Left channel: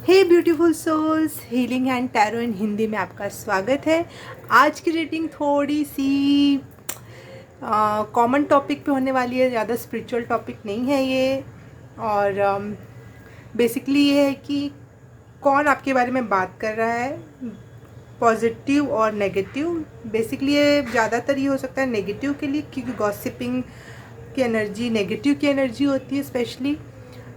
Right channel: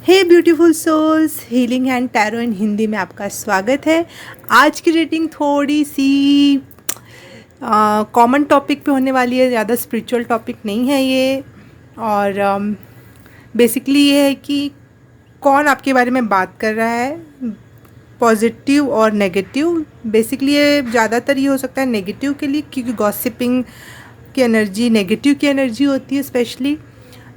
Hey beautiful souls, healing and tarot in Hindi में आपका स्वागत है। आज की रीडिंग थोड़ी सी कॉमन टॉपिक पे होने वाली है, ज़्यादा स्पिरिचुअल टॉपिक नहीं है ये। और बेसिकली ये है कि कौन आपके बारे में बात कर रहा है, पॉजिटिव और नेगेटिव। बेसिकली ये ज़्यादातर ये हो सकता है नेगेटिव के लिए, क्योंकि गॉसिपिंग की एनर्जी नेगेटिव की एनर्जी होती है स्पेशली।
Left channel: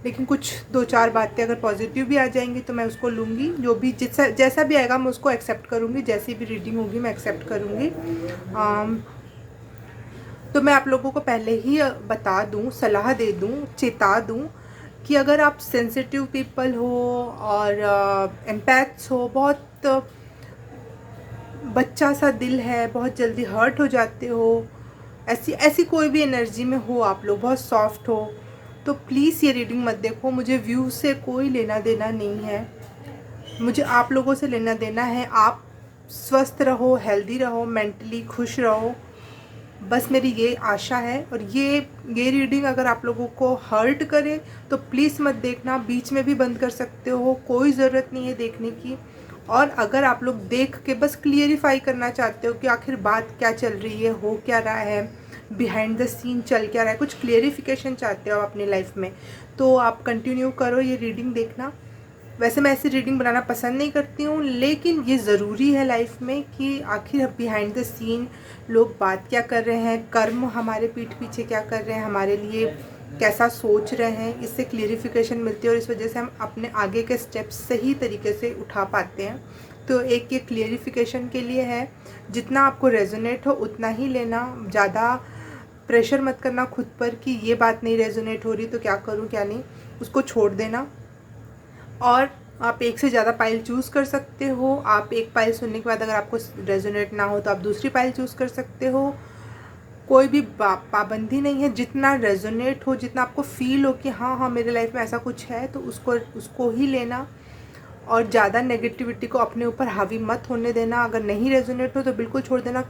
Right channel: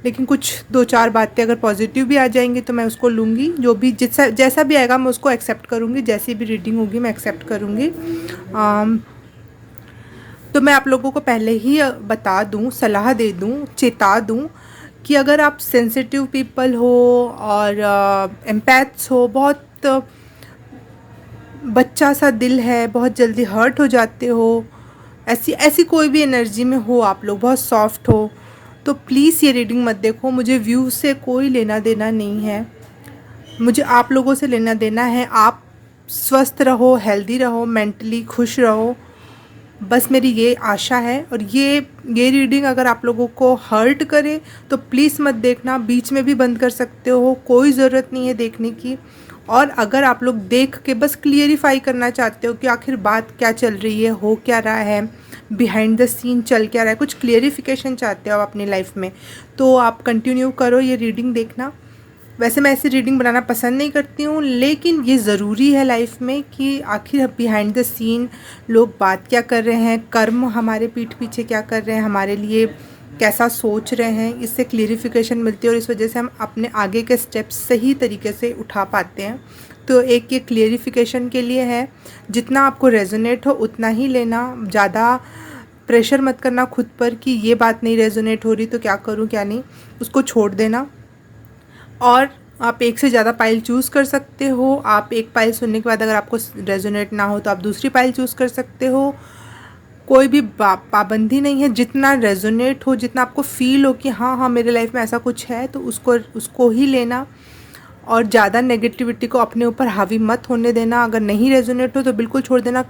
लेकिन कुछ दो चार बातें अगर पॉजिटिव भी आ जाएंगी तो मैं उसको लूँगी। जो भी जैसा भी आएगा मैं उसको एक्सेप्ट करूँगी, जैसी भी रीडिंग होगी मैं एक्सेप्ट करूँगी। तो मैं आप लोगों को पहले ही बता दूँ, सलाह दे दूँ, चेता दूँ कि अगर आप सेंसिटिव पीपल हो और एम्पैथ्स हो, बहुत बच्चा सा दिल है, बहुत जल्दी हर्ट हो जाते हो, ऐसी ऐसी कोई भी एनर्जी में हो, आप लोग बहुत सॉफ्ट हो, तो प्लीज़ ये रीडिंग मत देखो। मुझे व्यू से कोई लेना देना नहीं है, मुझे आप लोगों से लेना देना है। आप स्वस्थ रहो, हेल्दी रहो, मेंटली खुश रहो, बस मेरी ये आशा है। और ये रीडिंग अगर आप लोगों को हर्ट करे तो प्लीज़ मत देखना, बीच में भी बंद कर सकते हो, कोई ज़रूरत नहीं है देखने की। और अगर आप लोग देख के बस क्लियरिफाई करना चाहते हो कि आखिर बात क्या चल रही है, हो क्या रहा है, बिहाइंड द सीन चल क्या रहा है, कुछ क्लियरिफिकेशन चाहते हो आप अपनी लाइफ में, तो आप कंटिन्यू करो ये रीडिंग देखना। वैसे मैं ऐसी रीडिंग बनाना पसंद नहीं करती हूँ, लेकिन ये ज़रूरी है लाइफ में कि आखिर बिहाइंड द सीन लोग बात क्या कर रहे हैं, कर्म हमारे पीठ पीछे क्या कर रहे हैं, हमारे लिए कैसा सोच रहे हैं, इससे क्लियरिफिकेशन मिलती है और इस वजह से हम अपने आगे के स्टेप्स सही तरीके से उठा पाते हैं। तो एक ये क्लियरिफिकेशन के लिए है। जितना आपको रेजोनेट हो उतना ही लेना, ज़्यादा प्रेशर मत करना खुद पर कि ये बात नहीं रेजोनेट हो रही तो क्या करूँ क्या नहीं, उसको छोड़ देना। और आप एक से ज़्यादा पाइल चूज़ कर सकते हो। आप एक पाइल सुनने के बाद अगर आपको रेजोनेट ना हो तो आप दूसरी पाइल चूज़ कर सकते हो। कोई भी पाबंदी नहीं है, जितना रेजोनेट हो, जितना आपको फील हो कि हाँ हाँ मेरे लाइफ में ऐसा कुछ है, तो उसको ही लेना। और ज़्यादा नेगेटिविटी को अपने ऊपर हावी मत होने देना। अगर नहीं रेजोनेट हो तो बिल्कुल छोड़ देना।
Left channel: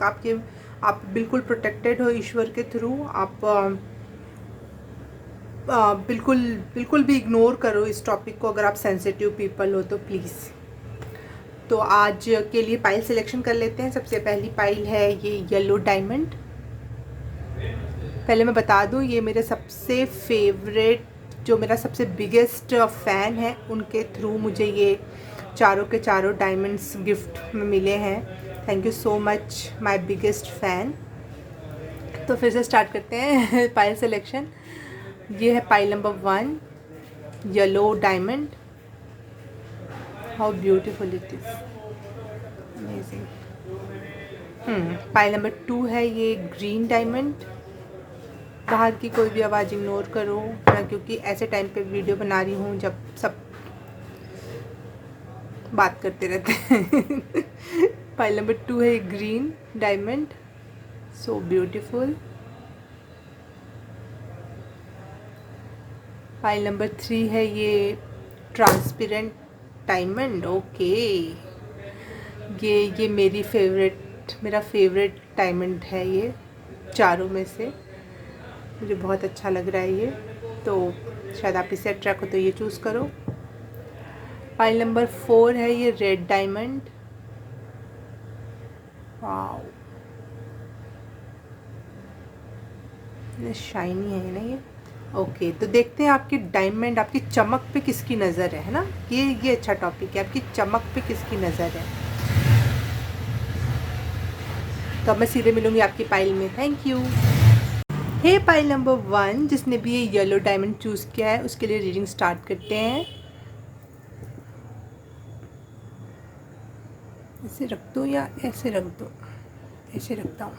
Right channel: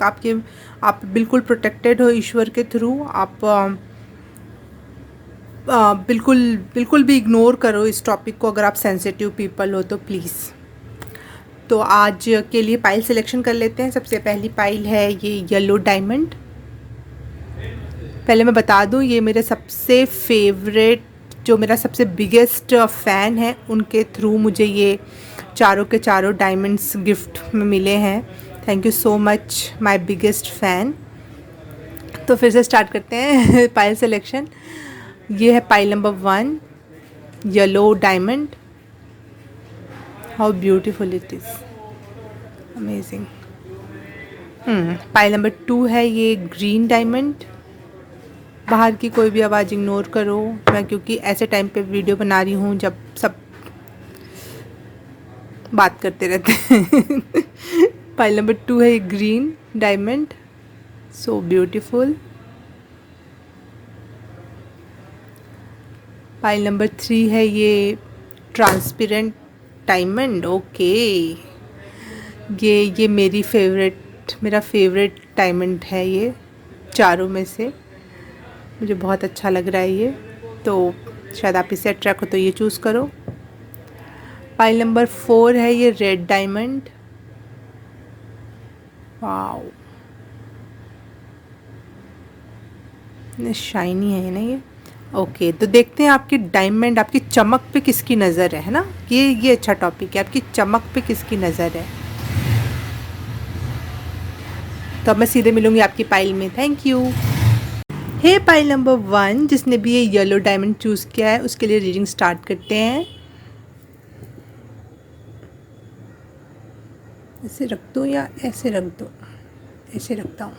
आप बिल्कुल प्रोटेक्टेड हो ईश्वर के थ्रू। आप बिल्कुल बिल्कुल भी इग्नोर करो इस टॉपिक को अगर आप सेंसिटिव पीपल हो तो प्लीज़। तो आज के लिए पाइल सिलेक्शन कर लेते हैं। सबसे पहली पाइल है ये येलो डायमंड। पहले मैं बता दूं, ये मेरे सबसे फेवरेट, जो मेरा सबसे बिगेस्ट फ़ैन है, उनके थ्रू मुझे ये चारों के चारों डायमंड्स गिफ्ट में मिले हैं। Thank you so much my biggest fan. तो फिर से स्टार्ट करते हैं पाइल सिलेक्शन। ये है pile number 1, yellow diamond. How beautiful it is, amazing. Pile number 2 है ये ग्रीन डायमंड। बाहर की कोई भी आवाज़ इग्नोर करो, मैं क्योंकि ऐसे टाइम पे वीडियो बना रही हूँ जब सब बात करते रहते हैं। पाइल नंबर 2 है ये green diamond, so beautiful. Pile number 3 है ये ट्रांसपेरेंट डायमंड। ओके, ये मेरा फेवरेट डायमंड है ये चारों में से। मुझे बहुत अच्छा लग रहा है ये, तो शायद आप इससे अट्रैक्ट हो तो ये चूज़ करो। पाइल नंबर 4 है ये रेड डायमंड। वाओ, शाइनी है ना ये। ओके, तो देखते हैं आपकी डायमंड, आपकी चमक पे किसकी नज़र है ना। ये अच्छा टॉपिक है, आपकी चमक पे किसकी नज़र है। तो अब मैं सीधे मिलूंगी आपकी पाइल में। Thank you. Hey pile number 1, जिसने भी ये येलो डायमंड चूज़ किया है उसके लिए रीडिंग स्टार्ट करते हैं। ऐसे रख दो या ऐसे रख दो, ऐसे रखता हूँ।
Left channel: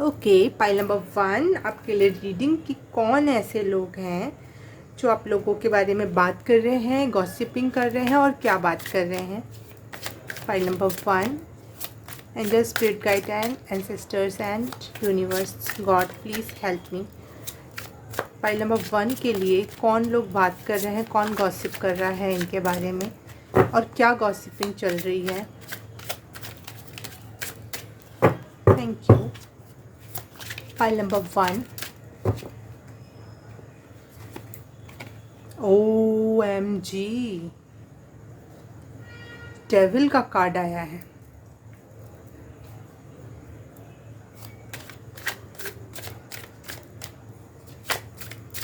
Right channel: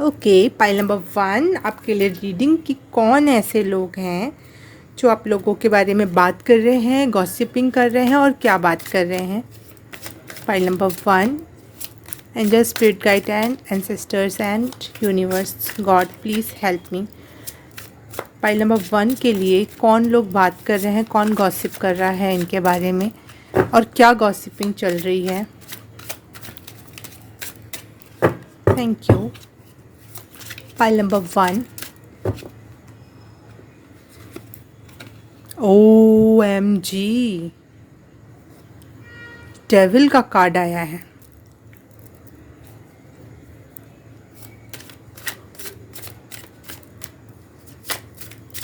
ओके, पाइल नंबर 1 आपके लिए रीडिंग कि कौन ऐसे लोग हैं जो आप लोगों के बारे में बात कर रहे हैं, गॉसिपिंग कर रहे हैं और क्या बात कर रहे हैं। Pile number 1, angel, spirit guide and ancestors and universe, God please help me. Pile number 1 के लिए कौन लोग बात कर रहे हैं, कौन गॉसिप कर रहा है इनके बारे में और क्या गॉसिपिंग चल रही है। Thank you. Pile number 1, OMG, devil का कार्ड आया है।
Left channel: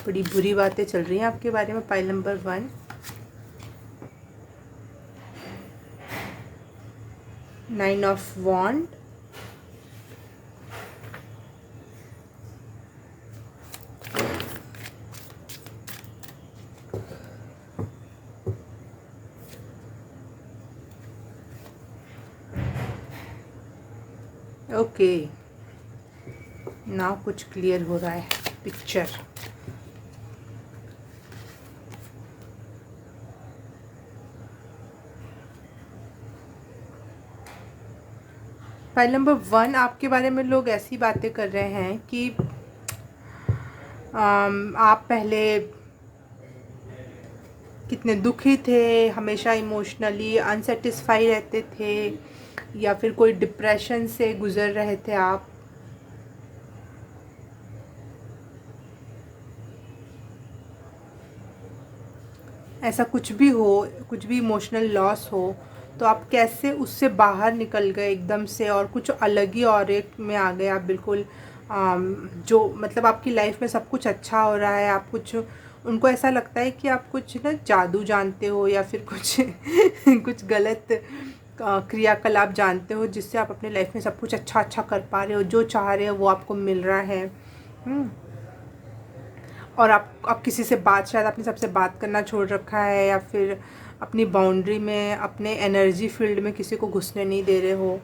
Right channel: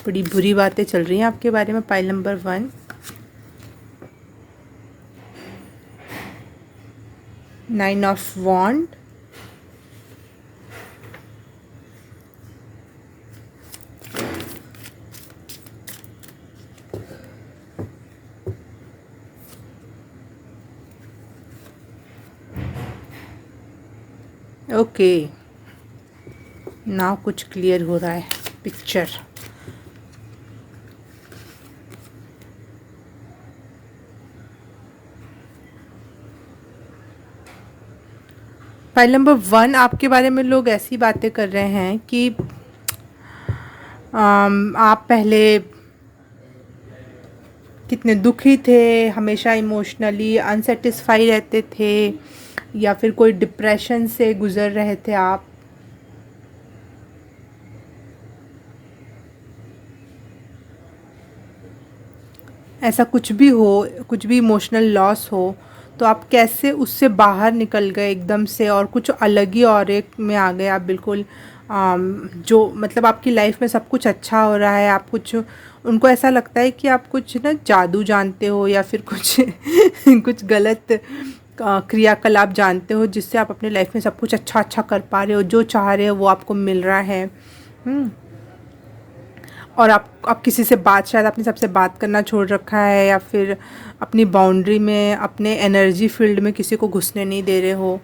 बड़ी बुरी बातें चल रही हैं आपके बारे में। Pile number 1, nine of wand, okay, ना कुछ क्लियर हो रहा है पिक्चर। फाइल नंबर 1, आपके बारे में लोग ऐसी बातें कर रहे हैं कि आप पहले कितने दुखी थे, हमेशा इमोशनली अनसेटिस्फाई रहते थे, या फिर कोई डिप्रेशन से गुज़र रहे थे आप। ऐसा कुछ भी हो, कुछ भी इमोशनल लॉस हो, तो आप कैसे उससे बाहर निकल गए एकदम से और कुछ अलग ही और एक में आ गए आप बिल्कुल। जो मतलब आपकी लाइफ में सब कुछ अच्छा हो रहा है, आप कुछ, उनको ऐसा लगता है कि आप कुछ ना जादू जानते हो या फिर कुछ कुछ गलत क्रियाकलाप जानते हो, जिससे आप अपनी लाइफ में सब कुछ अच्छा अच्छा कर पा रहे हो, जो चाह रहे हो वो आपको मिल रहा है। और आप किसी से बात, शायद आपने सबसे बात करना छोड़ रखा है, या फिर अपनी बाउंड्री में, अपने एनर्जी फील्ड में किसी को घुसने नहीं दे रहे हो।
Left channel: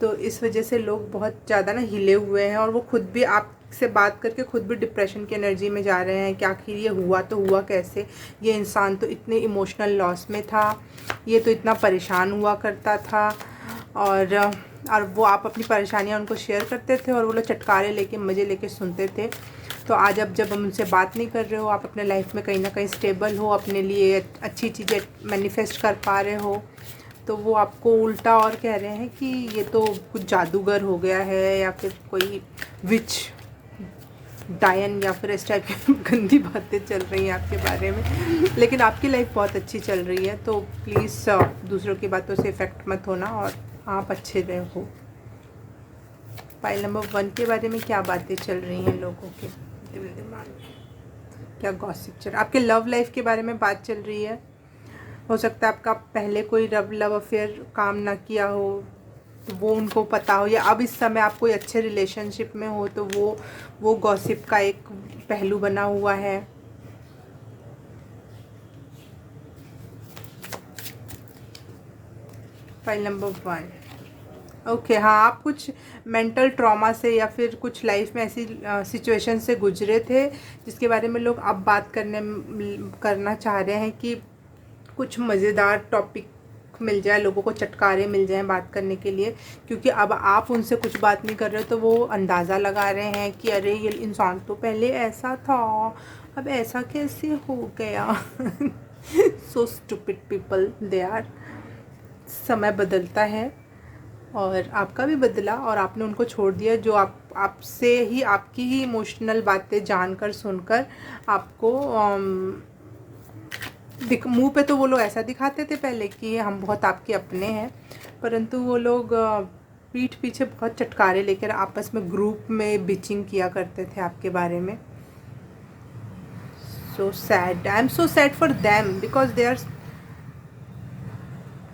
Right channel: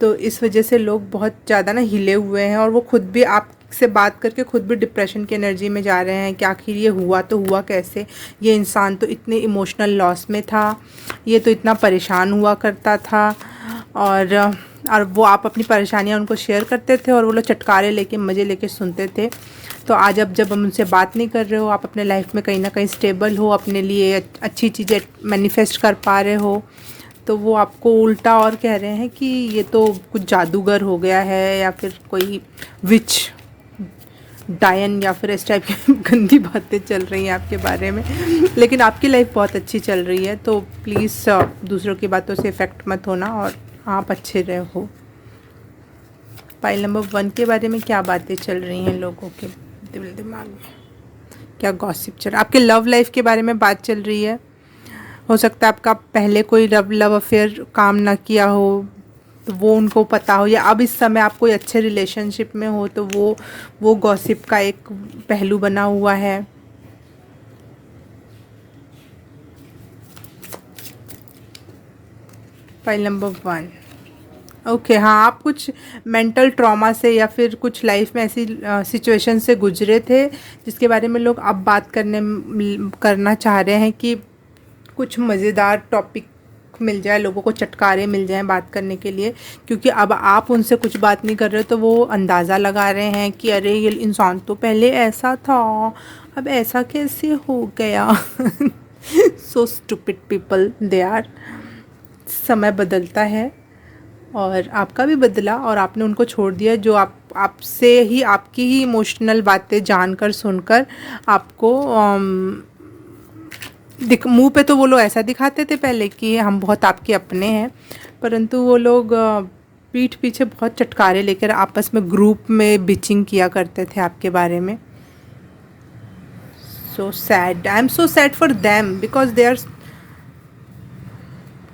तो इस वजह से लोग बहुत ज़्यादा ना हिले हुए हैं, और वो खुद भी आपसे बात करके खुद भी डिप्रेशन की एनर्जी में जा रहे हैं कि आखिर ये हुआ तो हुआ कैसे, ये इंसान तो इतने इमोशनल लॉस में था, ये तो इतना परेशान हुआ करता था, और वो आप अपनी परेशानियाँ उनको शेयर करते थे और वो लोग चटकारे लेके मज़े लेके सुनते थे। तो आज अब जब हम उनसे बात नहीं कर रहे हो, आप अपने लाइफ में कहीं ना कहीं स्टेबल हो, अपने लिए अच्छी चीज़ें मैनिफेस्ट कर पा रहे हो, तो वो आपको उल्टा और कह रहे हैं कि ये तो कुछ जादूगर हो गया है, या फिर कोई विच, डायन, या फिर इस टाइप की गंदी बातें चल रही हैं आपके बारे में। लेकिन आपकी लाइफ बहुत अच्छी चल रही है, तो प्लीज़ दूसरों की बातों से इफ़ेक्ट मत होना और आप अच्छे रहो। फाइल नंबर 1 के बारे में क्या बातें चल रही हैं लोगों के दिमाग में, क्या गॉसिप चल रहा है? आपके लव लाइफ के बारे में बात चल रही है। हो सकता है आपका पहले कोई लव अफेयर काम ना किया हो, तो वो उनको पता हो, या अब इस समय आप कोई अच्छे रिलेशनशिप में हो, तो वो गॉसिप का एक पहलू बना हुआ है। फाइल नंबर 1, ओके, हाँ, आप कुछ मेंटल ट्रॉमा से या फिर कुछ लाइफ में ऐसी सिचुएशन से गुजरे थे जिसके बारे में लोग अब बात करना चाह रहे हैं कि कुछ मज़ेदार टॉपिक मिल जाए, लोगों को चटकारे मिल जाएं बात करने के लिए, क्योंकि अब आप उनसे कुछ बात नहीं कर रहे, तो वो अंदाज़ा लगा रहे हैं कि अरे ये इंसान तो पहले ऐसा था, अब ऐसा कैसे हो गया। So stupid people they are. समय बदलता है, और आपका भी बदला, और आपने उनको छोड़ दिया जो आपसे ही, आपकी ही इमोशनल बातें जानकर सुनकर आपको मुंह पे तो वो लोग ऐसा दिखाते थे पहले कि हम बहुत आपके अपने हैं, परंतु वो लोग पीठ पीछे बहुत चटकारे लेकर आपस में ग्रुप में बिचिंग किया करते थे आपके बारे में। So sad, I am so sad for them, because they are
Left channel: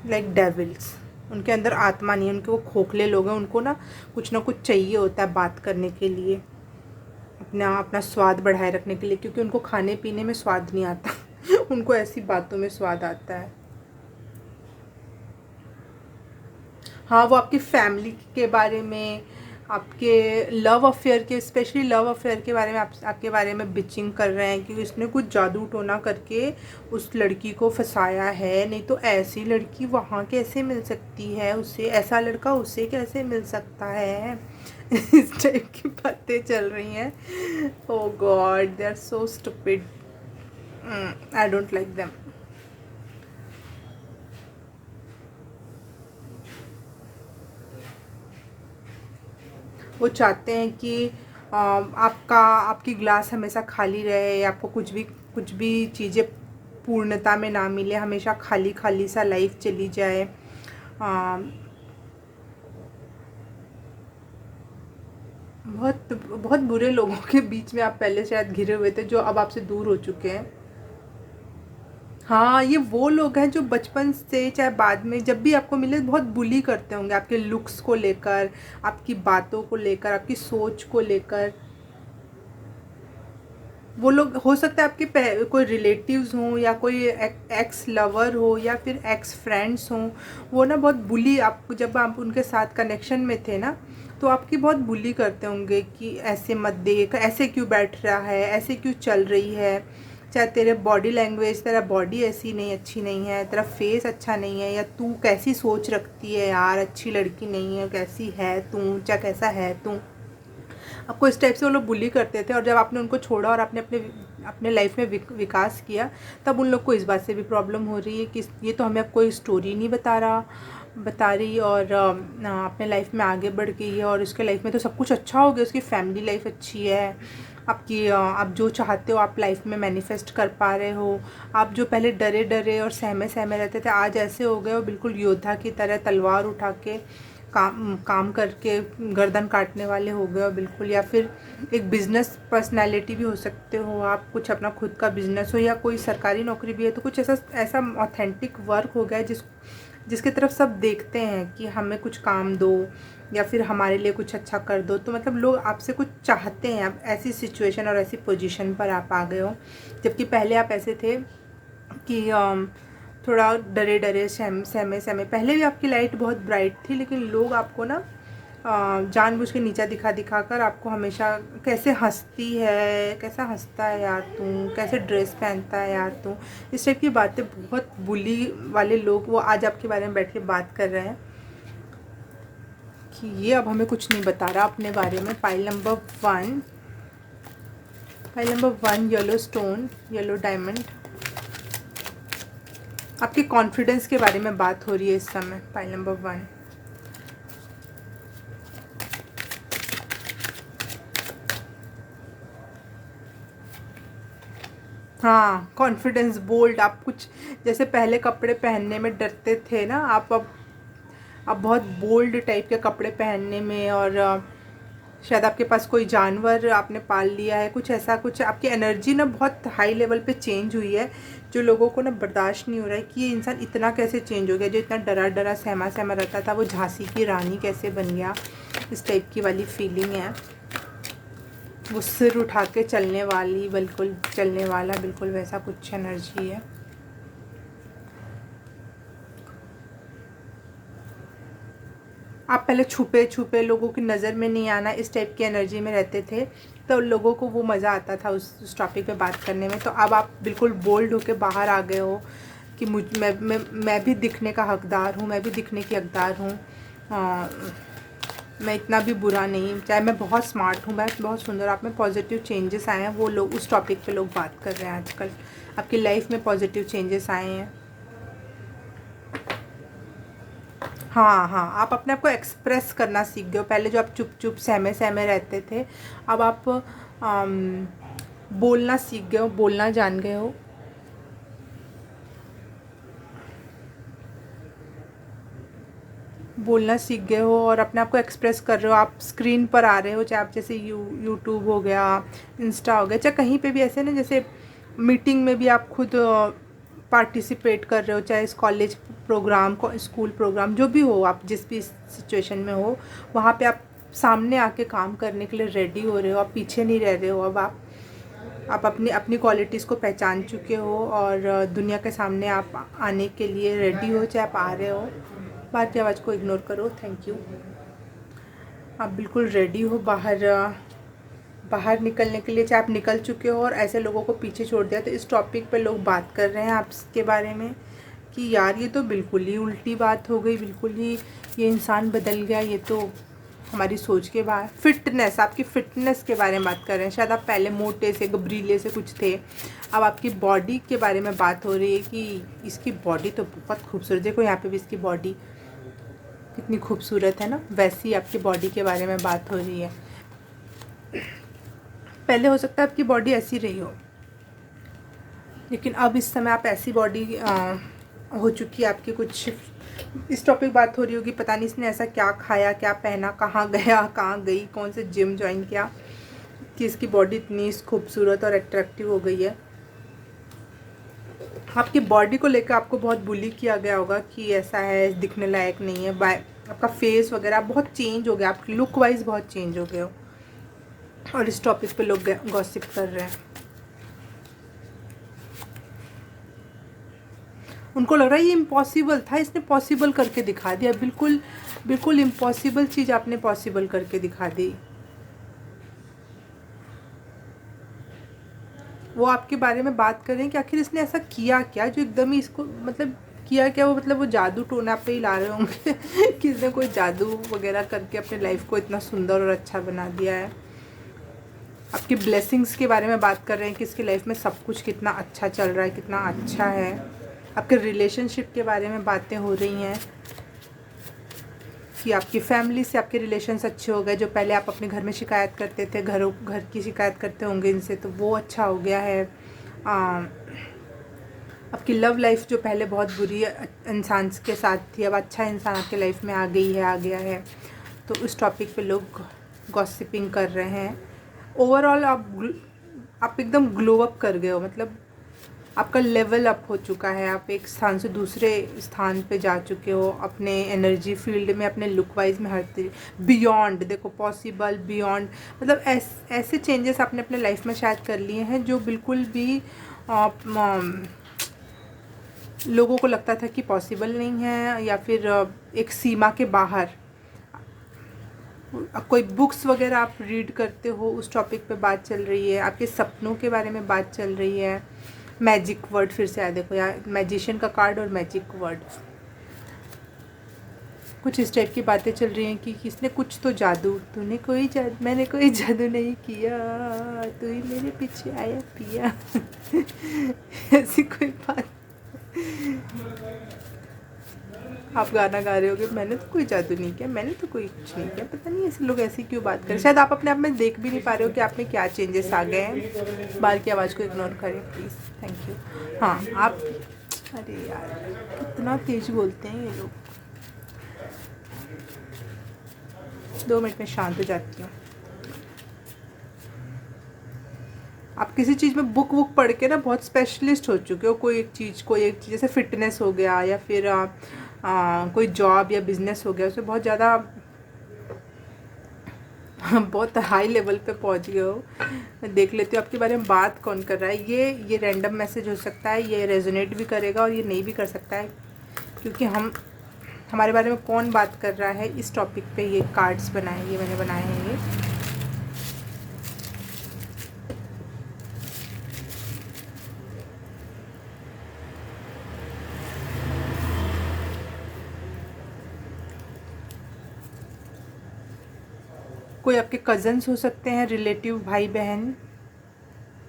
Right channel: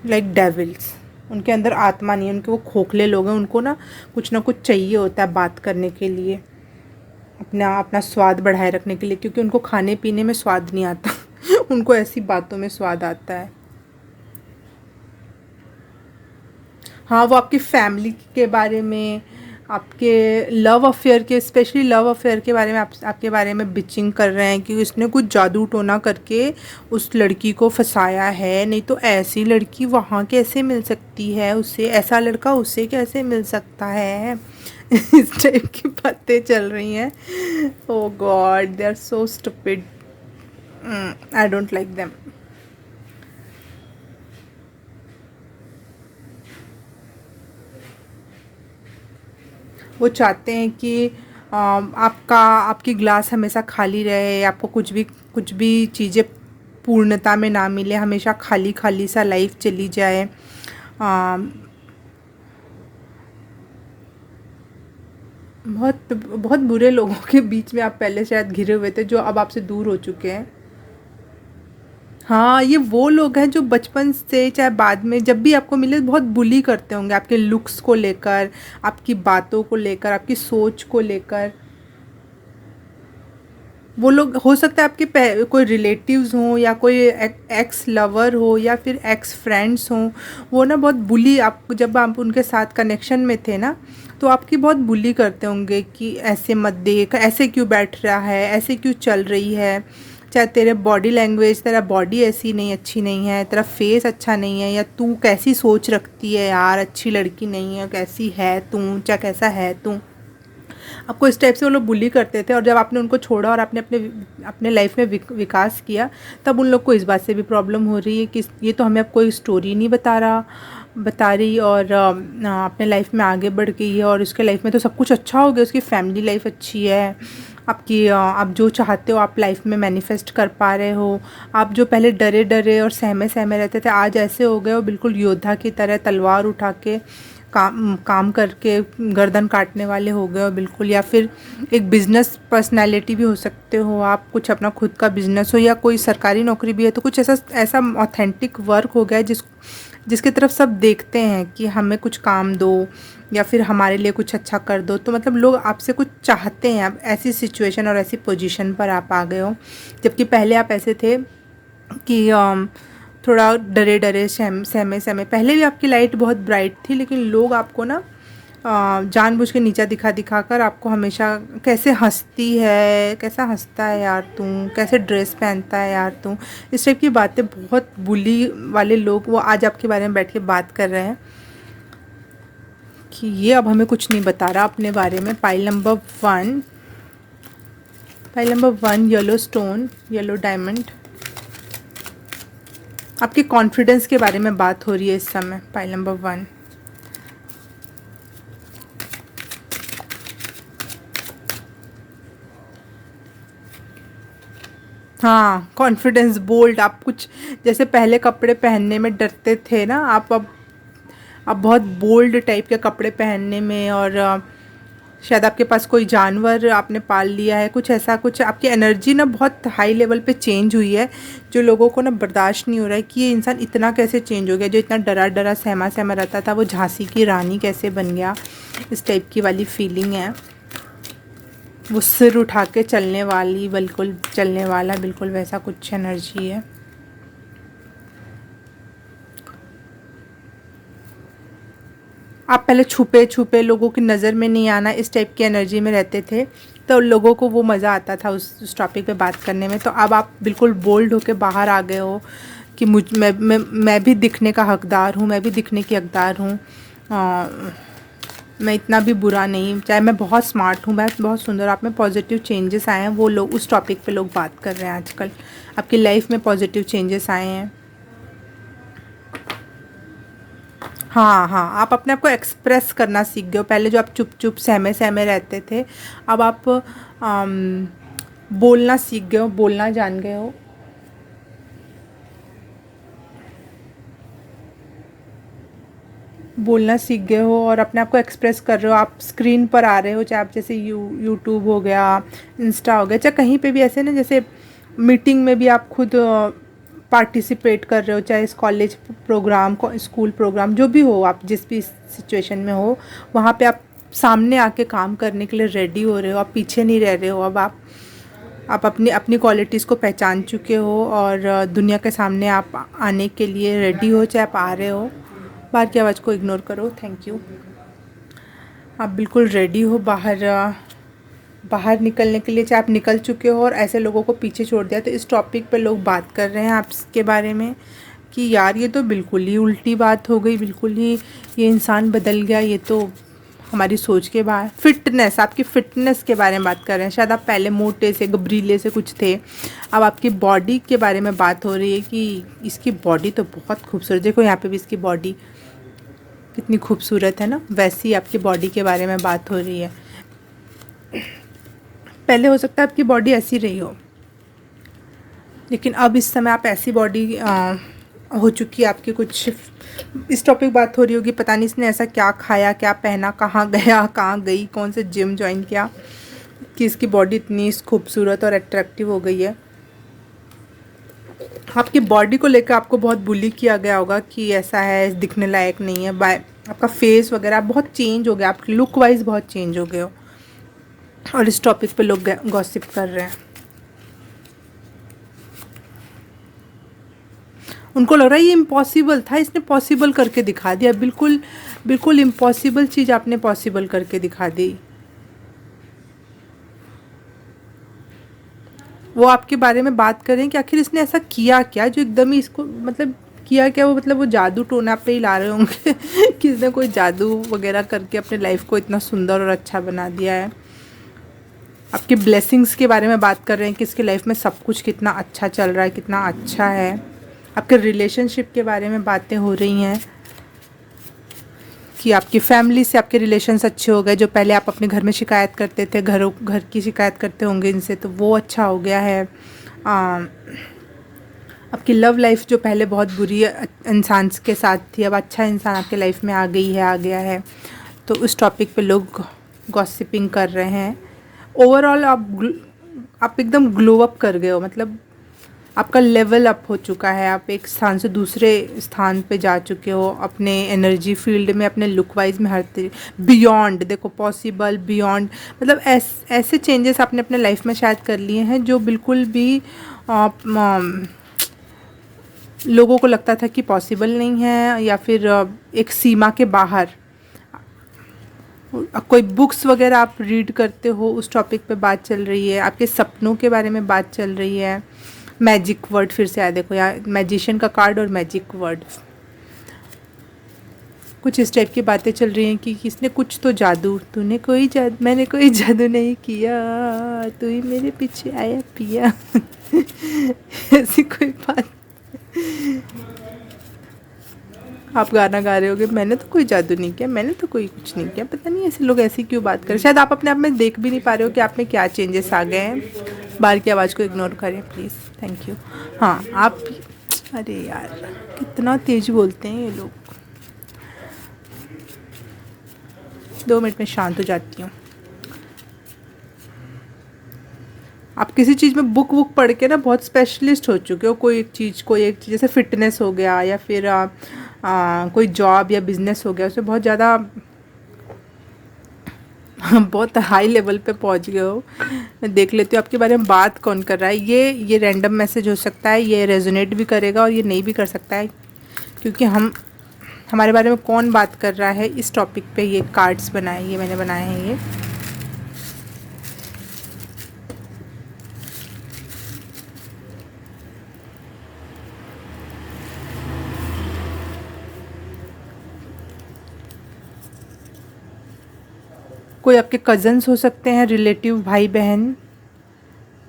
like devils. उनके अंदर आत्मा नहीं है, उनके वो खोखले लोग हैं, उनको ना कुछ चाहिए होता है बात करने के लिए, अपना अपना स्वाद बढ़ाए रखने के लिए, क्योंकि उनको खाने पीने में स्वाद नहीं आता। उनको ऐसी बातों में स्वाद आता है। हाँ, वो आपकी फैमिली के बारे में, आपके लव अफेयर के, स्पेशली लव अफेयर के बारे में आपके बारे में बिचिंग कर रहे हैं कि उसने कुछ जादू टोना करके उस लड़की को फंसाया है, नहीं तो ऐसी लड़की वहाँ कैसे मिल सकती है उसे, ऐसा लड़का उसे कैसे मिल सकता है। इस टाइप की बातें चल रही हैं। Oh god, they are so stupid, I don't like them. वो चाहते हैं कि आपकी ग्लास हमेशा खाली रहे, आपको कुछ भी चीज़ें पूर्णता में ना मिले, हमेशा खाली खाली सा लाइफ चली जाए। बहुत बहुत बुरे लोगों के बीच में आप पहले शायद घिरे हुए थे, जो अब आपसे दूर हो चुके हैं। हाँ, ये वो लोग हैं जो बचपन से चाहे बाद में जब भी आपको मिले बहुत बुली करते होंगे, आपके लुक्स को लेकर, आपकी बातों को लेकर, आपकी सोच को लेकर। वो लोग हो सकता है आपके कोई रिलेटिव्स हों, या कोई एक्स लवर हो, या फिर एक्स फ्रेंड्स हों। वो ना बहुत बुली, आपको जब आप उनके साथ कनेक्शन में थे ना, तो आपकी बहुत बुली करते होंगे कि ऐसे मत देख, ऐसे क्यों बैठ रहा है, ऐसे क्यों चल रही है, चाहे तेरे बॉडी लैंग्वेज, तेरा बॉडी ऐसी नहीं, अच्छी नहीं है, तेरा फेस अच्छा नहीं है, या तू कैसी सोच रखती है यार, अच्छी लड़की नहीं है, कैसी है तू, चाहे कैसा है तू। आपको इस टाइप से वो लोग बुली करते थे, और जब आपने उनको छोड़ा और आपने अपने अपने लाइफ में विकास किया, तब उन लोग को इस बात से भी प्रॉब्लम हो रही है कि ये तो हमें अब कोई स्टोरी नहीं बता रही, और अपने लाइफ में आगे बढ़ गई है, और उसके लाइफ में तो सब कुछ अच्छा हो गया, उसकी फैमिली लाइफ अच्छी है, आपकी आप जो चाहते हो आप लाइफ में मैनिफेस्ट कर पा रहे हो। आप जो पहले डरे डरे और सहमे सहमे रहते थे, आज ऐसे हो गए हो बिल्कुल योद्धा की तरह, तलवार उठा के काम करके गर्दन काटने वाले हो गए हो बिल्कुल। या फिर एक बिज़नेस पर्सनालिटी भी हो सकते हो आप, कुछ अपना खुद का बिज़नेस हो, या कोई सरकारी नौकरी भी है, तो कुछ ऐसा ऐसा ऑथेंटिक वर्क हो गया है जिसकी तरफ सब देखते हैं कि हमें कुछ काम दो, या फिर हमारे लिए कुछ अच्छा कर दो। तो मतलब लोग आपसे कुछ चाहते हैं, आप ऐसी सिचुएशन और ऐसी पोजीशन पर आप आ गए हो। जबकि पहले आप ऐसे थे कि थोड़ा डरे डरे सहमे सहमे, पहले भी आपकी लाइट बहुत ब्राइट थी, लेकिन लोग आपको ना जानबूझ के नीचा दिखा कर आपको हमेशा, कैसे हंसती है, कैसा हंसता है यार तू, कैसे ड्रेस पहनता है यार तू, इस टाइप की बातें, बहुत बुली वाले लोग वो आज आपके बारे में बैठ के बात कर रहे हैं कि ये अब हमें कुछ नहीं बता रहा अपने बारे में। Pile number 1 yellow stone, yellow diamond. आपके कॉन्फिडेंस के बारे में बात हो रही है इस समय। पाइल नंबर 1, हाँ, कॉन्फिडेंस, बोल्ड। आप कुछ जैसे पहले कपड़े पहनने में डरते थे ना, आप अब बहुत बोल्ड टाइप के कपड़े पहनने में, और शायद आपके पास कोई जानवर आपने पाल लिया है, कुछ ऐसा, कुछ आपकी एनर्जी ना बहुत हाई लेवल पे चेंज हुई है, जो लोगों को ना बर्दाश्त नहीं हो रहा है कि ये इंसान इतना कैसे चेंज हो गया, जो इतना डरा डरा सहमा सहमा रहता था, वो झांसी की रानी कैसे बन गया, इस टाइप की वाली फीलिंग है। वो सिर उठा के चलने वाली, बिल्कुल चलने वाला, बिल्कुल वैसा कुछ एनर्जी है। आप पहले छुपे छुपे, लोगों की नज़र में नहीं आना, इस टाइप की एनर्जी में रहते थे, तो लोगों को वो मज़ा आता था उस टॉपिक पे बात करने में। तो अब आप बिल्कुल बोल्ड होके बाहर आ गए हो कि मैं भी दिखने का हकदार हूँ, मैं भी दिखने की हकदार हूँ, मैं इतना भी बुरा नहीं, चाहे मैं बहुत स्मार्ट हूँ, मैं बहुत सुंदर। आप में पॉजिटिव चेंजेस आए हैं, वो लोग उस टॉपिक पे लोग बात कर रहे हैं आजकल। आपकी लाइफ में पॉजिटिव चेंजेस आए हैं। हाँ हाँ, आप अपने आप को एक्सप्रेस करना सीख गए हो। पहले जो आप चुप चुप सहमे सहमे रहते थे, अब आप बोलना सीख गए हो, बोलना जान गए हो। बोलना सीख गए हो और अपने आप को एक्सप्रेस कर रहे हो। आप स्क्रीन पर आ रहे हो, चाहे आप जैसे यूट्यूब हो गया, इंस्टा हो गया, चाहे कहीं पे भी ऐसे ना, जैसे मीटिंग में भी आप खुद पार्टिसिपेट कर रहे हो, चाहे इस कॉलेज प्रोग्राम को, स्कूल प्रोग्राम, जो भी हो, आप जिस भी सिचुएशन में हो, वहाँ पे आप सामने आके काम करने के लिए रेडी हो रहे हो, आप पीछे नहीं रह रहे हो। अब आप अपनी अपनी क्वालिटीज़ को पहचान चुके हो, और दुनिया के सामने आप आने के लिए रेडी हो, चाहे आप आ रहे हो। बाहर की आवाज़ को इग्नोर करो, थैंक यू। आप बिल्कुल रेडी हो बाहर निकलने के लिए, चाहे आप निकल चुके हो और ऐसे लोगों को पीछे छोड़ दिया। तो इस टॉपिक पे लोग बात कर रहे हैं आपके बारे में कि यार ये तो बिल्कुल ही उल्टी बात हो गई, बिल्कुल ही ये इंसान बदल गया, ये तो हमारी सोच के बाहर। फिटनेस, आपकी फ़िटनेस के बारे में बात कर रहे हैं। शायद आप पहले मोटे से, गबरीले से कुछ थे, अब आपकी बॉडी के बारे में बात हो रही है कि इसकी बॉडी तो बहुत खूबसूरत, देखो यहाँ पे भी इसकी बॉडी कितनी खूबसूरत है ना, वैसी आपकी बॉडी के बारे में बात हो रही है। पहले हो सकता है आपकी बॉडी ऐसी रही हो, लेकिन अब इस समय आप ऐसी बॉडी हो चुकी है आपकी, कुछ इस टॉपिक बात हो रही होगी, पता नहीं इसने ऐसा क्या खाया, क्या पहना, कहाँ गया, कहाँ गई, कौन से जिम ज्वाइन किया कि इसकी बॉडी इतनी खूबसूरत और अट्रैक्टिव हो गई है। आपकी बॉडी को लेकर आपको बहुत बुली किया गया होगा कि ऐसा है, दिखने लायक नहीं है, बाय आपका फेस वगैरह बहुत चेंज हो गया, आपकी लुक वाइज बहुत चेंज हो गए हो, और इस टॉपिक पे लोग गॉसिप कर रहे हैं। उनको लग रहा है ये इम्पॉसिबल था, इसने पॉसिबल करके दिखा दिया, बिल्कुल बिल्कुल इम्पॉसिबल चीज़ आपने पॉसिबल करके दिखा दी। वो आपके बारे में बात करें कि आखिर इसने ऐसा किया क्या जो एकदम ही इसको, मतलब किया क्या, वो मतलब वो जादू टोना पे ही ला रहे होंगे कि इसने कोई जादू वगैरह करके अपने लाइफ को इतना सुंदर और अच्छा बना दिया है। आपके ब्लेसिंग्स के बारे में बात कर रहे हैं कि इसके लाइफ में सब कुछ कितना अच्छा चल रहा है, कितना अच्छा है। आपके रिलेशनशिप के बारे में बातें हो रही हैं कि आपकी फैमिली से आपके रिलेशन्स अच्छे हो गए, जो पहले आप अपने घर में शिकायत करते थे, घर की शिकायत करते होंगे इनसे, तो वो अच्छा हो गया है। आपकी लव लाइफ जो पहले बहुत बुरी इंसान के साथ थी, अब अच्छा इंसान आपके लाइफ में आ गई है, आ गया है। तो उस टॉपिक पे लोग गॉसिपिंग कर रहे हैं। ओवरऑल आप एकदम ग्लो अप कर गए हो, मतलब आपका लेवल अप हो चुका है, आप एक स्थान से दूसरे स्थान पे जा चुके हो, अपने एनर्जी फील्ड में, अपने लुक वाइज में, हर बियॉन्ड, देखो पॉसिबल बियॉन्ड, मतलब ऐसे चेंजेस आपने अपने लाइफ में शायद कर लिए हैं जो बिल्कुल भी लोगों को लगता था कि पॉसिबल नहीं है, या फिर एक सीमा के बाहर। कोई बुक्स वगैरह आप रीड करते हो, उस टॉपिक पे बात चल रही है। आपके सपनों के बारे में बात चल रही है। मैजिक वर्ड फिर से आया, देखो यार, मैजिशियन का कार्ड और मैजिक वर्ड, कुछ इस टाइप की बातें चल रही हैं कि किसने कुछ तो जादू, तूने कोई जादू, मैंने कोई जादू नहीं किया, तू ही मेरे पीछे आया पिया ऐसी कोई बात। आप गाना गा रहे होगे, मैंने तो कोई जादू नहीं किया, मैंने तो कोई कुछ नहीं किया, पता नहीं ऐसे लोग ऐसी क्यों बात करें। शायद आप अपने आप में देख भी नहीं पा रहे हो कि आप में क्या चेंजेस आ गए हैं। बाहर की आवाज़ को इग्नोर करें प्लीज़, थैंक यू। हाँ आप, अरे यार कितना तेज बोलते हैं ये लोग। 2 मिनट में शांत हो जाती हूँ। आप किसी चीज़ में बुक पढ़ के ना बहुत स्पेशलिस्ट हो चुके हो, कोई एक चीज़ जैसे फिटनेस हो गया, या फिर कोई जॉब या बिजनेस हो गया, उसमें बहुत ज़्यादा बहुत हाई लेवल पे पहुंच गए हो। मैं देख लेती हूँ आपके बारे में बात कौन कर रहा है। ये रैंडम मैसेज हो सकता है, ये रेजोनेट भी करेगा और ये नहीं भी कर सकता है, क्योंकि हमारे बारे में कौन बात कर रहा है इस टॉपिक पे ये कार्ड्स बनाए, ये मैंने बनाए हैं। ये कोई आपके कज़न्स हो सकते हैं, रिलेटिव, भाई बहन,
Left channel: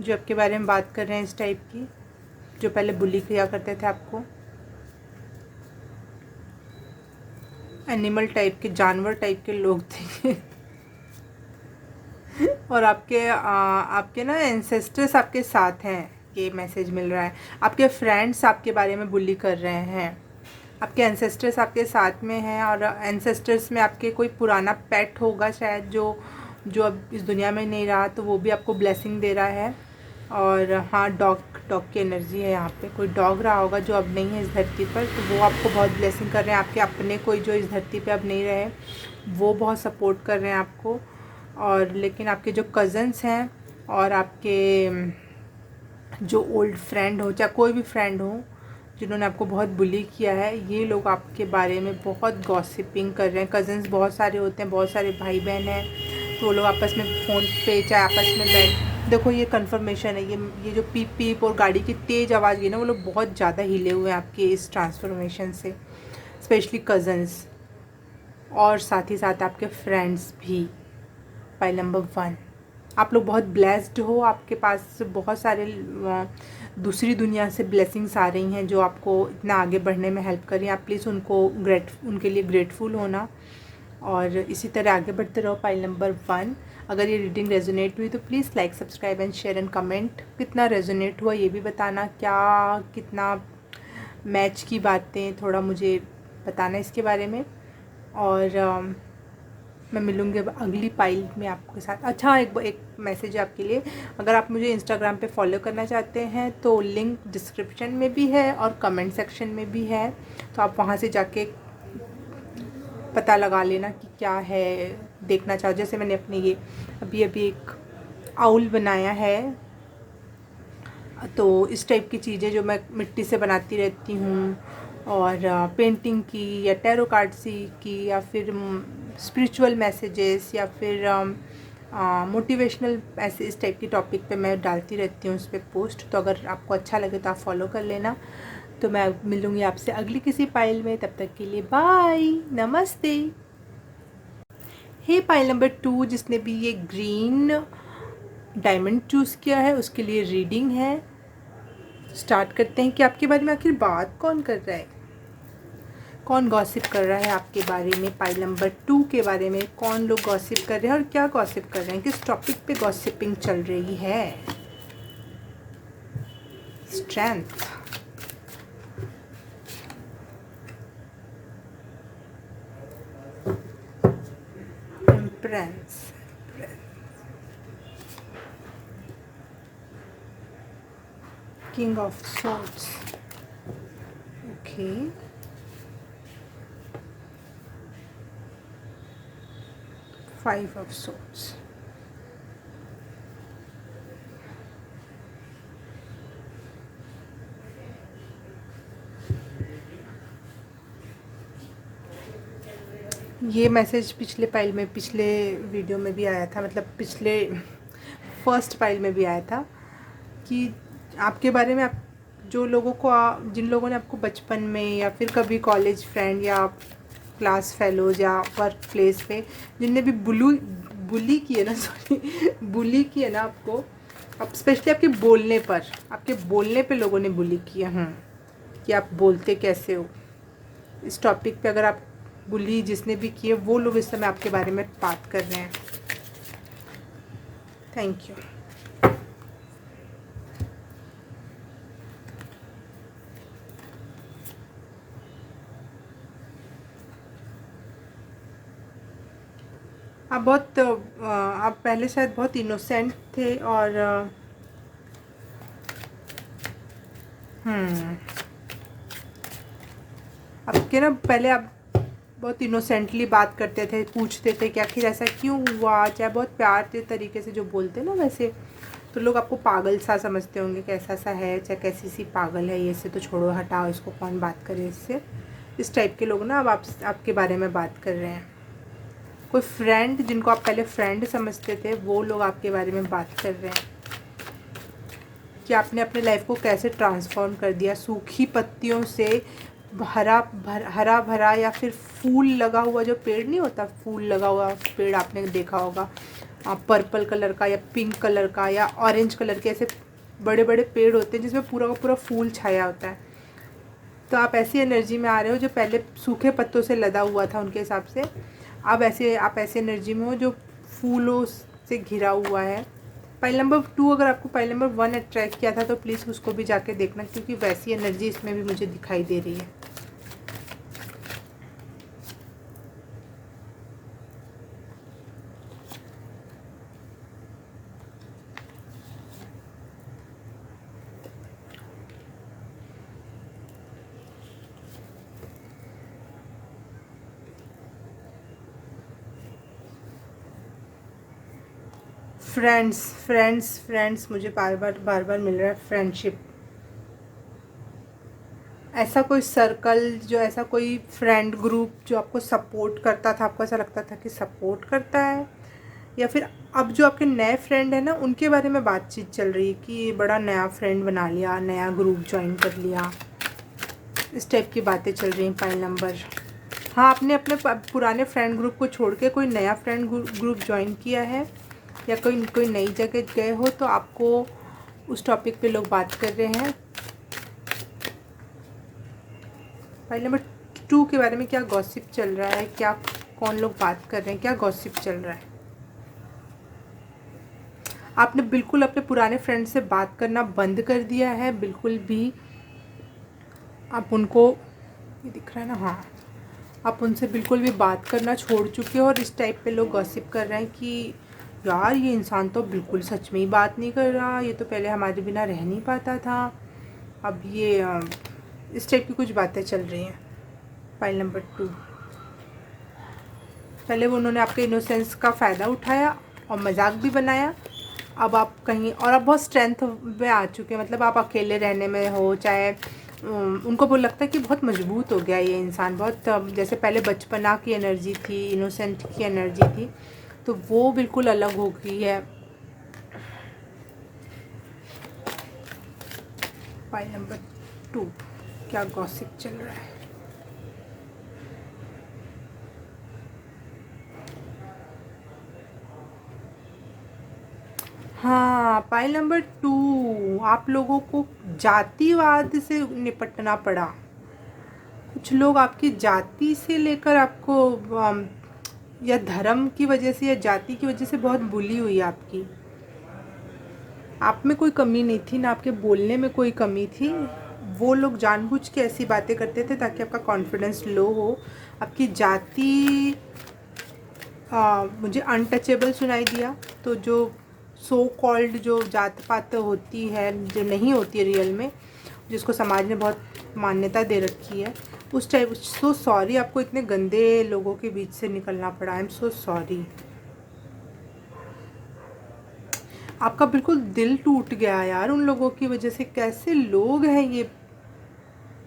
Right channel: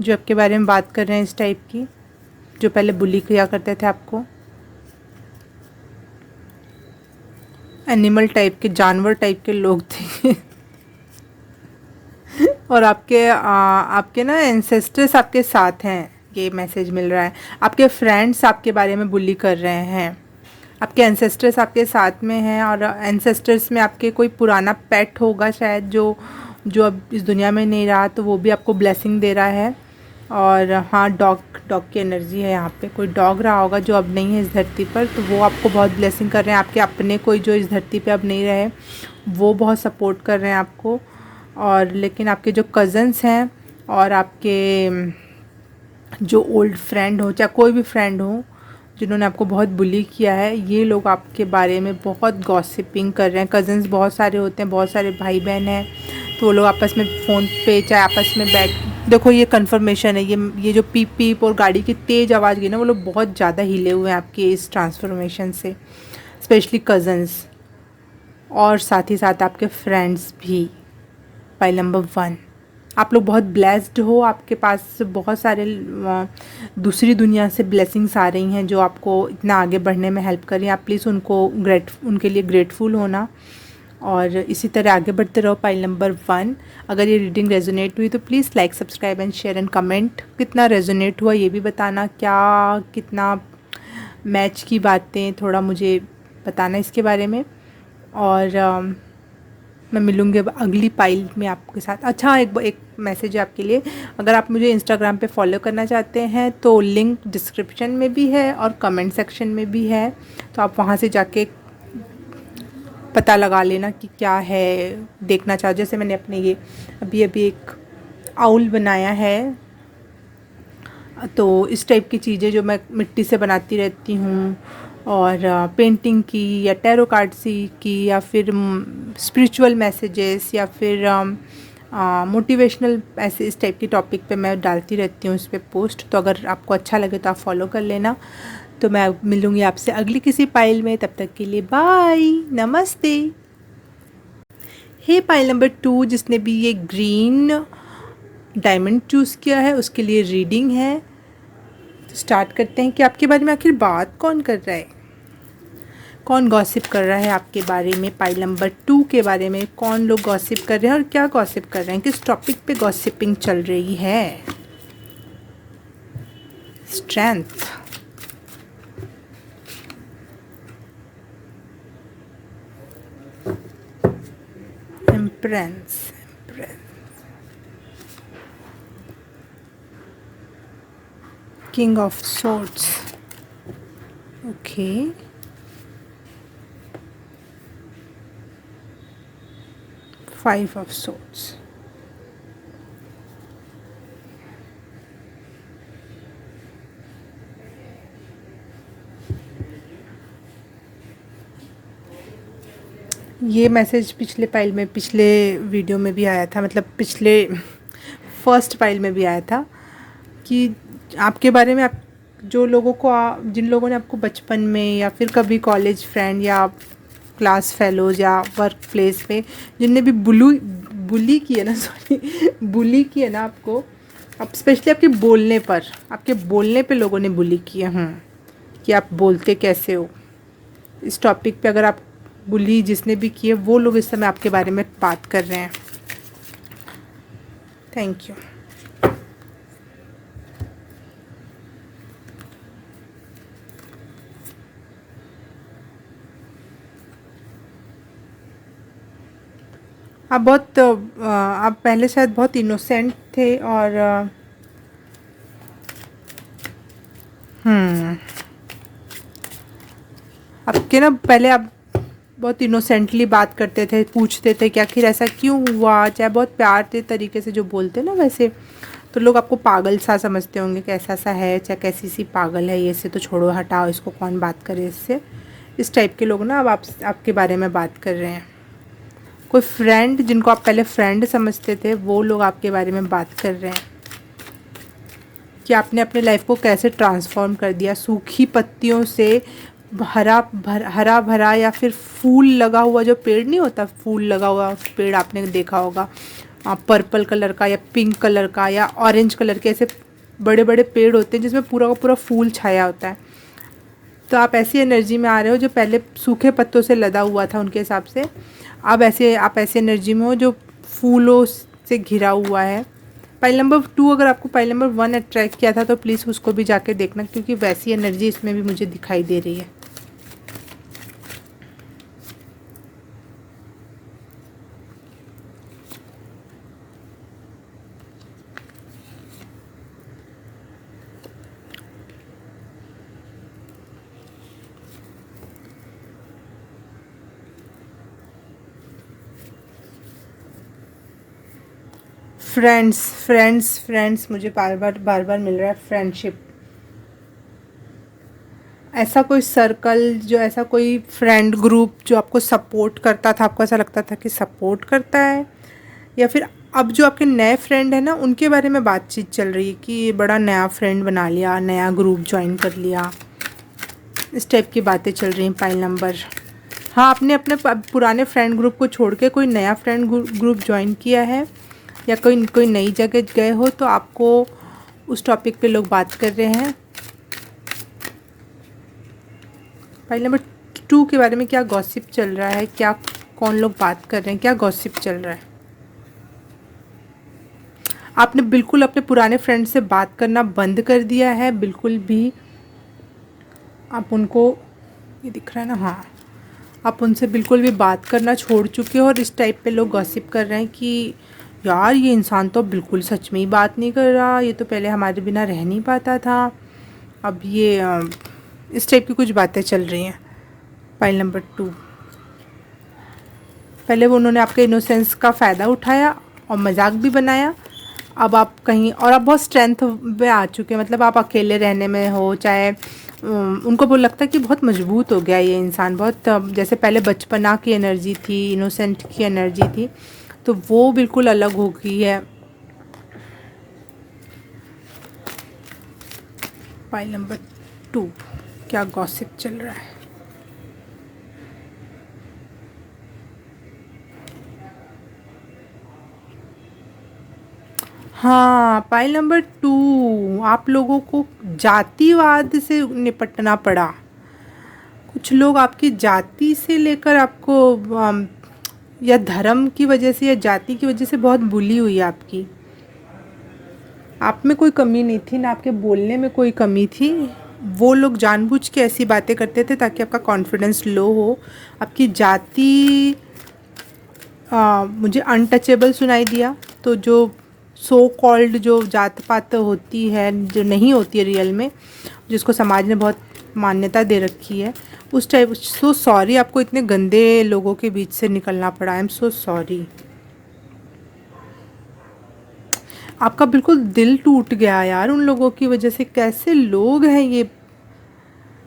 जो आपके बारे में बात कर रहे हैं इस टाइप की, जो पहले बुली किया करते थे आपको। एनिमल टाइप के, जानवर टाइप के लोग थे और आपके ना एंसेस्टर्स आपके साथ हैं, ये मैसेज मिल रहा है। आपके फ्रेंड्स आपके बारे में बुली कर रहे हैं, आपके एंसेस्टर्स आपके साथ में हैं, और एंसेस्टर्स में आपके कोई पुराना पेट होगा शायद, जो अब इस दुनिया में नहीं रहा, तो वो भी आपको ब्लेसिंग दे रहा है। और हाँ, डॉग की एनर्जी है यहाँ पे, कोई डॉग रहा होगा जो अब नहीं है इस धरती पर, तो वो आपको बहुत ब्लेसिंग कर रहे हैं। आपके अपने कोई जो इस धरती पे अब नहीं रहे, वो बहुत सपोर्ट कर रहे हैं आपको। और लेकिन आपके जो कज़न्स हैं और आपके जो ओल्ड फ्रेंड हो, चाहे कोई भी फ्रेंड हो, जिन्होंने आपको बहुत बुली किया है, ये लोग आपके बारे में बहुत गॉसिपिंग कर रहे हैं। कज़न्स बहुत सारे होते हैं, बहुत सारे भाई बहन हैं, तो वो लोग आपस में फ़ोन पे चाहे आपस में देखो ये कन्फर्मेशन है, ये जो पीप पीप और गाड़ी की तेज़ आवाज़ गई ना, वो लोग बहुत ज़्यादा हिले हुए हैं आपके इस ट्रांसफॉर्मेशन से, स्पेशली कज़न्स, और साथ ही साथ आपके फ्रेंड्स भी। पाइल नंबर 1, आप लोग बहुत ब्लेस्ड हो, आपके पास बहुत सारे दूसरी दुनिया से ब्लेसिंग्स आ रही हैं जो आपको इतना आगे बढ़ने में हेल्प कर रही हैं। आप प्लीज़ उनके लिए ग्रेटफुल होना। और इसी तरह आगे बढ़ते रहो। पाइल नंबर 1, अगर ये रीडिंग रेजोनेट हुई तो please like, subscribe and share and comment. कितना रेजोनेट हुआ ये भी बताना, क्या कितना मैच की बातें, थोड़ा मुझे बताना इसके बारे में। और मैं मिलूँगी अब अगली पाइल में आपके साथ। अच्छा, एक मैसेज है आपके लिए, अगर आप मुझे इंस्टाग्राम पे फॉलो करना चाहते हैं तो लिंक डिस्क्रिप्शन में भी है और कमेंट सेक्शन में भी है, तो आप वहाँ से जाके पता लगा लेना कि क्या है देखना चाहो। जैसे मैंने अपने ये अभी एक आउल बनाया है, तो इस टाइप की चीज़ें जो मैं मिट्टी से बनाती रहती हूँ, और पेंटिंग की या टैरो कार्ड की या फिर स्पिरिचुअल मैसेजेस या फिर मोटिवेशनल, ऐसे इस टाइप की टॉपिक पे मैं डालती रहती हूँ इस पर पोस्ट। तो अगर आपको अच्छा लगे तो आप फॉलो कर लेना। तो मैं मिलूँगी आपसे अगली किसी पाइल में, तब तक के लिए बाय, नमस्ते। हे पाइल नंबर 2, जिसने भी ये ग्रीन डायमंड चूज़ किया है उसके लिए रीडिंग है। तो स्टार्ट करते हैं कि आपके बारे में आखिर बात कौन कर रहा है, कौन गॉसिप कर रहा है आपके बारे में। पाइल नंबर 2 के बारे में कौन लोग गॉसिप कर रहे हैं और क्या गॉसिप कर रहे हैं, किस टॉपिक पे गॉसिपिंग चल रही है। Strength, empress, king of swords, okay, 5 of swords, ये मैसेज पिछले पाइल में, पिछले वीडियो में भी आया था, मतलब पिछले फर्स्ट पाइल में भी आया था कि आपके बारे में, आप जो लोगों को जिन लोगों ने आपको बचपन में या फिर कभी कॉलेज फ्रेंड या क्लास फेलोज या वर्क प्लेस पे जिनने भी बुली की है ना, सॉरी बुली की है ना आपको, अब स्पेशली आपके बोलने पे लोगों ने बुली किया कि आप बोलते कैसे हो। इस टॉपिक पे अगर आप बुली जिसने भी किए, वो लोग इस समय आपके बारे में बात कर रहे हैं। Thank you. आप पहले शायद बहुत इनोसेंट थे और आपके ना पहले आप बहुत इनोसेंटली बात करते थे, पूछते थे कि आखिर ऐसा क्यों हुआ, चाहे बहुत प्यार के तरीके से जो बोलते ना वैसे, तो लोग आपको पागल सा समझते होंगे कि ऐसा सा है, चाहे कैसी सी पागल है, ये से तो छोड़ो, हटाओ इसको, कौन बात करे इससे। इस टाइप के लोग ना अब आपके बारे में बात कर रहे हैं। कोई फ्रेंड जिनको आप पहले फ्रेंड समझते थे, वो लोग आपके बारे में बात कर रहे हैं कि आपने अपने लाइफ को कैसे ट्रांसफॉर्म कर दिया, सूखी पत्तियों से हरा भरा या फिर फूल लगा हुआ जो पेड़ नहीं होता, फूल लगा हुआ पेड़ आपने देखा होगा, पर्पल कलर का या पिंक कलर का या ऑरेंज कलर के, ऐसे बड़े बड़े पेड़ होते हैं जिसमें पूरा का पूरा फूल छाया होता है। तो आप ऐसी एनर्जी में आ रहे हो जो पहले सूखे पत्तों से लदा हुआ था उनके हिसाब से, अब आप ऐसी एनर्जी में हो जो फूलों से घिरा हुआ है। पाइल नंबर 2, अगर आपको पाइल नंबर 1 अट्रैक्ट किया था तो प्लीज़ उसको भी जाके देखना, क्योंकि वैसी एनर्जी इसमें भी मुझे दिखाई दे रही है। फ्रेंड्स मुझे बार बार मिल रहा है। फ्रेंडशिप, ऐसा कोई सर्कल, जो ऐसा कोई फ्रेंड ग्रुप जो आपको सपोर्ट करता था, आपको ऐसा लगता था कि सपोर्ट करता है, या फिर अब जो आपके नए फ्रेंड है ना उनके बारे में बातचीत चल रही है कि ये बड़ा नया फ्रेंड बना लिया, नया ग्रुप ज्वाइन कर लिया, इस टाइप की बातें चल रही हैं। पाइल नंबर, हाँ, आपने अपने पुराने फ्रेंड ग्रुप को छोड़ के कोई नया फ्रेंड ग्रुप ज्वाइन किया है या कोई नई जगह गए हो, तो आपको उस टॉपिक पे लोग बात कर रहे हैं। फाइल नंबर 2 के बारे में क्या गॉसिप चल रहा है, क्या कौन लोग बात कर रहे हैं, क्या गॉसिप चल रहा है। आपने बिल्कुल अपने पुराने फ्रेंड से बात करना बंद कर दिया है, बिल्कुल भी आप उनको, ये दिख रहा है ना, हाँ, आप उनसे बिल्कुल भी बात करना छोड़ चुके हो। और इस टाइप पे लोग गॉसिप कर रहे हैं कि यार ये इंसान तो बिल्कुल सच में ही बात नहीं कर रहा, ये तो पहले हमारे बिना रह नहीं पाता था, अब ये इस टाइप की कुछ बातें चल रही हैं। पाइल नंबर 2, पहले वो उन्होंने आपके इनोसेंस का फ़ायदा उठाया और मजाक भी बनाया। अब आप कहीं और आप बहुत स्ट्रेंथ में आ चुके हैं, मतलब आप अकेले रहने में हो, चाहे उनको वो लगता है कि बहुत मजबूत हो गया ये इंसान, बहुत जैसे पहले बचपना की एनर्जी थी, इनोसेंट की एनर्जी थी, तो वो बिल्कुल अलग हो गई है। फाइल नंबर 2, क्या गॉसिप चल रहा है। हाँ, पाइल नंबर 2, आप लोगों को जातिवाद से निपटना पड़ा। कुछ लोग आपकी जाति से लेकर आपको या धर्म की वजह से या जाति की वजह से बहुत बुली हुई है आपकी। आप में कोई कमी नहीं थी, ना आपके बोलने में कोई कमी थी। वो लोग जानबूझ के ऐसी बातें करते थे ताकि आपका कॉन्फिडेंस लो हो। आपकी जाति मुझे अनटचेबल सुनाई दिया। तो जो सो कॉल्ड जो जात पात होती है, जो नहीं होती है रियल में, जिसको समाज ने बहुत मान्यता दे रखी है, उस टाइप, सो सॉरी आपको इतने गंदे लोगों के बीच से निकलना पड़ा। आई एम सो सॉरी। आपका बिल्कुल दिल टूट गया यार उन लोगों की वजह से। कैसे लोग हैं ये।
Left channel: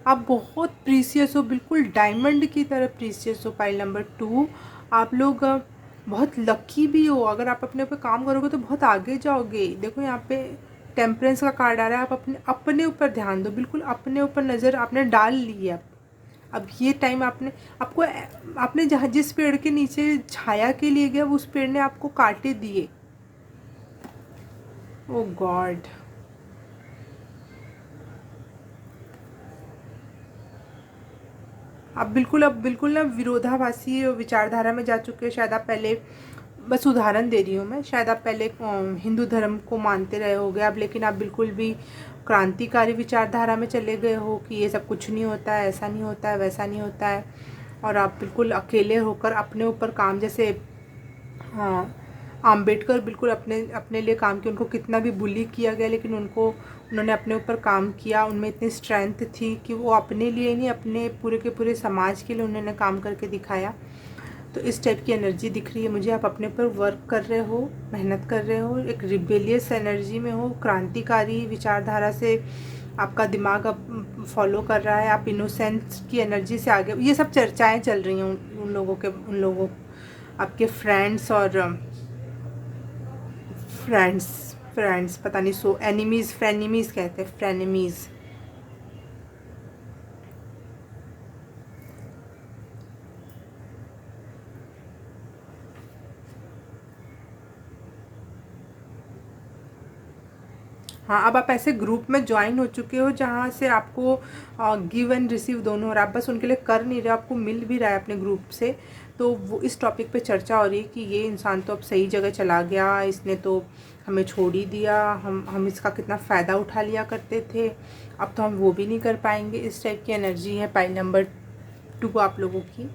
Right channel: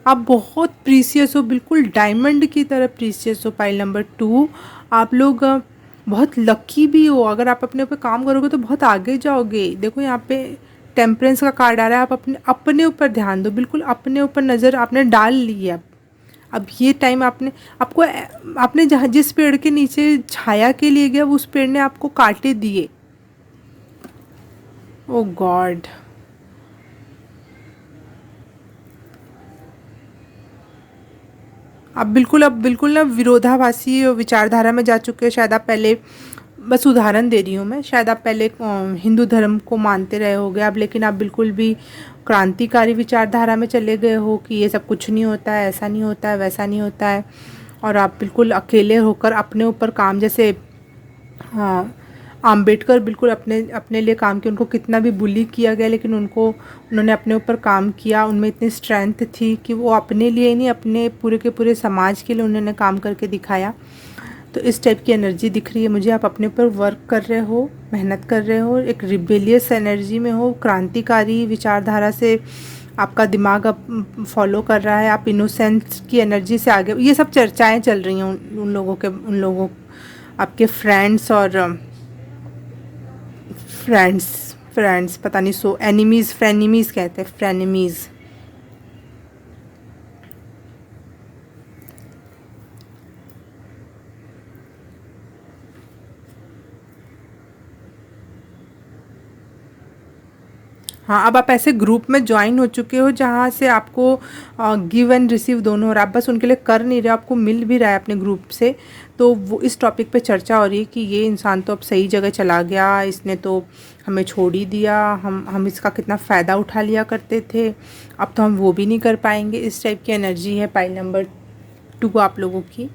आप बहुत प्रीसियस हो, बिल्कुल डायमंड की तरह प्रीसियस हो। पाइल नंबर 2, आप लोग बहुत लकी भी हो। अगर आप अपने ऊपर काम करोगे तो बहुत आगे जाओगे। देखो यहाँ पे टेम्परेंस का कार्ड आ रहा है। आप अपने अपने ऊपर ध्यान दो, बिल्कुल अपने ऊपर नज़र आपने डाल ली है। अब ये टाइम आपने आपको आपने जहाँ जिस पेड़ के नीचे छाया के लिए गया, उस पेड़ ने आपको कांटे दिए। ओ गॉड। अब बिल्कुल ना विरोधाभासी विचारधारा में जा चुके हैं। शायद आप पहले, बस उदाहरण दे रही हूँ मैं, शायद आप पहले हिंदू धर्म को मानते रहे होगे अब, लेकिन आप बिल्कुल भी क्रांतिकारी विचारधारा में चले गए हो कि ये सब कुछ नहीं होता है, ऐसा नहीं होता है, वैसा नहीं होता है। और आप बिल्कुल अकेले होकर अपने ऊपर काम, जैसे हाँ, आम्बेडकर बिल्कुल अपने अपने लिए काम किया। उनको कितना भी बुली किया गया, लेकिन उन्होंने अपने ऊपर काम किया। उनमें इतनी स्ट्रेंथ थी कि वो अपने लिए ही नहीं, अपने पूरे के पूरे समाज के लिए उन्होंने काम करके दिखाया। तो इस टाइप की एनर्जी दिख रही है मुझे। आप अपने ऊपर वर्क कर रहे हो, मेहनत कर रहे हो, एक रिबेलियस एनर्जी में हो, क्रांतिकारी विचारधारा से आपका दिमाग अब फॉलो कर रहा है। आप इनोसेंस की एनर्जी से आगे, ये सब चर्चाएं चल रही हैं उन लोगों, आपके फ्रेंड्स और फ्रेंड्स फ्रेंड्स पता नहीं, सो एनिमीज़, फ्रेनिमीज़ कहते हैं, फ्रेनिमीज़। हाँ, अब आप ऐसे ग्रुप में ज्वाइन हो चुके हो जहाँ से आपको गिव एंड रिसीव दोनों हो रहा है। आप बस उनके लिए कर नहीं रहे, आपको मिल भी रहा है अपने ग्रुप से। तो वो इस टॉपिक पे चर्चा हो रही है कि ये इंसान तो अब सही जगह चला गया, इसने तो हमें छोड़ ही दिया, हम इसका कितना फ़ायदा उठा लिया करते थे, अब तो हम वो भी नहीं कर पाएंगे। इस टाइप की एनर्जी है पाइल नंबर 2 आप लोगों की।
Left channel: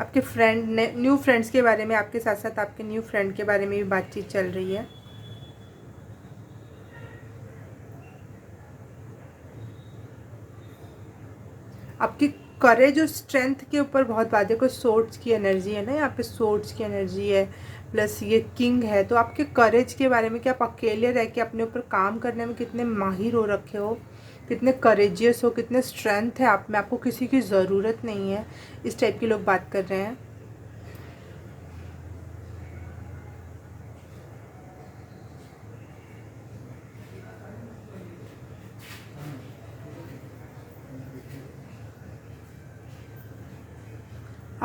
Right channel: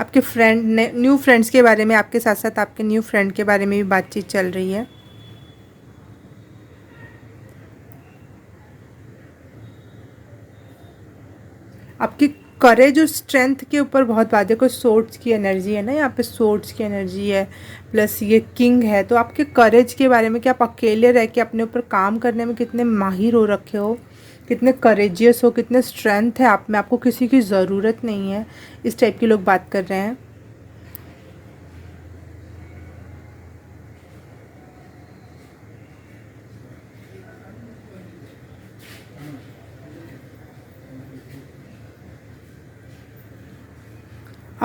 आपके फ्रेंड ने, न्यू फ्रेंड्स के बारे में, आपके साथ साथ आपके न्यू फ्रेंड के बारे में भी बातचीत चल रही है। आपकी करेज और स्ट्रेंथ के ऊपर बहुत बात है। कोई सोर्ट्स की एनर्जी है ना, यहाँ पे सोर्ट्स की एनर्जी है, प्लस ये किंग है। तो आपके करेज के बारे में कि आप अकेले रह के अपने ऊपर काम करने में कितने माहिर हो रखे हो, कितने करेजियस हो, कितने स्ट्रेंथ है आप में, आपको किसी की ज़रूरत नहीं है। इस टाइप के लोग बात कर रहे हैं।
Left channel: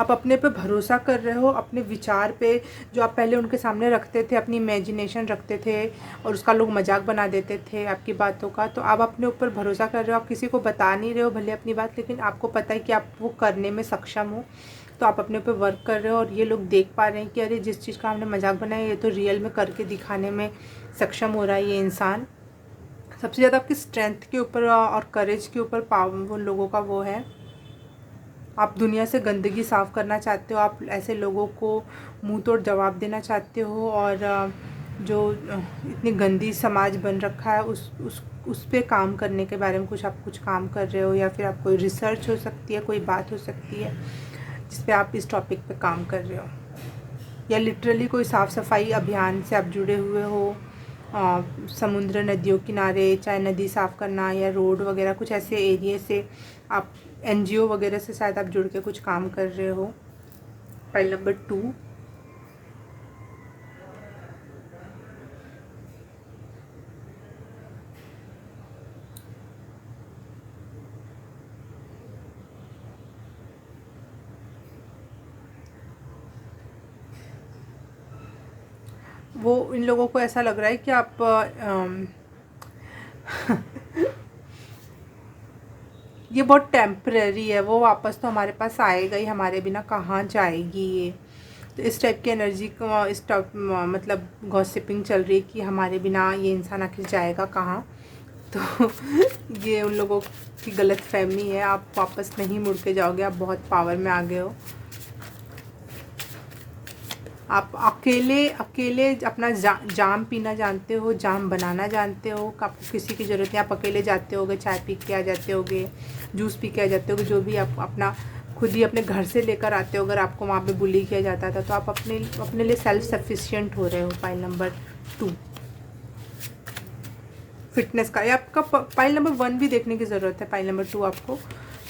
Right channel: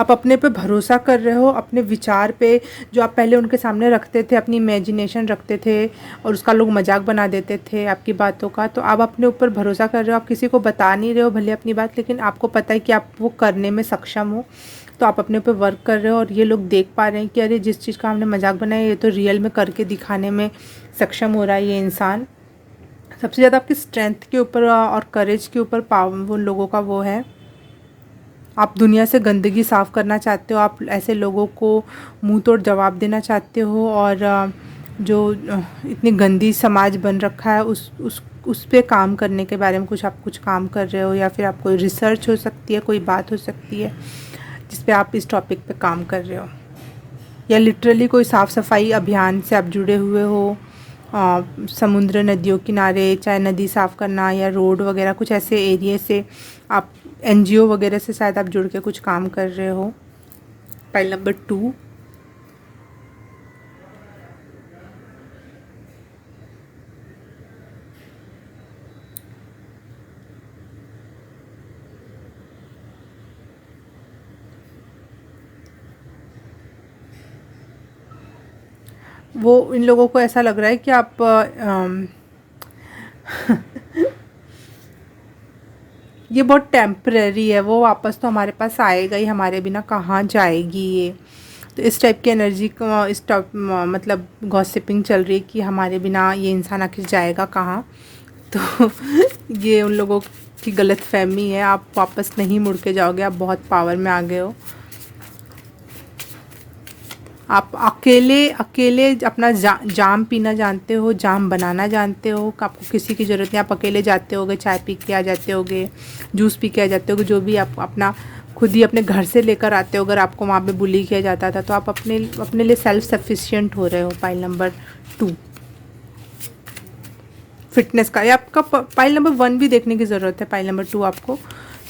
आप अपने पे भरोसा कर रहे हो, अपने विचार पे। जो आप पहले उनके सामने रखते थे, अपनी इमेजिनेशन रखते थे और उसका लोग मजाक बना देते थे आपकी बातों का, तो आप अपने ऊपर भरोसा कर रहे हो। आप किसी को बता नहीं रहे हो भले अपनी बात, लेकिन आपको पता है कि आप वो करने में सक्षम हो। तो आप अपने ऊपर वर्क कर रहे हो और ये लोग देख पा रहे हैं कि अरे जिस चीज़ का हमने मजाक बनाया ये तो रियल में करके दिखाने में सक्षम हो रहा है ये इंसान। सबसे ज़्यादा आपकी स्ट्रेंथ के ऊपर और करेज के ऊपर पावर वो लोगों का वो है। आप दुनिया से गंदगी साफ़ करना चाहते हो, आप ऐसे लोगों को मुंह तोड़ जवाब देना चाहते हो, और जो इतनी गंदी समाज बन रखा है उस पे काम करने के बारे में कुछ काम कर रहे हो, या फिर आप कोई रिसर्च हो सकती है, कोई बात हो सकती है जिस पे आप इस टॉपिक पे काम कर रहे हो, या लिटरली कोई साफ़ सफाई अभियान से आप जुड़े हुए हो। समुद्र नदियों किनारे, चाहे नदी साफ़ करना या रोड वगैरह, कुछ ऐसे एरिया से आप एनजीओ वगैरह से शायद आप जुड़ के कुछ काम कर रहे हो। File number 2। वो इन लोगों को ऐसा लग रहा है कि आप ये बहुत टेम्परेरी है, वो वापस तो हमारे पास आएगा ही, हमारे बिना कहाँ जाएगी ये। तो इस टाइप की एनर्जी का इस टाइप मतलब गॉसिपिंग चल रही है कि हमारे बिना ये इंसान आखिर जाएगा कहाँ। तो ये उन लोगों की गलत फहमी है, आप वापस नहीं मुड़ के जाओगे, आप बहुत पावर में आ गए हो। आप अकेले अकेले अपना जाम पीना जानते हो, जाम बनाना जानते हो, आपको किसी की ज़रूरत नहीं। आप अकेले जाते होगे, चाय पी के आ जाते होगे, जूस पी के आ जाते होगे, जो भी आप अपना खुद ही अपने घर से लेकर आते हो। अगर आपको वहाँ पे बुली किया जाता था तो आप अपने लिए सेल्फ सफिशिएंट हो रहे हो। पाइल नंबर 2 फिटनेस का, या आपका पाइल नंबर 1 भी देखने की ज़रूरत है, पाइल नंबर 2 आपको,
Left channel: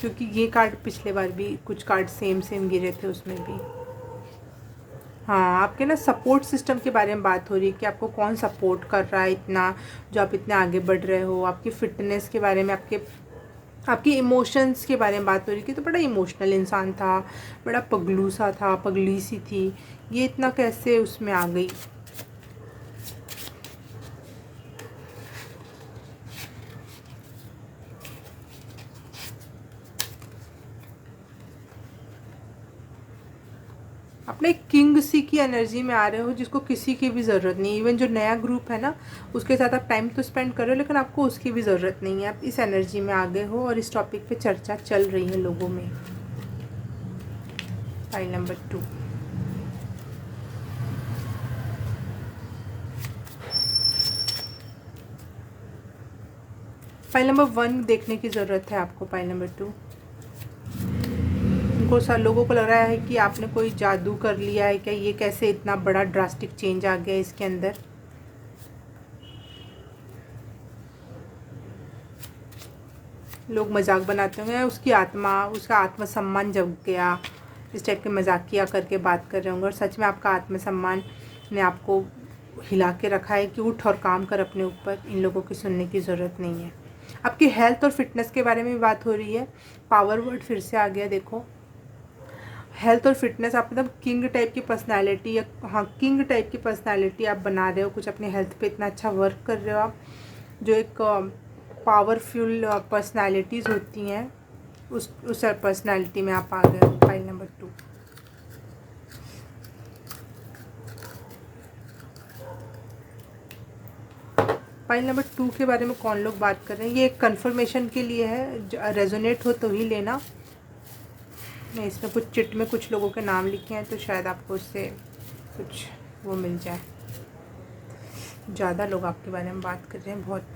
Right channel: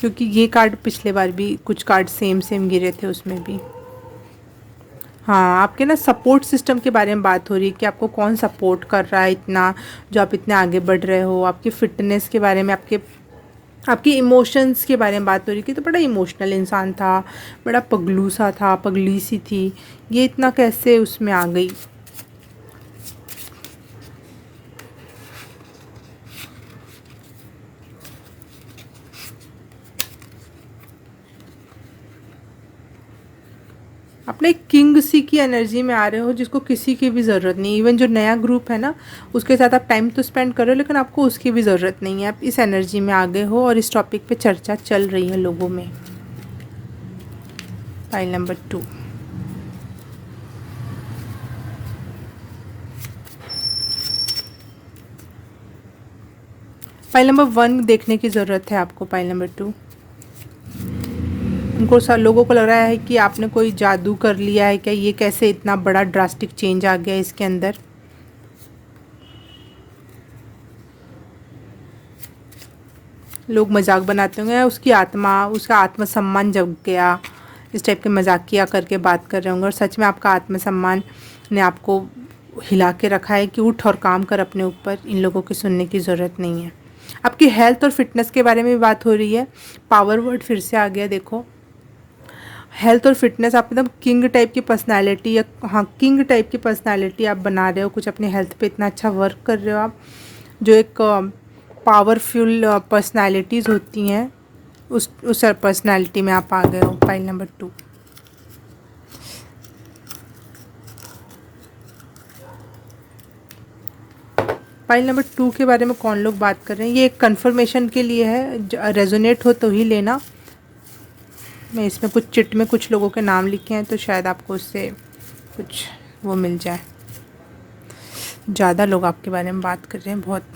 क्योंकि ये कार्ड पिछले बार भी कुछ कार्ड सेम गिरे थे उसमें भी। हाँ, आपके ना सपोर्ट सिस्टम के बारे में बात हो रही है कि आपको कौन सपोर्ट कर रहा है इतना, जो आप इतने आगे बढ़ रहे हो। आपकी फ़िटनेस के बारे में, आपकी इमोशंस के बारे में बात हो रही थी। तो बड़ा इमोशनल इंसान था, बड़ा पगलू सा था, पगली सी थी, ये इतना कैसे उसमें आ गई। अपने किंग सी की एनर्जी में आ रहे हो, जिसको किसी की भी ज़रूरत नहीं। इवन जो नया ग्रुप है ना, उसके साथ आप टाइम तो स्पेंड कर रहे हो, लेकिन आपको उसकी भी ज़रूरत नहीं है। आप इस एनर्जी में आ गए हो और इस टॉपिक पे चर्चा चल रही है लोगों में। File number 2। फाइल नंबर 1 देखने की ज़रूरत है आपको। फाइल नंबर 2, उनको लोगों को लग रहा है कि आपने कोई जादू कर लिया है क्या, ये कैसे इतना बड़ा ड्रास्टिक चेंज आ गया इसके अंदर। लोग मजाक बनाते होंगे, उसका आत्मसम्मान जग गया, इस टाइप के मजाकिया करके बात कर रहे होंगे। और सच में आपका आत्मसम्मान ने आपको हिला के रखा है कि उठ और काम कर अपने ऊपर, इन लोगों की सुनने की ज़रूरत नहीं है। आपकी हेल्थ और फिटनेस के बारे में भी बात हो रही है। पावर वर्ड फिर से आ गया, देखो हेल्थ और फिटनेस। आप एकदम किंग टाइप की पर्सनालिटी, या हाँ किंग टाइप की पर्सनालिटी आप बना रहे हो। कुछ अपने हेल्थ पे इतना अच्छा वर्क कर रहे हो आप, जो एक पावरफुल पर्सनालिटीज़ होती हैं, उस पर्सनालिटी में आप आ गए हो। File number 2। फाइल नंबर 2 के बारे में कौन लोग बात कर रहे हैं, ये एक कंफर्मेशन के लिए है, रेजोनेट हो तो ही लेना। मैं इसमें कुछ चिट में कुछ लोगों के नाम लिखे हैं, तो शायद आपको उससे कुछ वो मिल जाए। ज़्यादा लोग आपके बारे में बात कर रहे हैं, बहुत।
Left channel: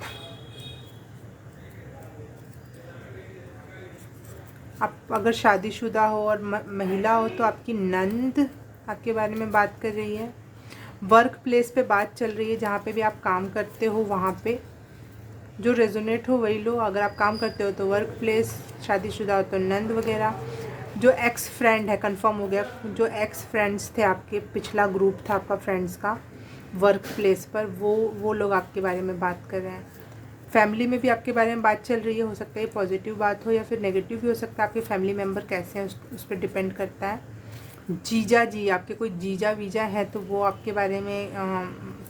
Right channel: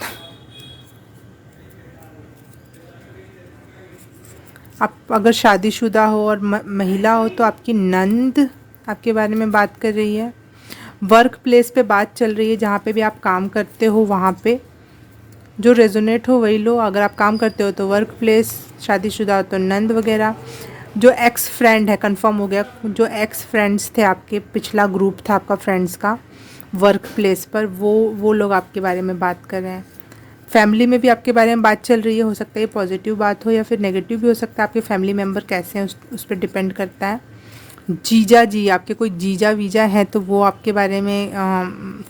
आप अगर शादीशुदा हो और महिला हो तो आपकी नंद आपके बारे में बात कर रही है। वर्क प्लेस पे बात चल रही है, जहाँ पे भी आप काम करते हो वहाँ पे जो रेजोनेट हो वही लो। अगर आप काम करते हो तो वर्क प्लेस, शादीशुदा हो तो नंद वगैरह। जो एक्स फ्रेंड है, कंफर्म हो गया, जो एक्स फ्रेंड्स थे आपके, पिछला ग्रुप था आपका फ्रेंड्स का वर्क प्लेस पर, वो लोग आपके बारे में बात कर रहे हैं। फैमिली में भी आपके बारे में बात चल रही है, हो सकता है ये पॉजिटिव बात हो या फिर नेगेटिव भी हो सकता है। आपके फैमिली मेम्बर कैसे हैं उस पर डिपेंड करता है। जीजा जी, आपके कोई जीजा वीजा हैं तो वो आपके बारे में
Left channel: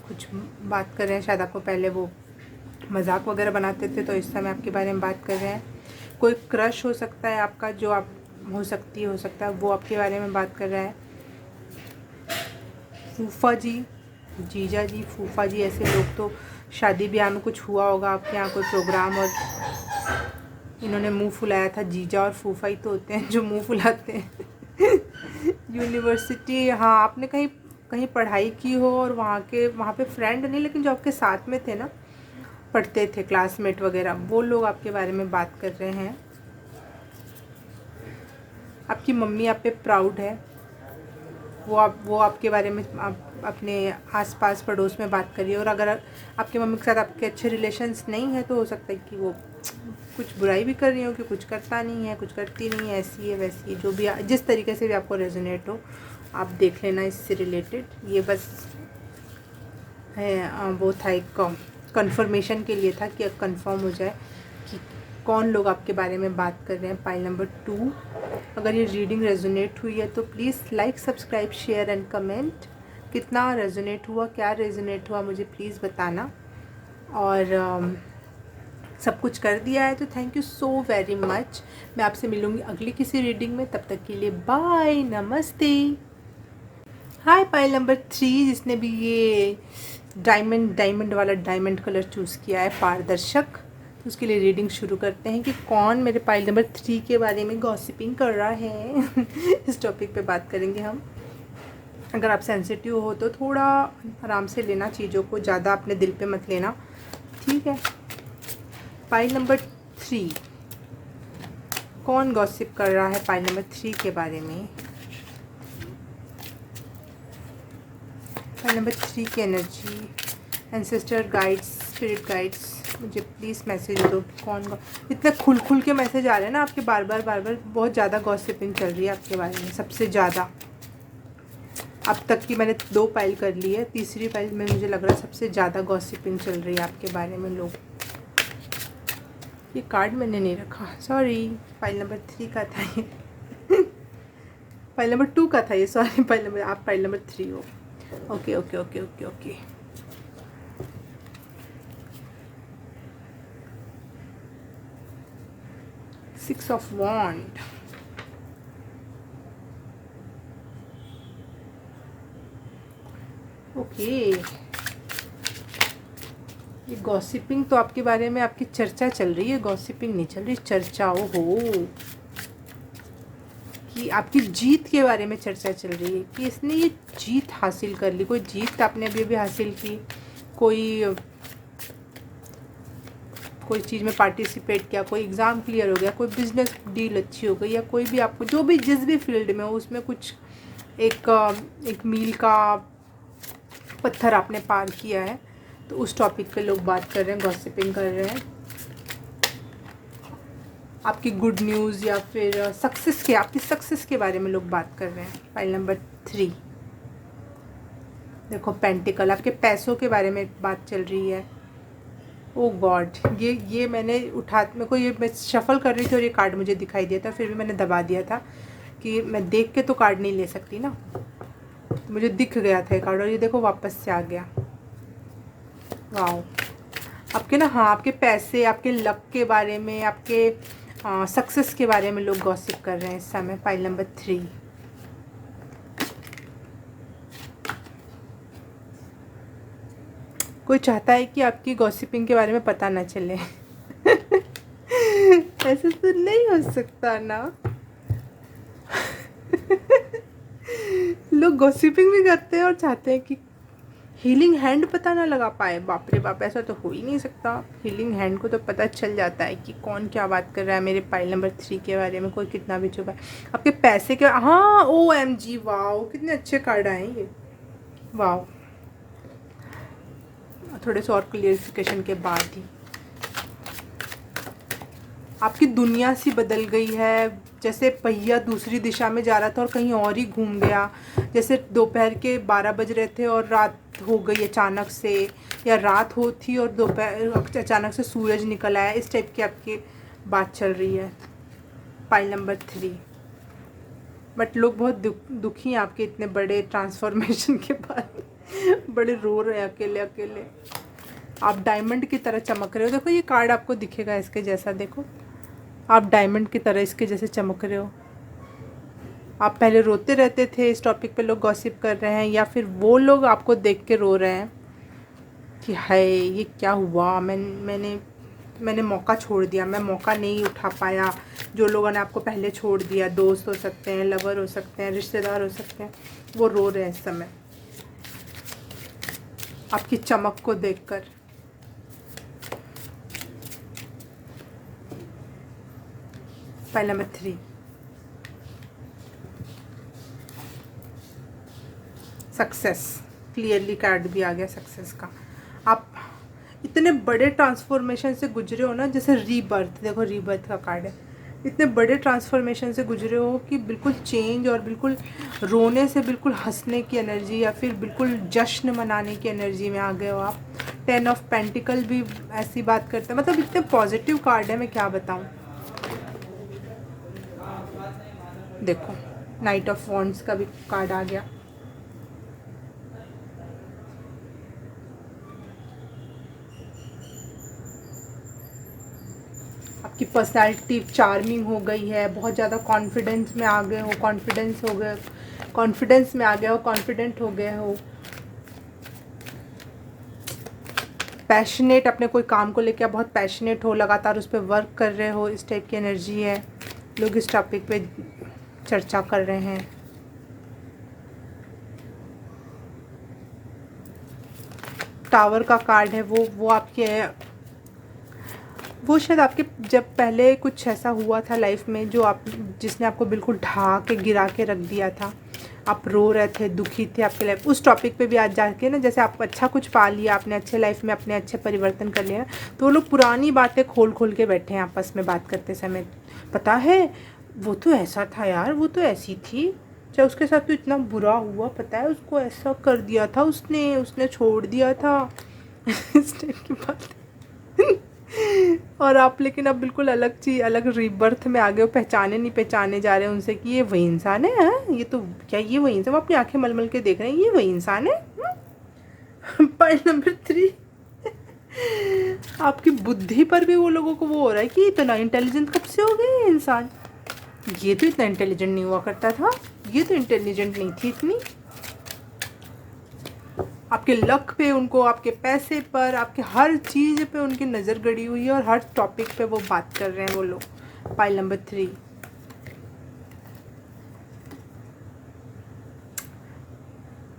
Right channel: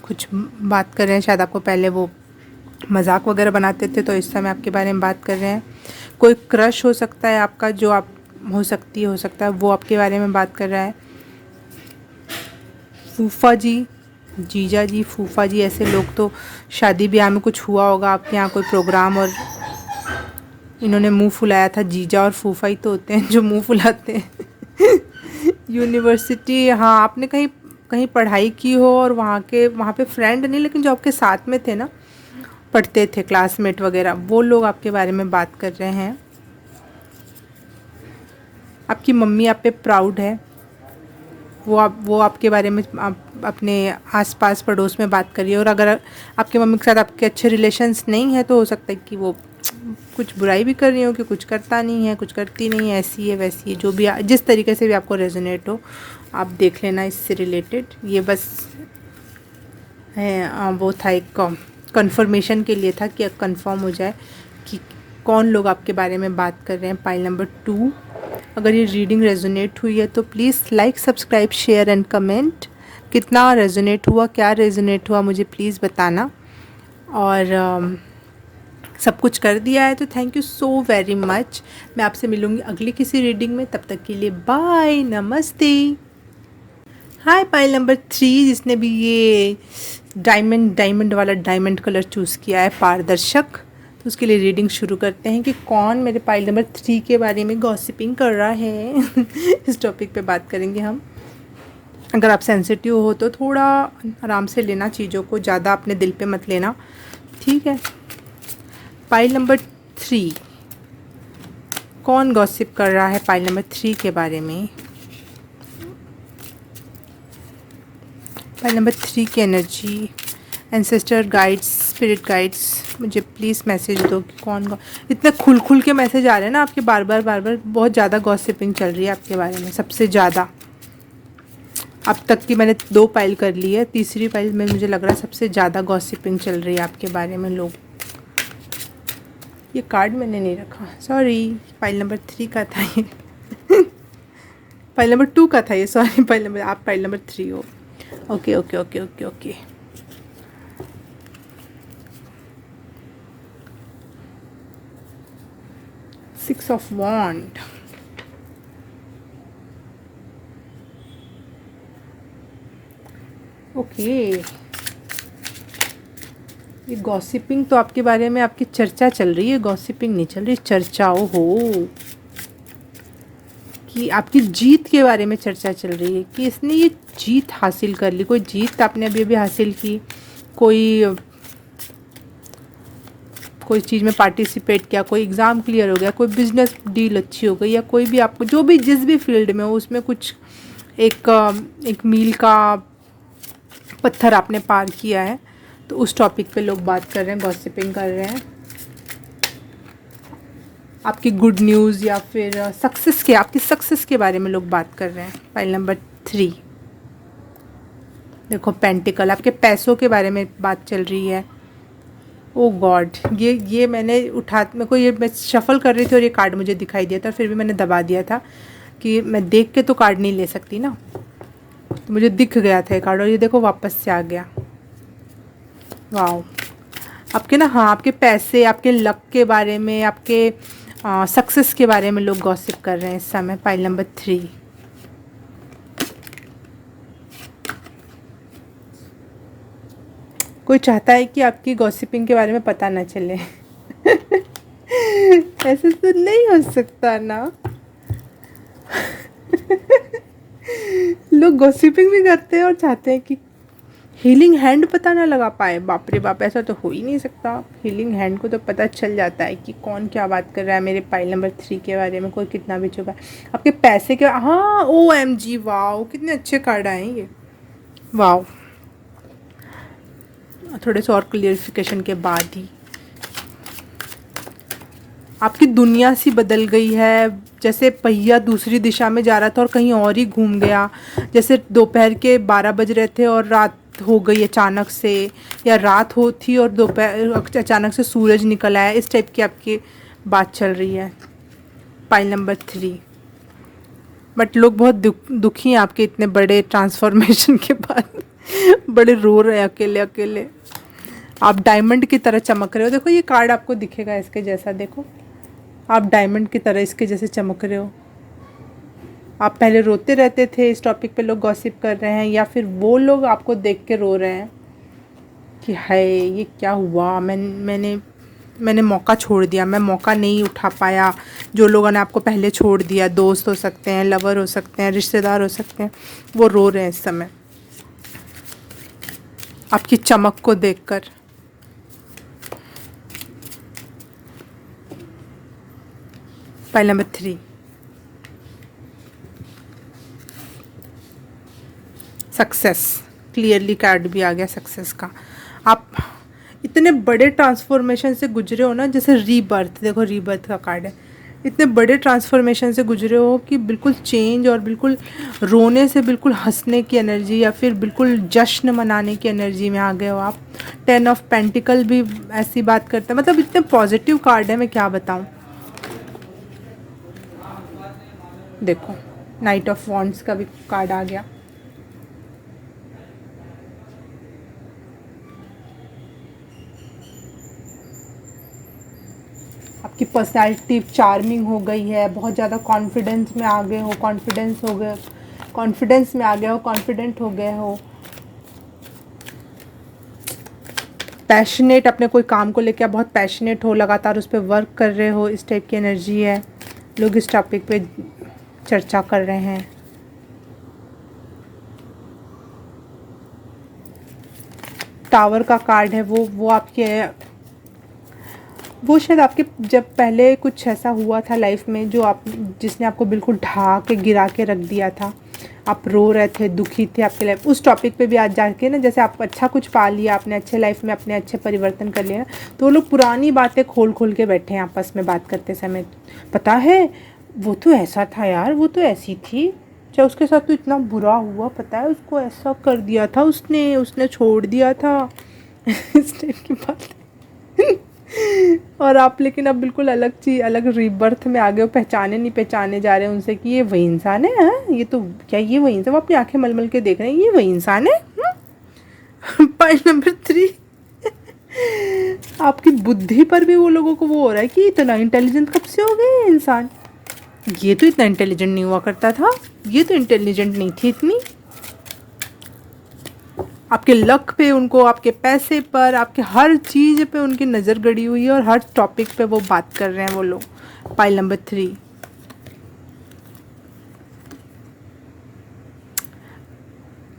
कुछ बात कर रहे हैं। शायद आपको पहले वो मजाक वगैरह बनाते थे, तो इस समय आपके बारे में बात कर रहे हैं। कोई क्रश हो सकता है आपका, जो आप हो सकता है वो आपके बारे में बात कर रहा है। फूफा जी, जीजा जी, फूफा जी, ऐसे लोग तो शादी ब्याह में कुछ हुआ होगा आपके यहाँ कोई प्रोग्राम, और इन्होंने मुंह फुलाया था। जीजा और फूफा ही तो होते हैं जो मुंह फुलाते हैं। यूनिवर्सिटी, हाँ, आपने कहीं कहीं पढ़ाई की हो और वहाँ पे फ्रेंड नहीं, लेकिन जो आपके साथ में थे ना, पढ़ते थे, क्लासमेट वगैरह, वो लोग आपके बारे में बात कर रहे हैं। आपकी मम्मी आप पे प्राउड है, वो आपके बारे में अपने आसपास पड़ोस में बात करिए। और अगर आपके मम्मी के साथ आपके अच्छे रिलेशन्स नहीं है तो हो सकता है कि वो कुछ बुराई भी कर रही हो, कि कुछ करता नहीं है, कुछ करती नहीं है, ऐसी है वैसी है, जो भी जिस तरीके से भी आपको रेजोनेट हो आप देख लेना इससे रिलेटेड। ये बस है, वो था एक कंफर्मेशन के लिए था कि कंफर्म हो जाए कि कौन लोग आपके बारे में बात कर रहे हैं। पाइल नंबर 2, अगर ये रीडिंग रेजोनेट हुई है तो please like, subscribe, share and comment. कितना रेजोनेट हुआ, क्या रेजोनेट हुआ, मुझे प्लीज़ बताना। और सब कुछ कर दिया है तो thank you so very much. मैं आपसे मिलूँगी अगली किसी रीडिंग में, तब तक के लिए बाय, नमस्ते। हाय पाइल नंबर 3, जिसने भी ये डायमंड वाला डायमंड कलर चूज़ किया है, पारदर्शक, तो उसके लिए रीडिंग शुरू करते हैं कि कौन मेरे पाइल नंबर 3 के बारे में गॉसिपिंग कर रहा है। इस टॉपिक पे बात करेंगे हम। अगर आप सेंसिटिव हो तो थोड़ा आराम से लेना चीज़ों को, ज़्यादा अपने दिल पे मत लेना, ठीक है। पाइल नंबर 3, कौन गॉसिप कर रहा है पाइल नंबर 3 के बारे में। पाइल नंबर 3 की energy, ancestor guides, spirit guides, मुझे प्लीज़ मैसेज दो कि कौन इतने खुल के मैसेज आ रहे हैं ना आपके, बार बार बहुत ज़्यादा गॉसिपिंग चल रही है आपके बारे में, सबसे ज़्यादा। अब तक की मैंने 2 पाइल कर ली है, तीसरी पाइल में मुझे लग रहा है सबसे ज़्यादा गॉसिपिंग चल रही है आपके बारे में लोग। ये कार्ड मैंने नहीं रखा, सॉरी, पाइल नंबर 3 का था ये। पाइल नंबर 2 का था ये, सॉरी। आप पाइल नंबर 3 हो। Okay okay okay okay okay. Six of wand, okay. ये गॉसिपिंग तो आपके बारे में, आपकी चर्चा चल रही है, गॉसिपिंग नहीं चल रही, चर्चाओं हो कि आपकी जीत के बारे में चर्चा चल रही है कि इसने ये जीत हासिल कर ली। कोई जीत आपने अभी अभी हासिल की, कोई चीज़ में पार्टिसिपेट किया, कोई एग्ज़ाम क्लियर हो गया, कोई बिजनेस डील अच्छी हो गई, या कोई भी आपको जो भी जिस भी फील्ड में हो उसमें कुछ एक मील का पत्थर आपने पार किया है, तो उस टॉपिक पे लोग बात कर रहे हैं, गॉसिपिंग कर रहे हैं। आपकी गुड न्यूज़ या फिर आपकी सक्सेस के बारे में लोग बात कर रहे हैं। फाइल नंबर 3, देखो पेंटिकल, आपके पैसों के बारे में बात चल रही है। ओ गॉड, ये मेरे को ये मैं शफल कर रही थी और ये कार्ड मुझे दिखाई दिया था, फिर भी मैंने दबा दिया था कि मैं देख के तो कार्ड नहीं ले सकती ना, तो मुझे दिख गया था ये कार्ड, और ये देखो वापस से आ गया। वाह, आपके ना, हाँ, आपके पैसे, आपके लक के बारे में, आपके सक्सेस के बारे में लोग गॉसिप कर रहे हैं इस समय। पाइल नंबर 3, कोई चाहता है कि आपकी गॉसिपिंग के बारे में पता ना चले। ऐसे तो नहीं हो सकता ना। लोग गॉसिपिंग भी करते हैं और चाहते हैं कि हीलिंग हैंड पता ना लगा पाए। बाप रे बाप, ऐसा तो हो ही नहीं सकता। हीलिंग हैंड को तो पता चल जाता है कि कौन क्या बात कर रहा है मेरे पाइल नंबर 3 के बारे में, कोई कितना भी छुपा है। आपके पैसे के, हाँ, OMG, वाह, कितने अच्छे कार्ड आए ये, वाह। थोड़े से और क्लियरिफिकेशन के बाद ही आपकी दुनिया सी बदल गई है, जैसे पहिया दूसरी दिशा में जा रहा था और कहीं और ही घूम गया। जैसे दोपहर के 12 बज रहे थे और रात हो गई अचानक से, या रात हो थी और दोपहर अचानक से सूरज निकल आया, इस टाइप की आपकी बात चल रही है। पाइल नंबर 3, बट लोग बहुत दुखी हैं आपके इतने बड़े ट्रांसफॉर्मेशन के बाद। बड़े रो रहे हैं अकेले अकेले। आप डायमंड की तरह चमक रहे हो। देखो ये कार्ड आपको दिखेगा इसके जैसा, देखो आप डायमंड की तरह इसके जैसे चमक रहे हो। आप पहले रोते रहते थे, इस टॉपिक पे लोग गॉसिप कर रहे हैं, या फिर वो लोग आपको देख के रो रहे हैं कि हाय ये क्या हुआ, मैंने मौका छोड़ दिया, मैं मौका नहीं उठा पाया। जो लोगों ने आपको पहले छोड़ दिया, दोस्त हो सकते हैं, लवर हो सकते हैं, रिश्तेदार हो सकते हैं, वो रो रहे हैं इस समय आपकी चमक को देखकर। Pile number 3, success. Clearly card भी आ गया सक्सेस का। आप इतने बड़े ट्रांसफॉर्मेशन से गुजरे हो ना, जैसे रीबर्थ, देखो रीबर्थ का कार्ड है। इतने बड़े ट्रांसफॉर्मेशन से गुजरे हो कि बिल्कुल चेंज, और बिल्कुल रोने से बिल्कुल हंसने की एनर्जी, या फिर बिल्कुल जश्न मनाने की एनर्जी में आ गए हो आप। 10 ऑफ पेंटिकल भी ऐसी बात करता है, मतलब इतने पॉजिटिव कार्ड है, मैं क्या बताऊँ। देखो नाइट ऑफ वॉन्ड्स का भी कार्ड आ गया। आपकी पर्सनैलिटी चार्मिंग हो गई है, बहुत ज़्यादा कॉन्फिडेंस में आ गए हो, कॉन्फिडेंस में आ गए हो, कॉन्फिडेंट हो गए हो, पैशनेट, अपने कोई काम को लेकर बहुत पैशनेट हो, लगातार उस पर वर्क कर रहे हो, इस टाइप की एनर्जी है। लोग इस टॉपिक पे चर्चा कर रहे हैं। टावर का कार्ड है, वो आपके, वो शायद आपके जब पहले कुछ ऐसा हुआ था लाइफ में जो आप, जिसने आपको बिल्कुल ढा के गिरा के रख दिया था। आप रो रहे थे, दुखी थे आपके लाइफ, उस टॉपिक पे भी आज जाके ना, जैसे आप अच्छा कुछ पा लिया, आपने अच्छे लाइफ में अपने अच्छे परिवर्तन कर लिया, तो वो लोग पुरानी बातें खोल खोल के बैठे हैं आपस में बात करते समय। पता है वो तो ऐसा था यार, वो तो ऐसी थी, चाहे उसके साथ तो इतना बुरा हुआ, पता है उसको ऐसा कर दिया था, उसने छोड़ दिया था। इस टाइप की बात। और आप लेकिन अब बिल्कुल अलग चीज़, अलग रीबर्थ में आ गए हो, पहचाने नहीं पहचाने जा रहे हैं उनसे कि ये वही इंसान है। हाँ ये तो क्या, ये वही इंसान, वो अपनी आंखें मलमल के देख रहे हैं, ये वही इंसान है। पॉइंट नंबर 3, आपकी बुद्धि पर भी वो लोगों को वो हो रहा है कि इतना इंटेलिजेंट कब से हो गए इंसान, ये तो इतना इंटेलिजेंट नहीं हुआ करता था, ये तो इंटेलिजेंट नहीं थी इतनी। आपके लक पे उनको, आपके पैसे पर, आपके हर चीज़ पे उनकी नज़र गड़ी हुई है, और हर टॉपिक पे वो बात कर रहे हैं वो लोग। पाइल नंबर 3,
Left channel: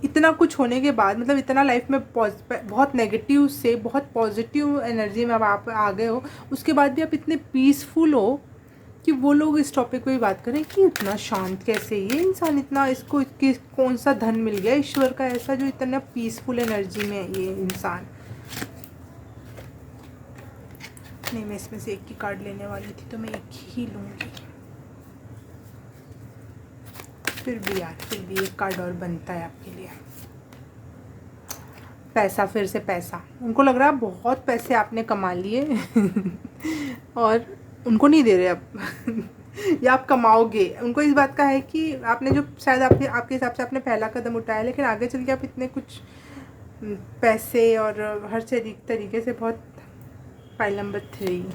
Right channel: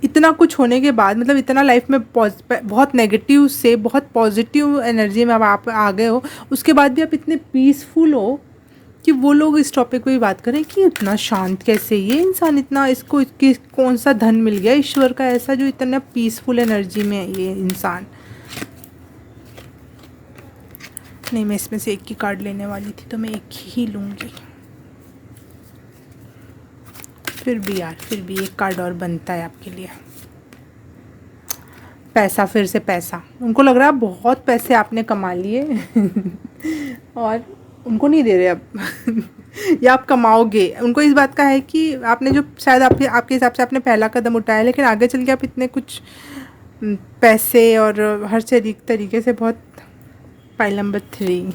इतना कुछ होने के बाद, मतलब इतना लाइफ में बहुत नेगेटिव से बहुत पॉजिटिव एनर्जी में अब आप आ गए हो, उसके बाद भी आप इतने पीसफुल हो कि वो लोग इस टॉपिक पे भी बात करें कि इतना शांत कैसे ये इंसान, इतना इसको कौन सा धन मिल गया ईश्वर का ऐसा जो इतना पीसफुल एनर्जी में है ये इंसान। नहीं, मैं इसमें से एक ही कार्ड लेने वाली थी, तो मैं एक ही लूँगी। फिर भी एक कार्ड और बनता है आपके लिए। पैसा, फिर से पैसा। उनको लग रहा है बहुत पैसे आपने कमा लिए और उनको नहीं दे रहे अब। या आप कमाओगे, उनको इस बात का है कि आपने जो शायद आपके हिसाब से आपने पहला कदम उठाया, लेकिन आगे चल के आप इतने कुछ पैसे और हर तरीके से बहुत। पाइल नंबर 3,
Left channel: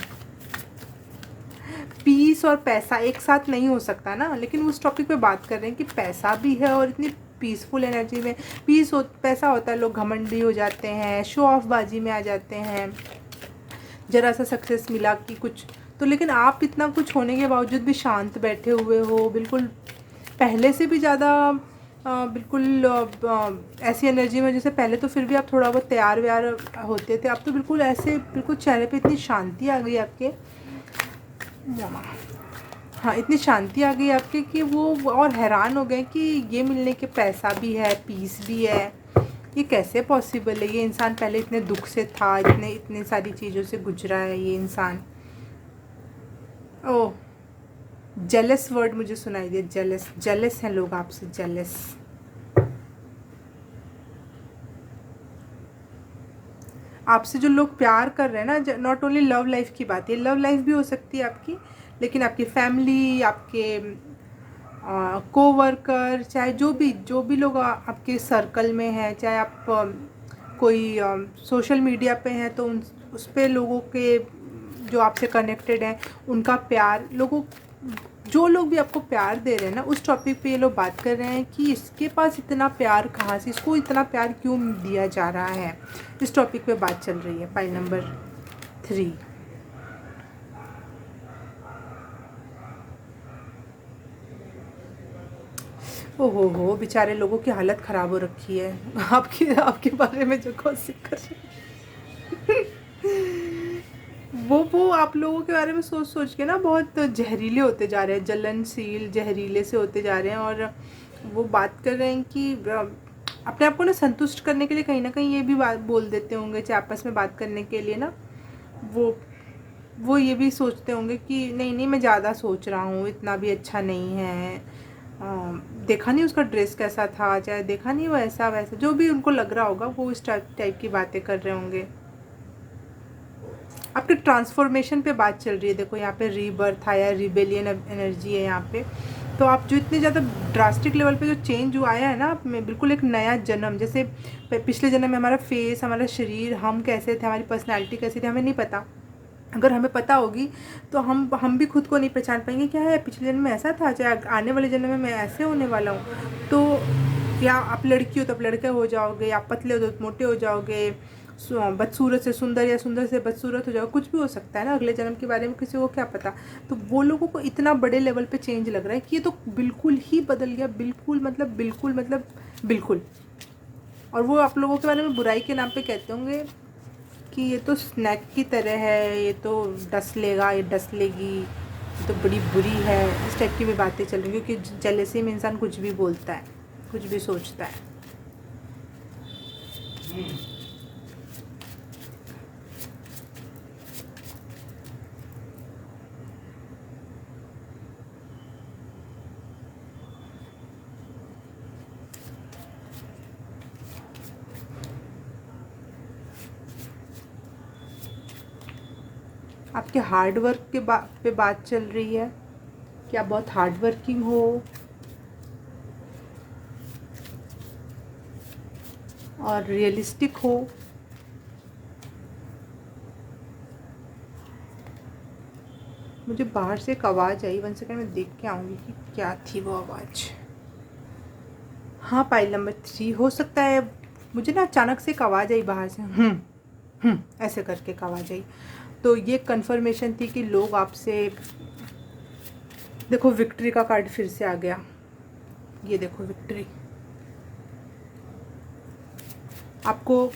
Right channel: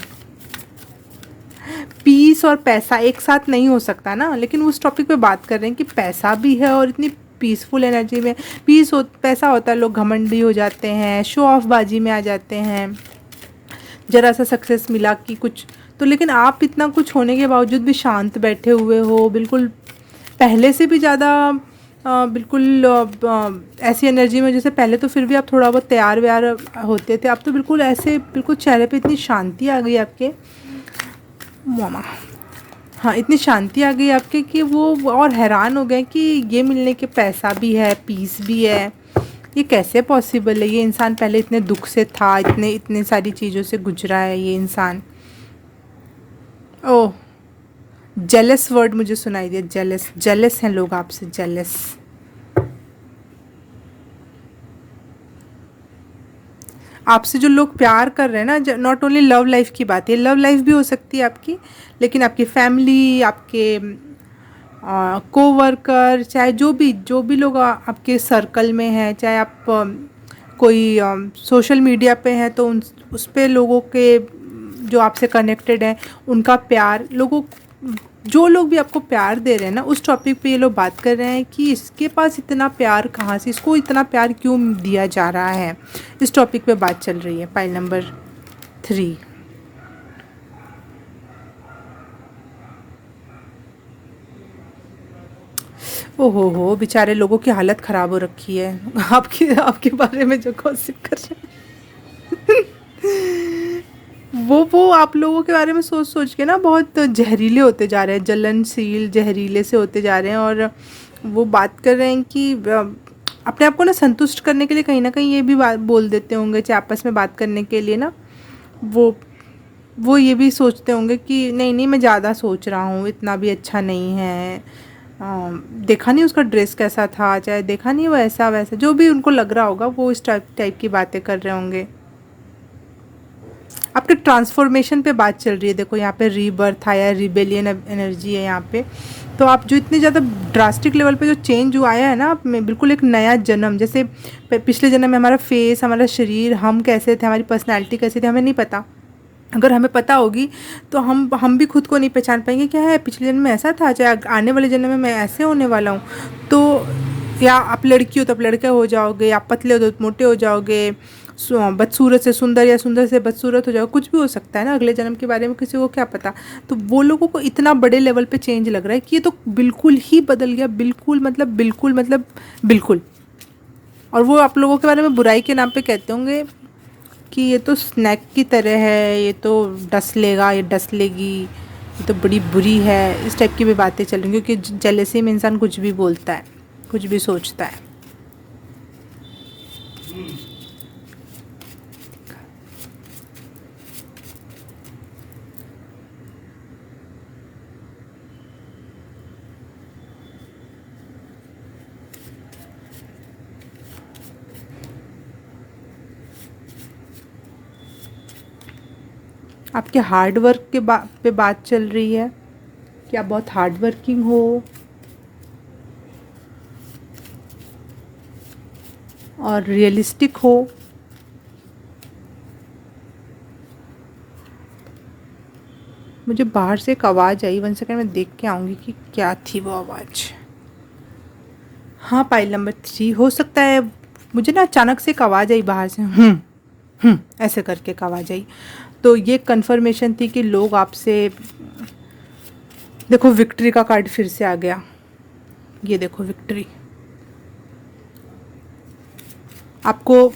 पीस और पैसा एक साथ नहीं हो सकता ना, लेकिन उस टॉपिक पे बात कर रहे हैं कि पैसा भी है और इतनी पीसफुल एनर्जी में। पैसा होता है, लोग घमंडी हो जाते हैं, शो ऑफ बाजी में आ जाते हैं, ज़रा सा सक्सेस मिला कि कुछ तो, लेकिन आप इतना कुछ होने के बावजूद भी शांत बैठे हुए हो, बिल्कुल पहले से भी ज़्यादा बिल्कुल ऐसी एनर्जी में, जैसे पहले तो फिर भी आप थोड़ा बहुत तैयार व्यार होते थे, अब तो बिल्कुल ऐसे, बिल्कुल चेहरे पे इतनी शांति आ गई आपके मामा। हाँ, इतनी शांति आ गई आपके कि वो और हैरान हो गए कि ये मिलने के पैसा भी है, पीस भी है, ये कैसे पॉसिबल है। ये इंसान पहले इतने दुख से था, इतने सारी चीज़ों से गुजरा है ये इंसान। ओह, जेलस वर्ड मुझे सुनाई दिया, जेलस हैं लोग आपसे, जेलस। आपसे जो लोग प्यार कर रहे हैं ना, नॉट ओनली लव लाइफ की बात है, लव लाइफ भी हो सकती है आपकी, लेकिन आपकी फैमिली, आपके कोवर्कर, चाहे जो भी लोग आपके सर्कल में हैं, चाहे आप कोई सोशल मीडिया पे हैं तो उन उस पे लोगों के जो आपसे कनेक्टेड हैं उनका प्यार, लोगों जो लोग भी आपको प्यार दे रहे हैं ना, उस टॉपिक पे ये लोग बात कर रहे हैं कि इसके पास इतना प्यार कहाँ से, इसको इतना प्यार क्यों दिया जा रहा है। इस टॉपिक पे बात चल रही है। Pile number 3। ओहो हो, बेचारे लोगों की हालत ख़राब हो रखी है आपके आपके बारे में जो गॉसिप कर रहे हैं वो आप लोगों के बारे में सोच सोच के ना बहुत जहरीले होते जा रहे हैं, जलनशील जहरीले से होते जा रहे हैं। और वो बात कर रहे हैं कि अपने आप को ना संतुष्ट करने के लिए कहीं ना कहीं ये भी बात बोल देते होंगे, चाहे आपस में बात करने के लिए ना, वो वो ये भी सोचते होंगे कि नहीं नहीं मैं ज़्यादा सोच रहा हूँ, इतना भी अच्छा नहीं है, देखा नहीं उसका ड्रेस कैसा था, चाहे देखा नहीं वो ऐसा वैसा, जो भी उनको लग रहा होगा वो इस टाइप की बातें कर रहे होंगे। आपके ट्रांसफॉर्मेशन पे बात चल रही है। देखो यहाँ पे रीबर्थ आया, रिबेलियन एनर्जी है यहाँ पे। तो आप जो इतने ज़्यादा ड्रास्टिक लेवल पे जो चेंज हुआ आया है ना आप में, बिल्कुल एक नया जन्म, जैसे पिछले जन्म में हमारा फेस, हमारा शरीर, हम कैसे थे, हमारी पर्सनैलिटी कैसी थी, हमें नहीं पता। अगर हमें पता होगी तो हम भी खुद को नहीं पहचान पाएंगे, क्या है पिछले जन्म में ऐसा था, चाहे आने वाले जन्म में मैं ऐसे होने वाला हूँ। तो या आप लड़की हो तो आप लड़के हो जाओगे, आप पतले हो तो मोटे हो जाओगे, बदसूरत से सुंदर या सुंदर से बदसूरत हो जाओगे, कुछ भी हो सकता है ना अगले जन्म के बारे में, किसी को क्या पता। तो वो लोगों को इतना बड़े लेवल पे चेंज लग रहा है कि ये तो बिल्कुल ही बदल गया, बिल्कुल। और वो आप लोगों के बारे में बुराई के नाम पे कहते होंगे कि ये तो स्नैक की तरह है, ये तो डस लेगा, ये डस लेगी, ये तो बड़ी बुरी है, इस टाइप की भी बातें चल रही हैं। क्योंकि जेलसी में इंसान कुछ भी बोलता है, कुछ भी सोचता है। आपके हार्ड वर्क के पे बात चल रही है कि आप बहुत हार्ड वर्किंग हो और रियलिस्टिक हो। मुझे बाहर से एक आवाज़ आई, 1 सेकंड में देख के आऊँगी कि क्या थी वो आवाज़। हाँ, पाइल नंबर 3 हो सकता है। मुझे ना अचानक से एक आवाज़ आई बाहर से, ऐसे करके एक आवाज़ आई। तो ये कंफर्मेशन थी कि लोग आपसे, देखो विक्ट्री का कार्ड फिर से आ गया, ये देखो विक्ट्री। आपको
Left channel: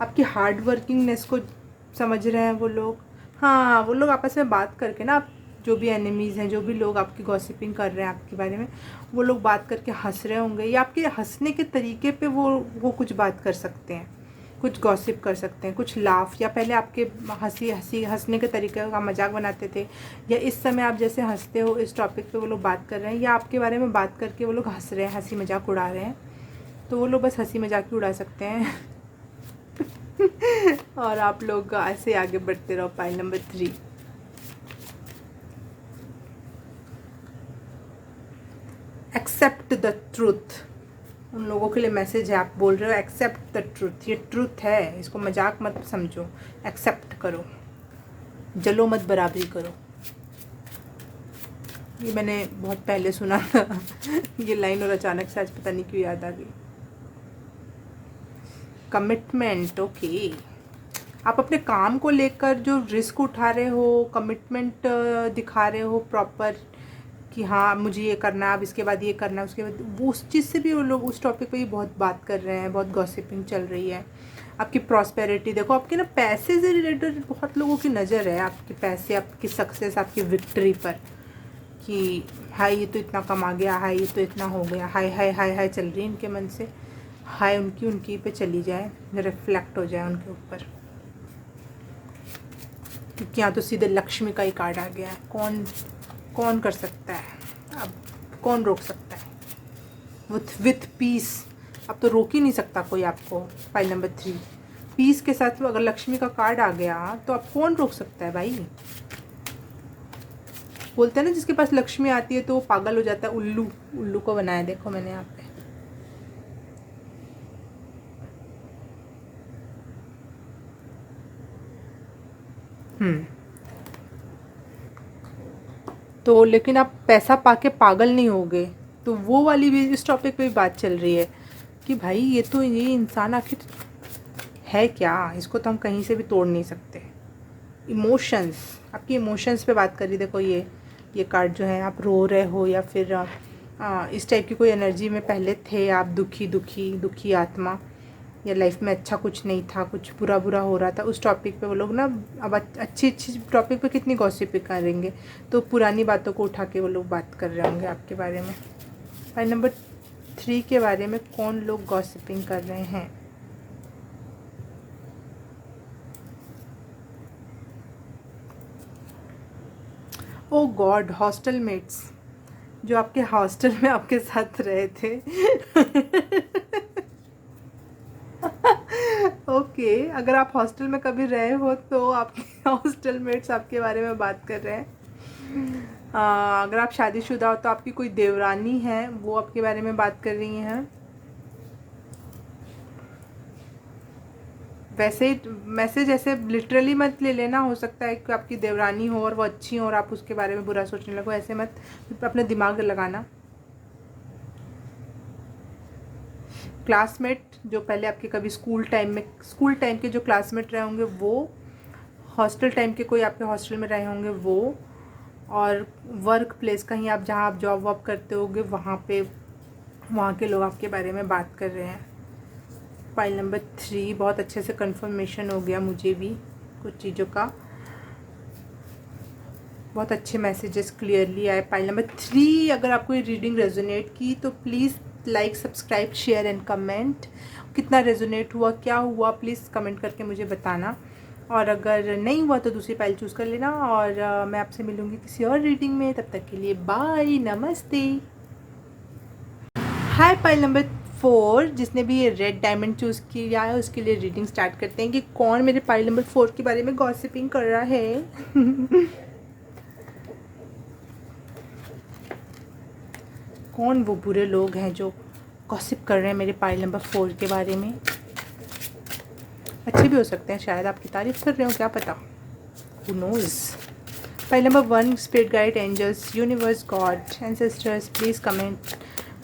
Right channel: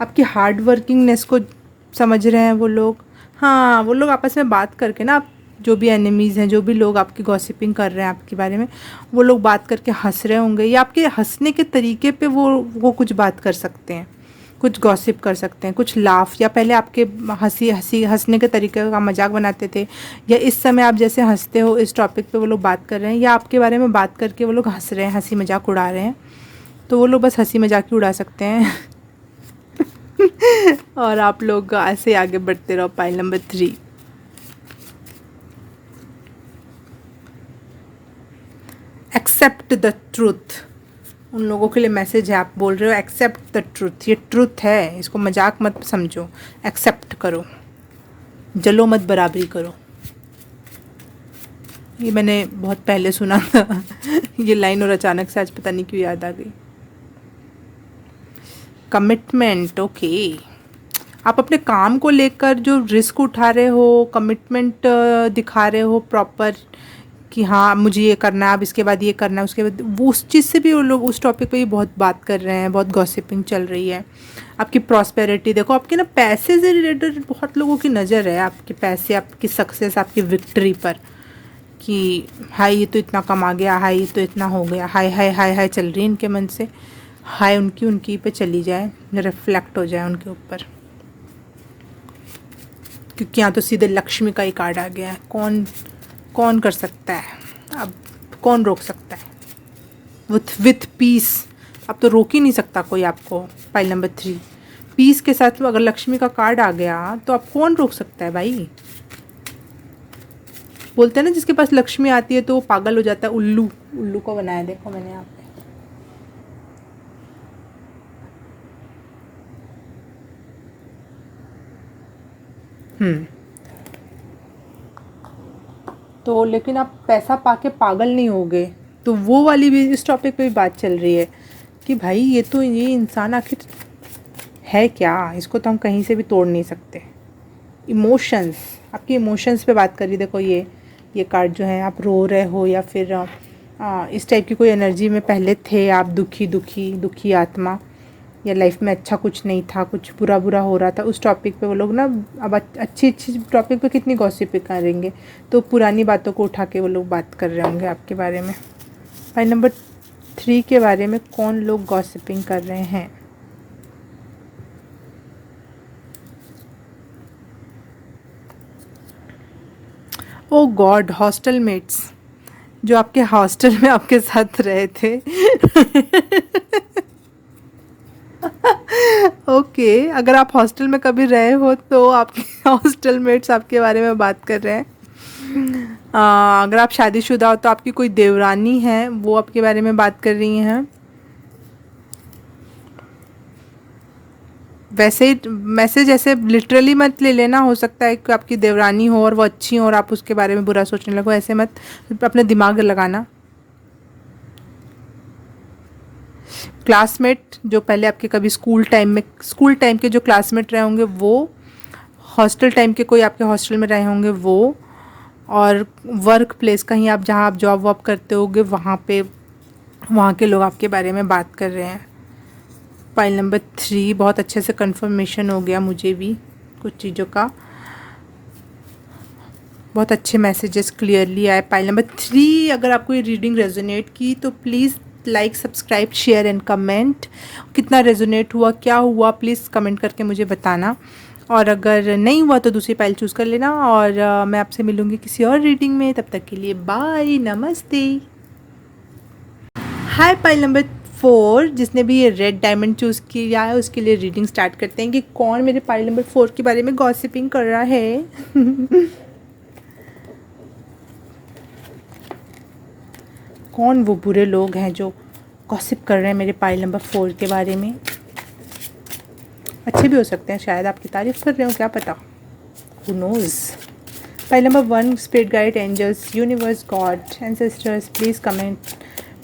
आपकी हार्ड वर्किंगनेस को समझ रहे हैं वो लोग। हाँ, वो लोग आपस में बात करके ना, आप जो भी एनिमीज़ हैं, जो भी लोग आपकी गॉसिपिंग कर रहे हैं आपके बारे में, वो लोग बात करके हंस रहे होंगे, या आपके हंसने के तरीके पे वो कुछ बात कर सकते हैं, कुछ गॉसिप कर सकते हैं, कुछ लाफ, या पहले आपके हंसने के तरीके का मजाक बनाते थे, या इस समय आप जैसे हंसते हो इस टॉपिक पे वो लोग बात कर रहे हैं, या आपके बारे में बात करके वो लोग हंस रहे हैं, हंसी मजाक उड़ा रहे हैं। तो वो लोग बस हंसी मजाक ही उड़ा सकते हैं और आप लोग ऐसे आगे बढ़ते रहो। Pile number 3, accept the truth. उन लोगों के लिए मैसेज है, आप बोल रहे हो एक्सेप्ट द ट्रूथ, ये ट्रूथ है, इसको मजाक मत समझो, एक्सेप्ट करो, जलो मत, बराबरी करो। ये मैंने बहुत पहले सुना था ये लाइन, और अचानक से आज पता नहीं क्यों याद आ गई। Commitment, okay. आप अपने काम को लेकर जो रिस्क उठा रहे हो, कमिटमेंट दिखा रहे हो प्रॉपर, कि हाँ मुझे ये करना है, अब इसके बाद ये करना है, उसके बाद वो, उस चीज़ से भी वो लोग उस टॉपिक पे भी बहुत बात कर रहे हैं, बहुत गॉसिपिंग चल रही है। आपकी प्रॉस्पेरिटी देखो, आपके ना पैसे से रिलेटेड बहुत लोगों की नज़र है, आपके पैसे, आपकी सक्सेस, आपकी विक्ट्री पर, कि हाय ये तो इतना कमा गया, हाय ये तो इतना हो गया, हाय हाय हाय हाय चल रही है इनके मन से, हाय उनकी पे चली जाए, रिफ्लेक्ट हो जाए उनके ऊपर। क्योंकि यहाँ तो सीधे लक्ष्मी का ही कार्ड आ गया है। कौन कर सकता है, अब कौन रोक सकता है, विथ पीस। अब तो रोक ही नहीं सकता कोई आपको। पाइल नंबर 3, पीस के साथ अगर लक्ष्मी का कार्ड आ गया तो अब कौन रोक सकता है भाई। बोलते हैं ना जिसके पास लक्ष्मी आती है तो वो पागल हो जाता है, उल्लू, उल्लू को बनाया देखो मैंने यहाँ पे। तो लेकिन आप पैसा पाके पागल नहीं होगे, तो वो वाली भी इस टॉपिक पे भी बात चल रही है कि भाई ये इंसान आखिर है क्या, इसको तो हम कहीं से भी तोड़ नहीं सकते। इमोशंस, आपके इमोशंस पे बात करिए। देखो ये कार्ड जो है, आप रो रहे हो या फिर इस टाइप की कोई एनर्जी में पहले थे आप, दुखी आत्मा, या लाइफ में अच्छा कुछ नहीं था, कुछ बुरा हो रहा था, उस टॉपिक पे वो लोग ना अब अच्छी टॉपिक पे कितनी गॉसिप करेंगे, तो पुरानी बातों को उठा के वो लोग बात कर रहे होंगे आपके बारे में। फाइल नंबर 3 के बारे में कौन लोग गॉसिपिंग कर रहे हैं? ओ गॉड, हॉस्टल मेट्स, जो आपके हॉस्टल में आपके साथ रहे थे। ओके, अगर आप हॉस्टल में कभी रहे हो तो आपके हॉस्टल मेट्स आपके बारे में बात कर रहे हैं। अगर आप शादीशुदा हो तो आपकी कोई देवरानी है, वो आपके बारे में बात कर रही हैं। वैसे ही मैसेज ऐसे लिटरली मत ले लेना, हो सकता है कि आपकी देवरानी हो और वो अच्छी हो और आप उसके बारे में बुरा सोचने लगो, ऐसे मत अपने दिमाग लगाना। क्लासमेट, जो पहले आपके कभी स्कूल टाइम के जो क्लासमेट रहे होंगे वो, हॉस्टल टाइम के कोई आपके हॉस्टल में रहे होंगे वो, और वर्क प्लेस, कहीं आप जहाँ आप जॉब वॉब करते होगे वहाँ के लोग आपके बारे में बात कर रहे हैं। फाइल नंबर 3, बहुत अच्छे से कंफर्मेशन हो गया मुझे भी कुछ चीज़ों का, बहुत अच्छे मैसेजेस क्लियरली आए। फाइल नंबर 3, अगर आपको ये रीडिंग रेजोनेट की तो please like, subscribe, share and comment. कितना रेजोनेट हुआ, क्या हुआ, प्लीज़ कमेंट करके मुझे बताना। और अगर नहीं हुआ तो दूसरी फाइल चूज़ कर लेना, और मैं आपसे मिलूँगी किसी और रीडिंग में। तब तक के लिए बाय, नमस्ते। हाय, फाइल नंबर 4, जिसने भी ये रेड डायमंड चूज़ किया है उसके लिए रीडिंग स्टार्ट करते हैं कि कौन मेरे फाइल नंबर 4 के बारे में गॉसिपिंग कर रहा है। कौन वो बुरे लोग हैं जो गॉसिप कर रहे हैं मेरे पाइल नंबर 4 के बारे में? अच्छे भी हो सकते हैं, शायद आपकी तारीफ कर रहे हो, क्या पता, who knows. Pile number 1, spirit guide, angels, universe, God, ancestors, please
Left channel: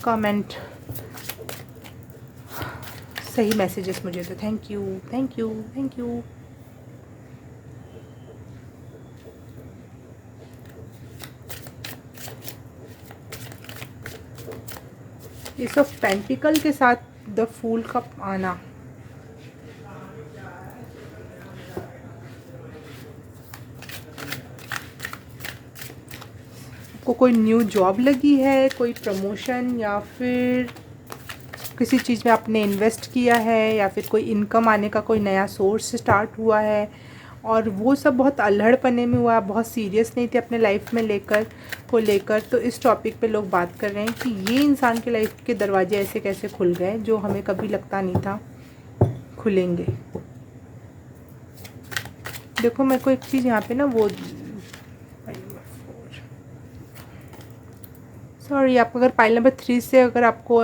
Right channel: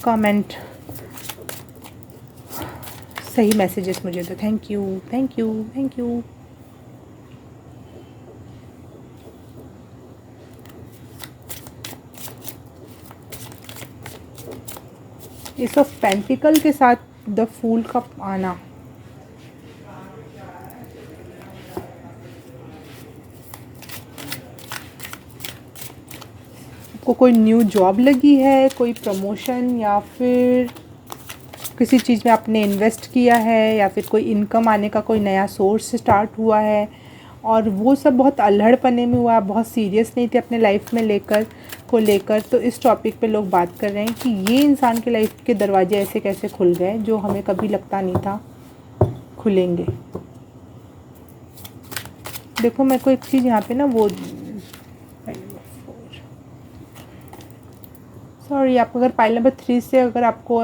comment सही मैसेजेस मुझे दो। Thank you. Ace of pentacle के साथ द फूल का आना, आपको कोई न्यू जॉब लगी है, कोई प्रमोशन, या फिर किसी चीज़ में आपने इन्वेस्ट किया है, या फिर कोई इनकम आने का कोई नया सोर्स स्टार्ट हुआ है, और वो सब बहुत अल्हड़पने में हुआ, बहुत सीरियस नहीं थे अपने लाइफ में लेकर। तो इस टॉपिक पे लोग बात कर रहे हैं कि ये इंसान के लाइफ के दरवाजे ऐसे कैसे खुल गए जो हमें कभी लगता नहीं था खुलेंगे। देखो मेरे को एक चीज़ यहाँ पे ना वो, सॉरी, आप अगर पाइल नंबर 3 से अगर आपको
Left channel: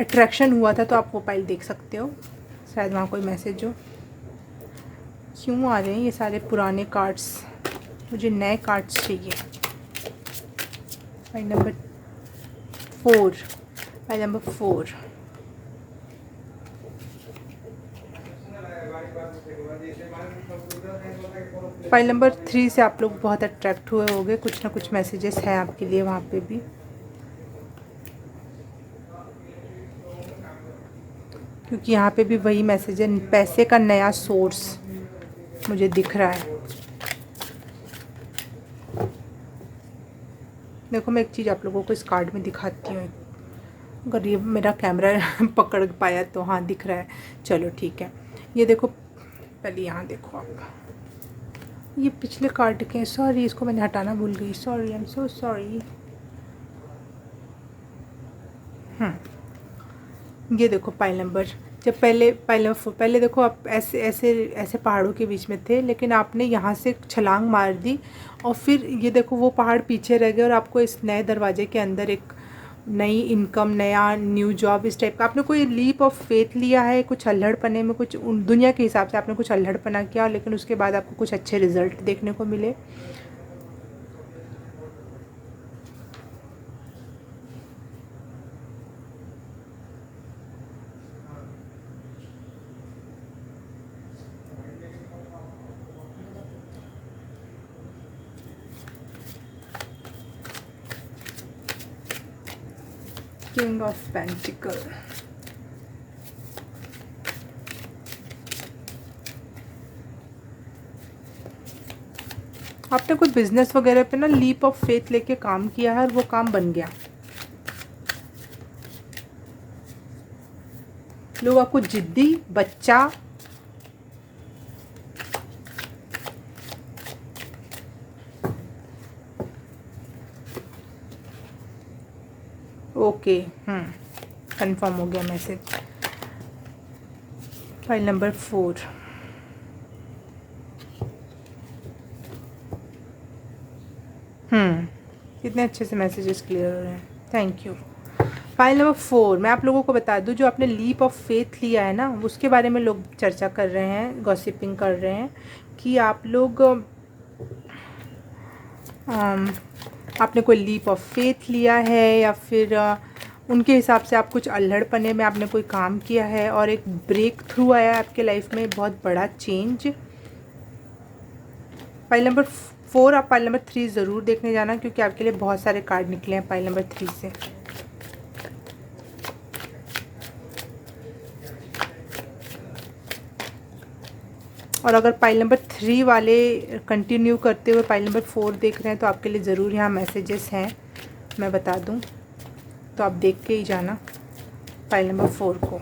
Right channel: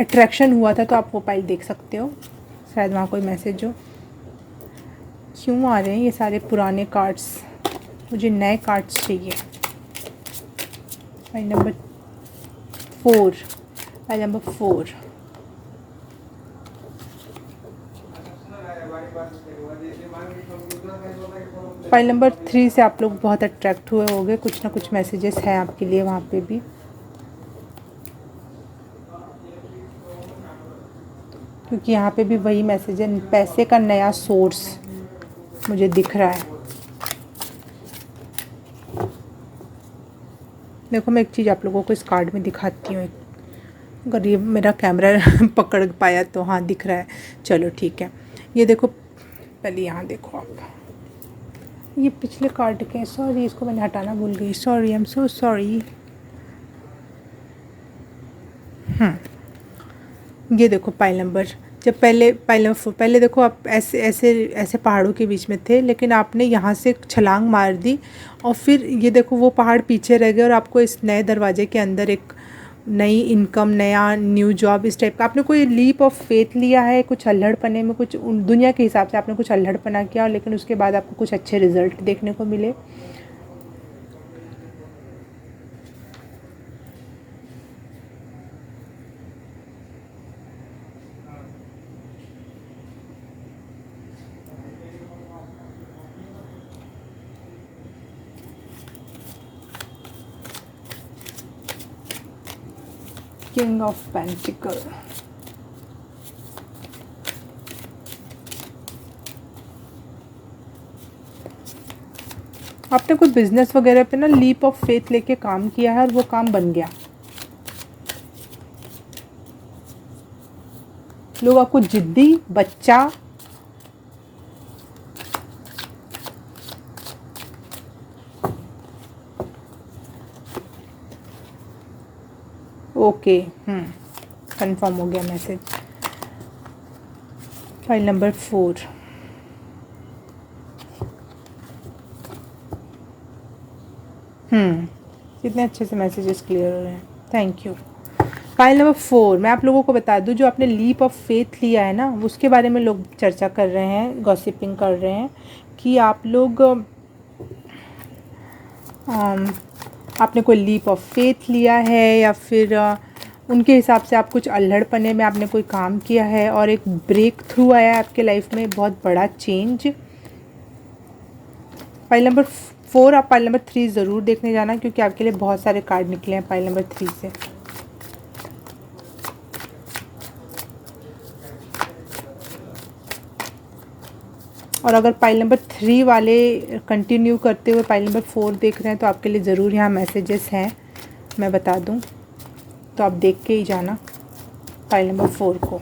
अट्रैक्शन हुआ था तो आप वो पाइल देख सकते हो, शायद वहाँ कोई मैसेज हो। क्यों आ रहे हैं ये सारे पुराने कार्ड्स, मुझे नए कार्ड्स चाहिए। Pile number 4, pile number 4, file number 3 से आप लोग बहुत अट्रैक्ट हुए होंगे, कुछ ना कुछ मैसेजेस हैं आपके लिए वहाँ पे भी। क्योंकि यहाँ पे भी वही मैसेज है, पैसे का नया सोर्स मुझे दिख रहा है। देखो मैं एक चीज़ आप लोगों को इस कार्ड में दिखाती हूँ, अगर ये मेरा कैमरा पकड़ पाया तो। हाँ दिख रहा है, चलो ठीक है। ये देखो, पहले यहाँ देखो आप, ये पिछले कार्ड के, सॉरी इसको मैंने हटाना भूल गई, sorry, I am so sorry. ये देखो पाइल नंबर जब पहले देखो आप ऐसे ऐसे ऐसे पहाड़ों के बीच में थे, लेकिन आपने यहाँ से छलांग मार दी और फिर ये देखो वो पहाड़ पीछे रह गए और आपको इस नए दरवाजे के अंदर एक नई इनकम, नया न्यू जॉब, इस टाइप का आपने कोई लीप ऑफ फेथ लिया है। कुछ अल्हड़पने में, कुछ दुनिया के हिसाब से आपने कुछ अल्हड़पना किया, लेकिन उसके बाद आपको कुछ अच्छे रिजल्ट देखने को मिले। किंग ऑफ पेंटिकल, आपने कोई बिजनेस वगैरह पे ना लीप ऑफ फेथ लेके काम किया है और वो काम बन गया। लोग आपको जिद्दी बच्चा, ओके, कंफर्म हो गया मैसेज। फाइल नंबर 4, कितने अच्छे से मैसेजेस क्लियर हो रहे हैं, थैंक यू। फाइल नंबर 4, मैं आप लोगों को बता दूं, जो आपने लीप ऑफ फेथ लिया है ना, उसके बारे में लोग चर्चा कर रहे हैं, गॉसिपिंग कर रहे हैं कि आप लोग आपने कोई लीप ऑफ फेथ लिया है या फिर उनके हिसाब से आप कुछ अल्हड़पने में आपने कोई काम किया है और एक ब्रेक थ्रू आया है आपके लाइफ में, बहुत बड़ा चेंज। फाइल नंबर 4, आप फाइल नंबर 3 ज़रूर देखने जाना, क्योंकि आपके लिए बहुत सारे कार्ड निकले हैं फाइल नंबर 3 से। और अगर फाइल नंबर 3 वाले कंटिन्यू करते हुए फाइल नंबर 4 देख रहे हैं तो आपके लिए ज़रूर यहाँ मैसेजेस हैं, मैं बता दूँ, तो आप देख के ही जाना फाइल नंबर 4 को।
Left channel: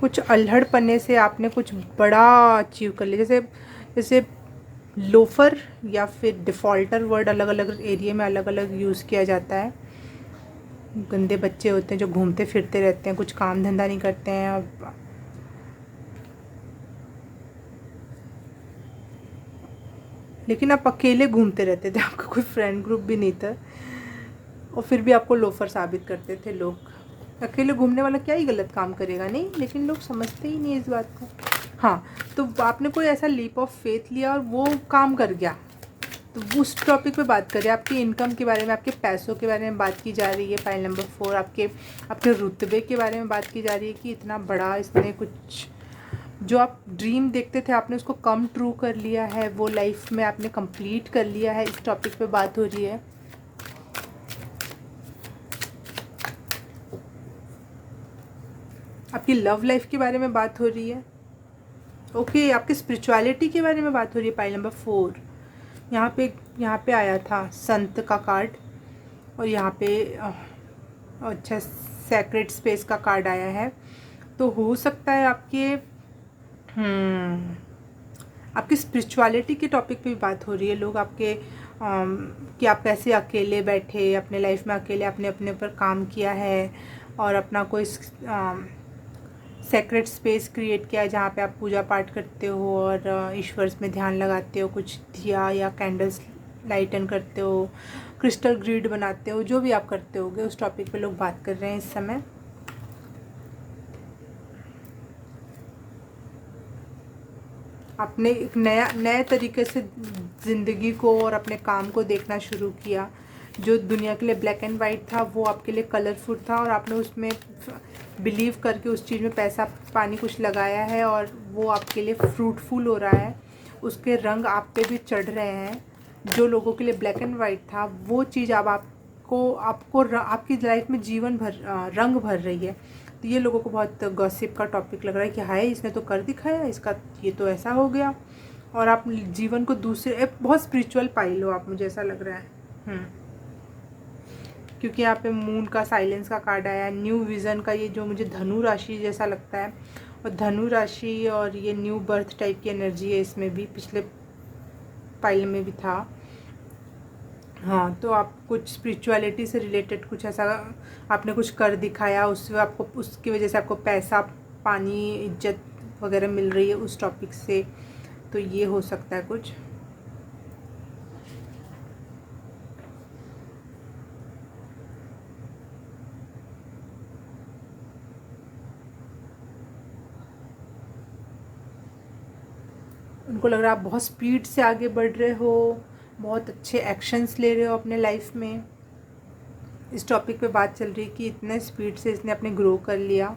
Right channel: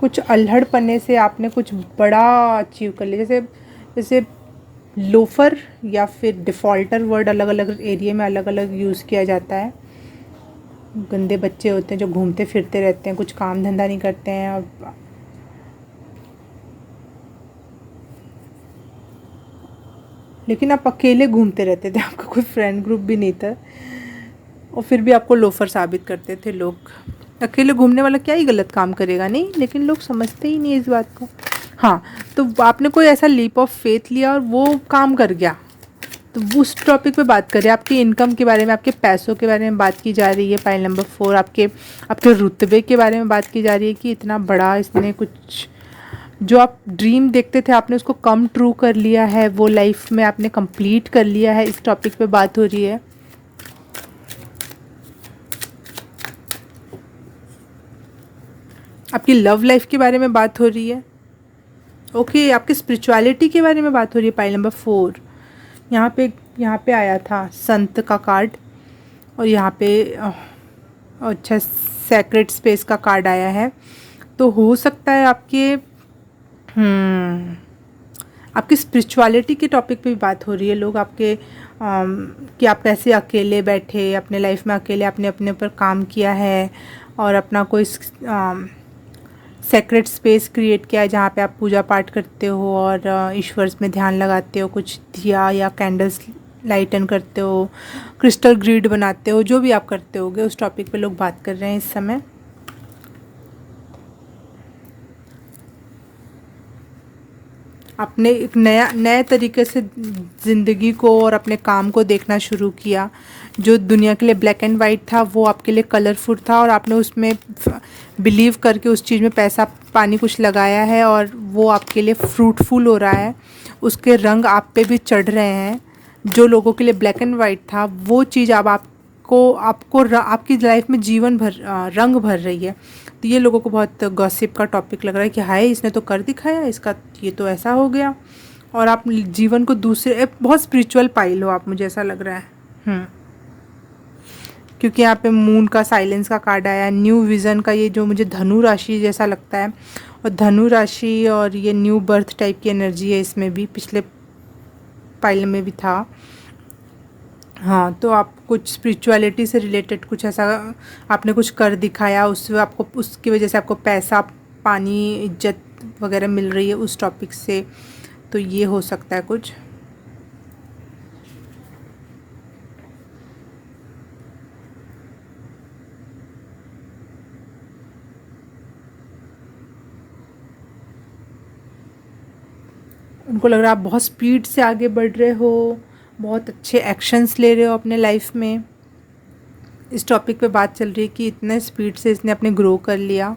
कुछ अल्हड़पने से आपने कुछ बड़ा अचीव कर लिया, जैसे जैसे लोफर या फिर डिफ़ॉल्टर वर्ड अलग अलग एरिया में अलग अलग यूज़ किया जाता है। गंदे बच्चे होते हैं जो घूमते फिरते रहते हैं, कुछ काम धंधा नहीं करते हैं, और लेकिन आप अकेले घूमते रहते थे, आपका कोई फ्रेंड ग्रुप भी नहीं था, और फिर भी आपको लोफर साबित करते थे लोग। अकेले घूमने वाला क्या ही गलत काम करेगा, नहीं, लेकिन लोग समझते ही नहीं इस बात को। हाँ, तो आपने कोई ऐसा लीप ऑफ फेथ लिया और वो काम कर गया, तो उस टॉपिक पे बात करें। आपकी इनकम के बारे में, आपके पैसों के बारे में बात की जा रही है। फाइल नंबर 4, आपके रुतबे के बारे में बात की जा रही है कि इतना बड़ा इसने कुछ, जो आप ड्रीम देखते थे आपने उसको कम ट्रू कर लिया है, वो लाइफ में आपने कंप्लीट कर लिया है, इस टॉपिक पे बात हो रही है। आपकी लव लाइफ के बारे में बात हो रही है, ओके, आपकी स्पिरिचुअलिटी के बारे में बात हो रही है। फाइल नंबर 4, यहाँ पे आया था संत का कार्ड, और यहाँ पे अच्छा सेक्रेट स्पेस का कार्ड आया है। तो हो सकता है आपकी स्पिरिचुअलिटी के टॉपिक पे भी बात हो रही है। लोग आपके कि आप कैसे अकेले बैठे अपने लाइफ में, अकेले आपने अपने ऊपर काम किया है और अपना कोई सेक्रेट स्पेस क्रिएट किया है जहाँ पे आप पूजा पाठ करते हो और ईश्वर में ध्यान लगाते हो, कुछ दिया या कैंडल्स लाइटन करते हो, क्रिस्टल ग्रिड बनाते हो, जो भी आप करते होगे उस टॉपिक पे लोग बात कर रहे हैं इस समय। आपने एक नए तरीके से ज़िंदगी को और अपने काम को देखना शुरू किया। जो दुनिया के लिए ब्लैक एंड वाइट था वो आपके लिए कलरफुल था, और आपने उसमें बिलीव करके उस चीज़ में पैसा पानी कुछ लगाया है और वो आपके लिए फ्रूटफुल हो रहा है, उसके रंग आप पे भी चढ़ रहे हैं। जो लोगों के लिए ब्लैक एंड वाइट था वो चीज़ अब आपकी लाइफ में जीवन भर रंग भर रही है। तो ये लोगों को बहुत गॉसिप का टॉपिक लग रहा है कि हाय इसने तो कर दिखाया, इसका ये तो ऐसा हो गया, और आप जीवन को दूसरे बहुत स्पिरिचुअल पाइल हो आप, मुझे ऐसा लग रहा है। क्योंकि यहाँ पे मून का साइलेंस का कार्ड आया, न्यू विज़न का, ये जो मुझे धनु राशि जैसा लगता है, और धनु राशि और ये न्यू बर्थ टाइप की एनर्जी है इसमें भी, पिछले पाइल में भी था। हाँ, तो आप कुछ स्पिरिचुअलिटी से रिलेटेड कुछ ऐसा आपने कुछ कर दिखाया, उससे आपको उसकी वजह से आपको पैसा, पानी, इज्जत वगैरह मिल रही है उस टॉपिक से, तो ये हो सकता है कुछ। उनको लग रहा है आप बहुत स्पीड से आगे बढ़ रहे हो, बहुत अच्छे एक्शंस ले रहे हो अपने लाइफ में। इस टॉपिक पे बात चल रही है कि इतने स्पीड से इसने अपने ग्रो कर लिया।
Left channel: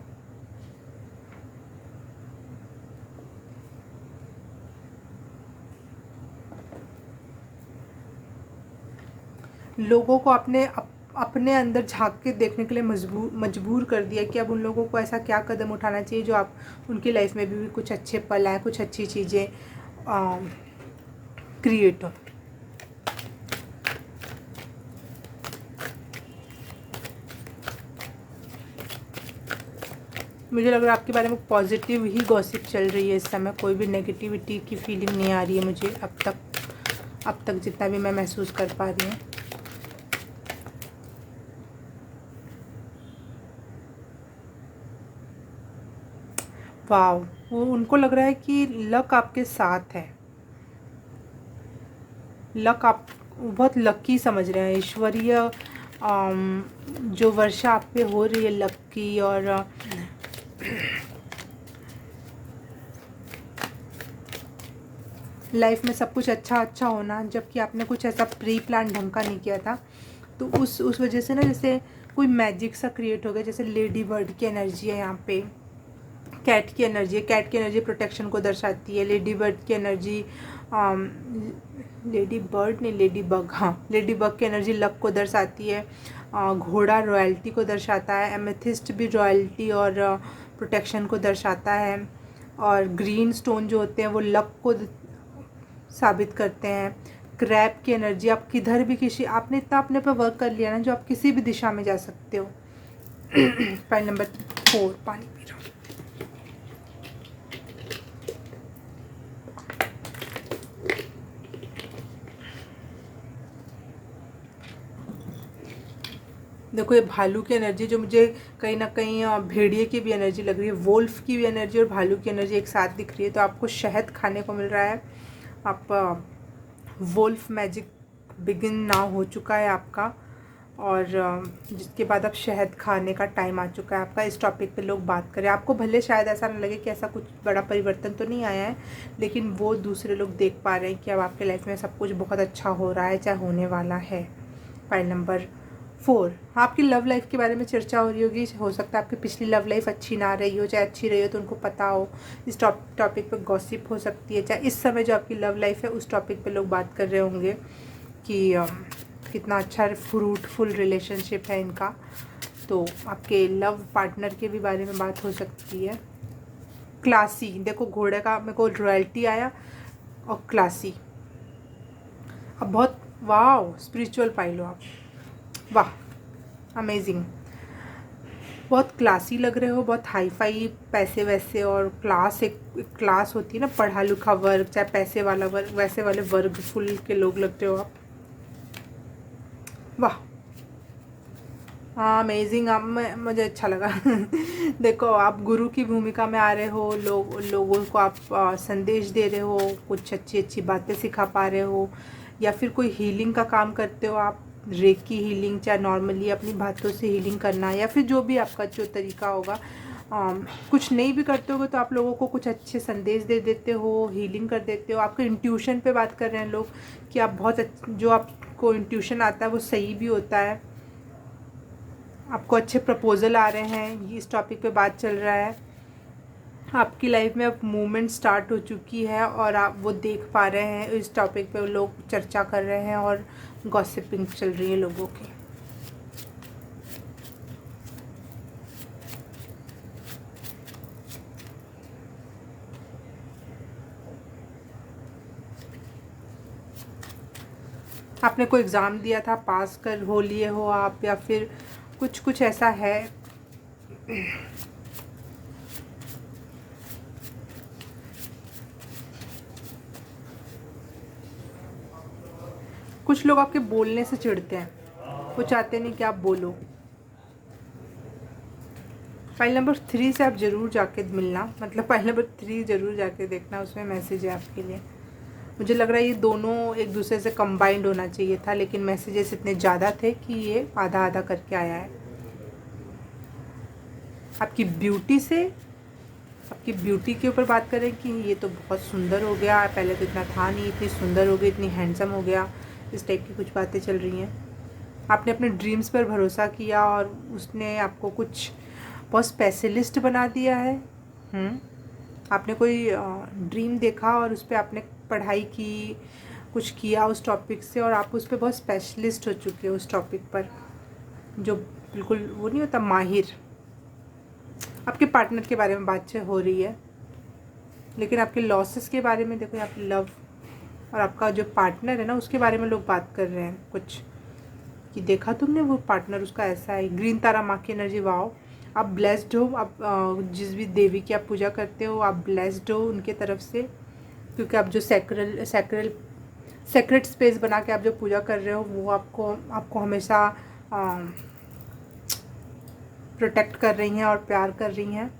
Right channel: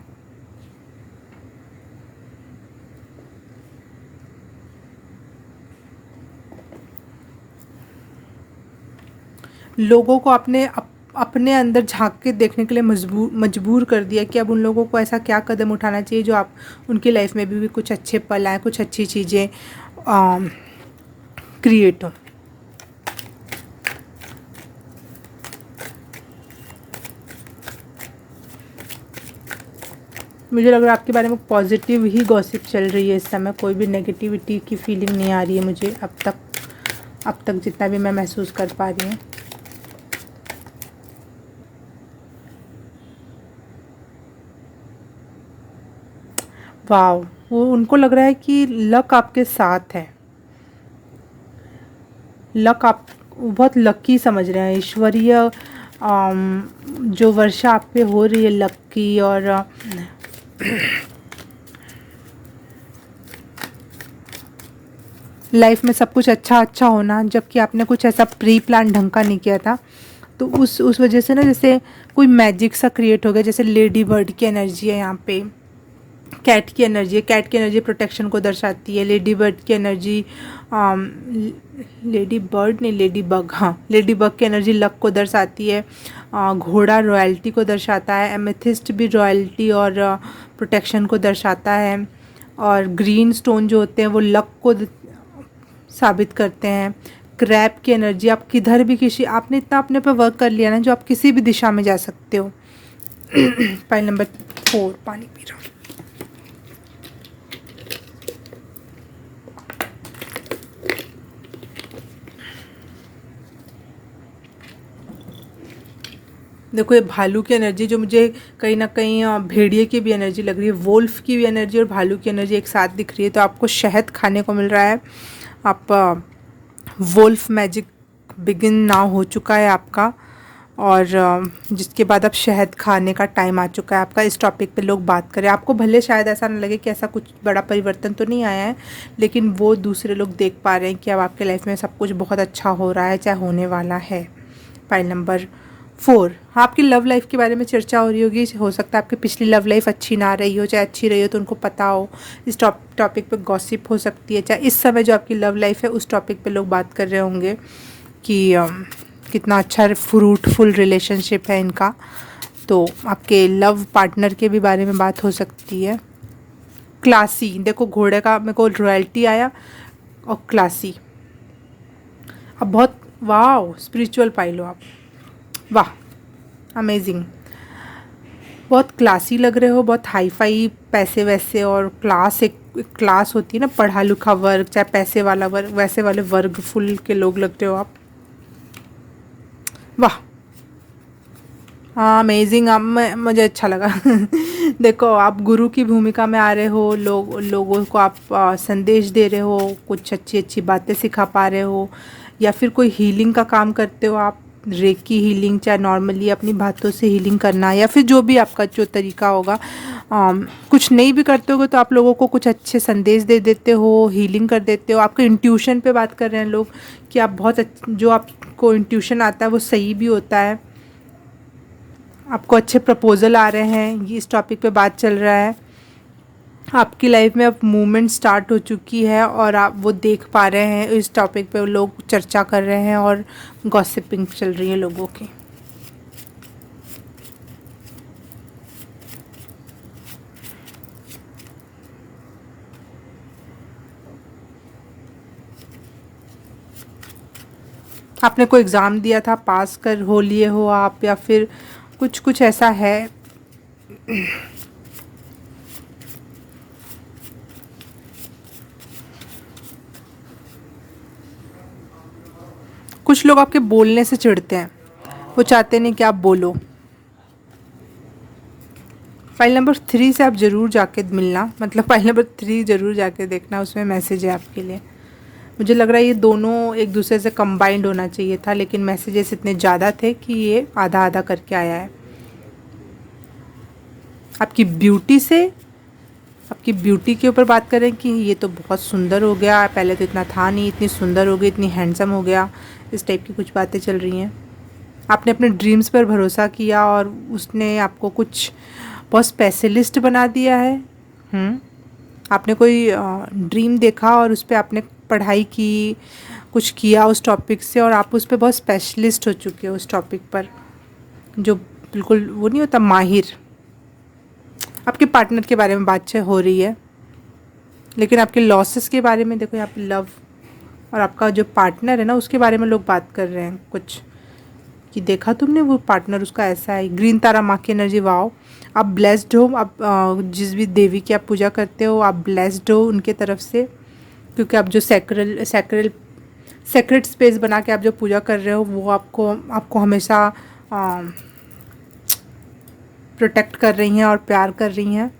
लोगों को आपने अपने अंदर झांक के देखने के लिए मजबूर कर दिया कि अब उन लोगों को ऐसा क्या कदम उठाना चाहिए जो आप उनकी लाइफ में भी कुछ अच्छे पल आए, कुछ अच्छी चीज़ें क्रिएट हो। मुझे लग रहा है आपके बारे में पॉजिटिव ही गॉसिप चल रही है इस समय, कोई भी नेगेटिविटी की फीलिंग नहीं आ रही है मुझे अब तक जितना भी मैं महसूस कर पा रही हूँ। वाव, वो उनको लग रहा है कि लक आपके साथ है। लक आप वो बहुत लकी समझ रहे हैं, ईश्वरीय जो वर्षा आप पे हो रही है लक की, और लाइफ में सब कुछ अच्छा अच्छा होना, जबकि आपने कुछ ऐसा प्री प्लान ढंग का नहीं किया था, तो उस वजह से ना जैसे कोई मैजिक सा क्रिएट हो गया। जैसे लेडी बर्ड की एनर्जी है यहाँ पे, कैट की एनर्जी है, कैट की एनर्जी प्रोटेक्शन को दर्शाती है। लेडी बर्ड की एनर्जी लेडी बर्ड नहीं, लेडी बग, हाँ लेडी बग की एनर्जी लक को दर्शाती है। घोड़ा रॉयल्टी को दर्शाता है। एमेथिस्ट भी रॉयल्टी और प्रोटेक्शन को दर्शाता है। और ग्रीन स्टोन जो होते हैं वो लक को साबित करते हैं। क्रैब की एनर्जी, आप किधर भी किसी, आपने इतना अपने पे वर्क कर लिया ना जो आप किसी भी दिशा में जा सकते हो। पाइल नंबर 4, पानी पी रहा हूँ। देखो ये भालू की एनर्जी जो मुझे कहीं ना कहीं भेड़िए की भी एनर्जी लग रही है, वोल्फ की भी एनर्जी और भालू की एनर्जी एक साथ दिख रही है। तो आपको शहद खाने को मिल रहा है। आप वोल्फ मैजिक बिगिन नाउ हो चुका है आपका, और जिसके बाद अब शहद खाने का टाइम आ चुका है आपका। इस टॉपिक पे लोग बात करें, आपको भले शायद ऐसा ना लगे कि ऐसा कुछ बड़ा परिवर्तन तो नहीं आया है, लेकिन वो दूसरे लोग देख पा रहे हैं कि अब आपके लाइफ में सब कुछ बहुत अच्छा हो रहा है, चाहे होने वाला है। फाइल नंबर 4, हाँ आपकी लव लाइफ के बारे में चर्चा हो रही होगी। हो सकता है आपकी पिछली लव लाइफ अच्छी ना रही हो, चाहे अच्छी रही हो तो उनको पता हो। इस टॉपिक पे गॉसिप हो सकती है, चाहे इस समय जो आपकी लव लाइफ है उस टॉपिक पे लोग बात कर रहे होंगे कि कितना अच्छा फ्रूटफुल रिलेशनशिप है इनका। तो आपके लव पार्टनर के भी बारे में बात हो सकती है। क्लासी, देखो घोड़े का मेरे को रॉयल्टी आया और क्लासी। अब बहुत वाह स्पिरिचुअल पाई लो आप, वाह अमेजिंग, बहुत क्लासी लग रहे हो, बहुत हाई फाई पैसे वैसे, और क्लास एक क्लास होती है ना, पढ़ा लिखा वर्ग, चाहे पैसे वाला वर्ग, वैसे वाले वर्ग फुल के लोग लग रहे हो आप। वाह, हाँ अमेजिंग, आप मुझे अच्छा लगा। देखो आप गुरु की भूमिका में आ रहे हो, लोगों को आप संदेश दे रहे हो, कुछ अच्छी अच्छी बातें सिखा पा रहे हो, या फिर कोई हीलिंग का काम करते हो आप, रेकी हीलिंग, चाहे नॉर्मली अपनी बातों से हीलिंग करना, या फिर जो भी आपका जो तरीका होगा। कुछ नहीं भी करते होगे तो आप लोगों को कुछ अच्छे संदेश दे देते हो, हीलिंग कर देते हो। आपके इंट्यूशन पे बात कर रहे हैं लोग कि आप बहुत जो आपको इंट्यूशन आता है वो सही भी होता है। आपको अच्छे प्रपोजल आ रहे हैं, ये इस टॉपिक पे बात चल रहा है। आपकी लाइफ में अब मूवमेंट स्टार्ट हो चुकी है और आप वो देख पा रहे हैं। इस टॉपिक पे लोग चर्चा कर रहे हैं और गॉसिपिंग चल रही है लोगों की। आपने कोई एग्ज़ाम दिया था, पास कर हो लिए हो आप, या फिर कुछ कुछ ऐसा है। कुछ कुछ लोग आपके बोलने से चिढ़ते हैं, वो चाहते नहीं कि आप बोलो। फाइल नंबर 3 से आप ज़रूर जाके मिलना, मतलब फाइल नंबर 3 ज़रूर जाके देखना, उसमें मैसेज है आपके लिए। मुझे लग रहा है ये दोनों एक दूसरे से कंबाइंड होना चाहिए था, लेकिन मैसेजेस इतने ज़्यादा थे कि ये आधा आधा करके आया है। आपकी ब्यूटी से, आपकी ब्यूटी के ऊपर बात करें कि ये तो बहुत सुंदर हो गया, पहले तो इतना था नहीं, इतनी सुंदर हो गई, इतनी हैंडसम हो गया, इस टाइप की कुछ बातें चल रही हैं। आपने अपने ड्रीम्स पर भरोसा किया और उसने आपको कुछ बहुत स्पेशलिस्ट बना दिया है। आपने कोई ड्रीम देखा और उस पर आपने पढ़ाई की, कुछ किया उस टॉपिक से, और आप उस पर बहुत स्पेशलिस्ट हो चुके हो उस टॉपिक पर, जो बिल्कुल वो नहीं होता माहिर। आपके पार्टनर के बारे में बातचीत हो रही है, लेकिन आपके लॉसेस के बारे में देखो, यहाँ पे लव और आपका जो पार्टनर है ना उसके बारे में लोग बात कर रहे हैं कुछ, कि देखा तुमने वो पार्टनर उसका ऐसा है। ग्रीन तारा माँ की एनर्जी, वाओ, आप ब्लेस्ड हो। आप जिस भी देवी की आप पूजा करते हो आप ब्लेस्ड हो उनके तरफ से, क्योंकि आप जो सेक्रेट स्पेस बना के आप जो पूजा कर रहे हो वो आपको हमेशा प्रोटेक्ट कर रही हैं और प्यार कर रही हैं।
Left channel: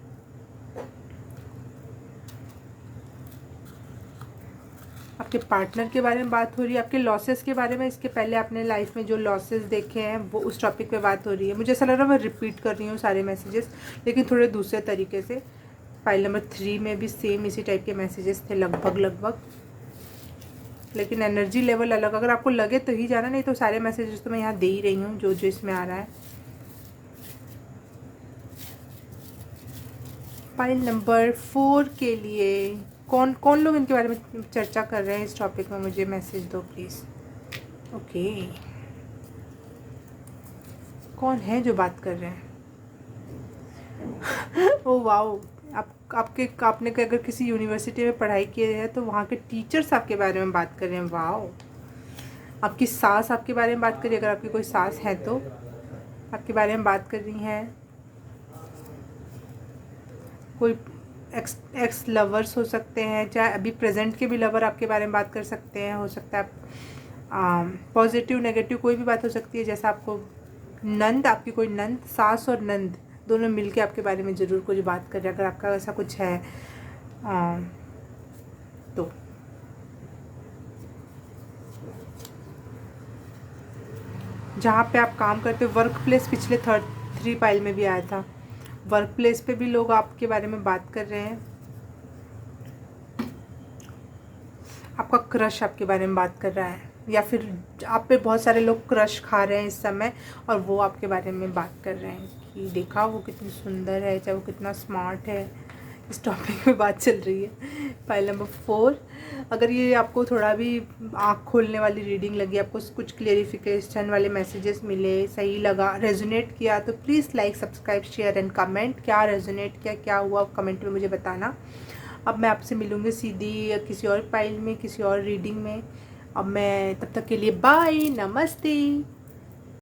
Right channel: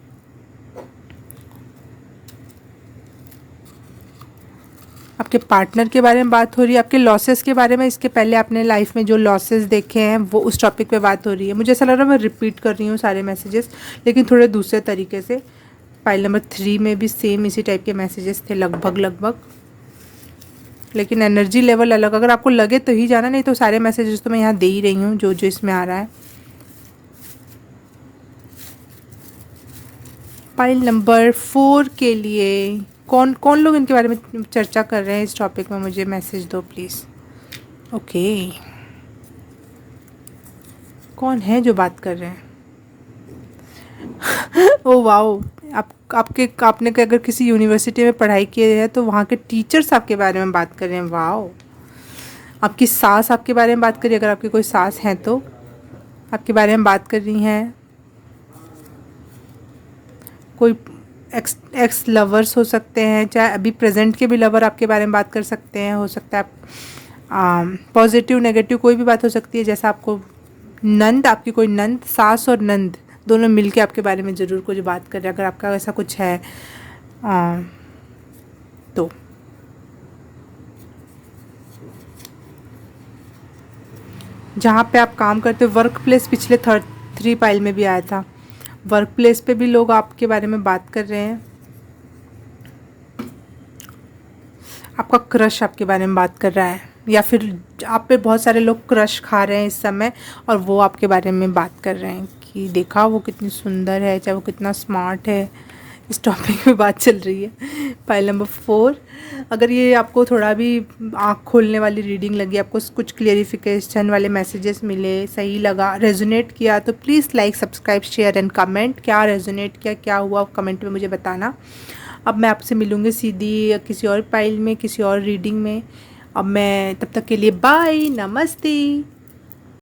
आपके पार्टनर के बारे में बात हो रही है, आपके लॉसेस के बारे में, इसके पहले आपने लाइफ में जो लॉसेस देखे हैं वो उस टॉपिक पे बात हो रही है। मुझे ऐसा लग रहा है मैं रिपीट कर रही हूँ सारे मैसेजेस, लेकिन थोड़े दूसरे तरीके से। फाइल नंबर 3 में भी सेम इसी टाइप के मैसेजेस थे लगभग, लेकिन एनर्जी लेवल अलग। अगर आपको लगे तो ही जाना, नहीं तो सारे मैसेजेस तो मैं यहाँ दे ही रही हूँ जो जो इसमें आ रहा है। फाइल नंबर 4 के लिए कौन कौन लोग इनके बारे में चर्चा कर रहे हैं इस टॉपिक में, मुझे मैसेज दो प्लीज़। ओके, कौन है जो बात कर रहे हैं? ओ वाओ, आपने अगर किसी यूनिवर्सिटी में पढ़ाई की है तो वहाँ के टीचर्स आपके बारे में बात कर रहे हैं। वाओ, आपकी सास आपके बारे में बात कर रही है, अगर आपकी कोई सास हैं तो आपके बारे में बात कर रही हैं। कोई एक्स लवर्स हो सकते हैं, चाहे अभी प्रेजेंट के भी लवर आपके बारे में बात कर सकते हैं। हो सकता है आप पॉजिटिव नेगेटिव कोई भी बात हो सकती है। जैसा आपको नंद, आपकी कोई नंद, सास और नंद दोनों मिलके आपके बारे में ज़रूर कुछ बात कर रहे हैं, अगर आपका ऐसा कुछ है तो। जहाँ पे आप काम करते हो, वर्क प्लेस, पिछले 3 फाइल में भी आया था। वर्क प्लेस पे भी लोग आपके बारे में बात कर रहे हैं। आपका क्रश आपके बारे में बात कर रहा है, या फिर आप पे बहुत सारे लोग क्रश खा रहे हैं इस समय और वो आपके बारे में बात कर रहे हैं कि देखा वो कितनी सुंदर है, चाहे वो कितना स्मार्ट है। इस टॉपिक में बात चल रही है। फाइल नंबर 4, अगर ये आपको थोड़ा भी आँख खोलने वाली रीडिंग लगी, आपको कुछ क्लियरिफिकेशन वाले मैसेजेस मिले, सही लगा, रेजोनेट किया, तो please like, subscribe, share and comment. क्या रेजोनेट किया, क्या हुआ, कमेंट में मुझे बताना। अब मैं आपसे मिलूँगी सीधी किसी और फाइल में, किसी और रीडिंग में। अब मैं तब तक के लिए बाय, नमस्ते।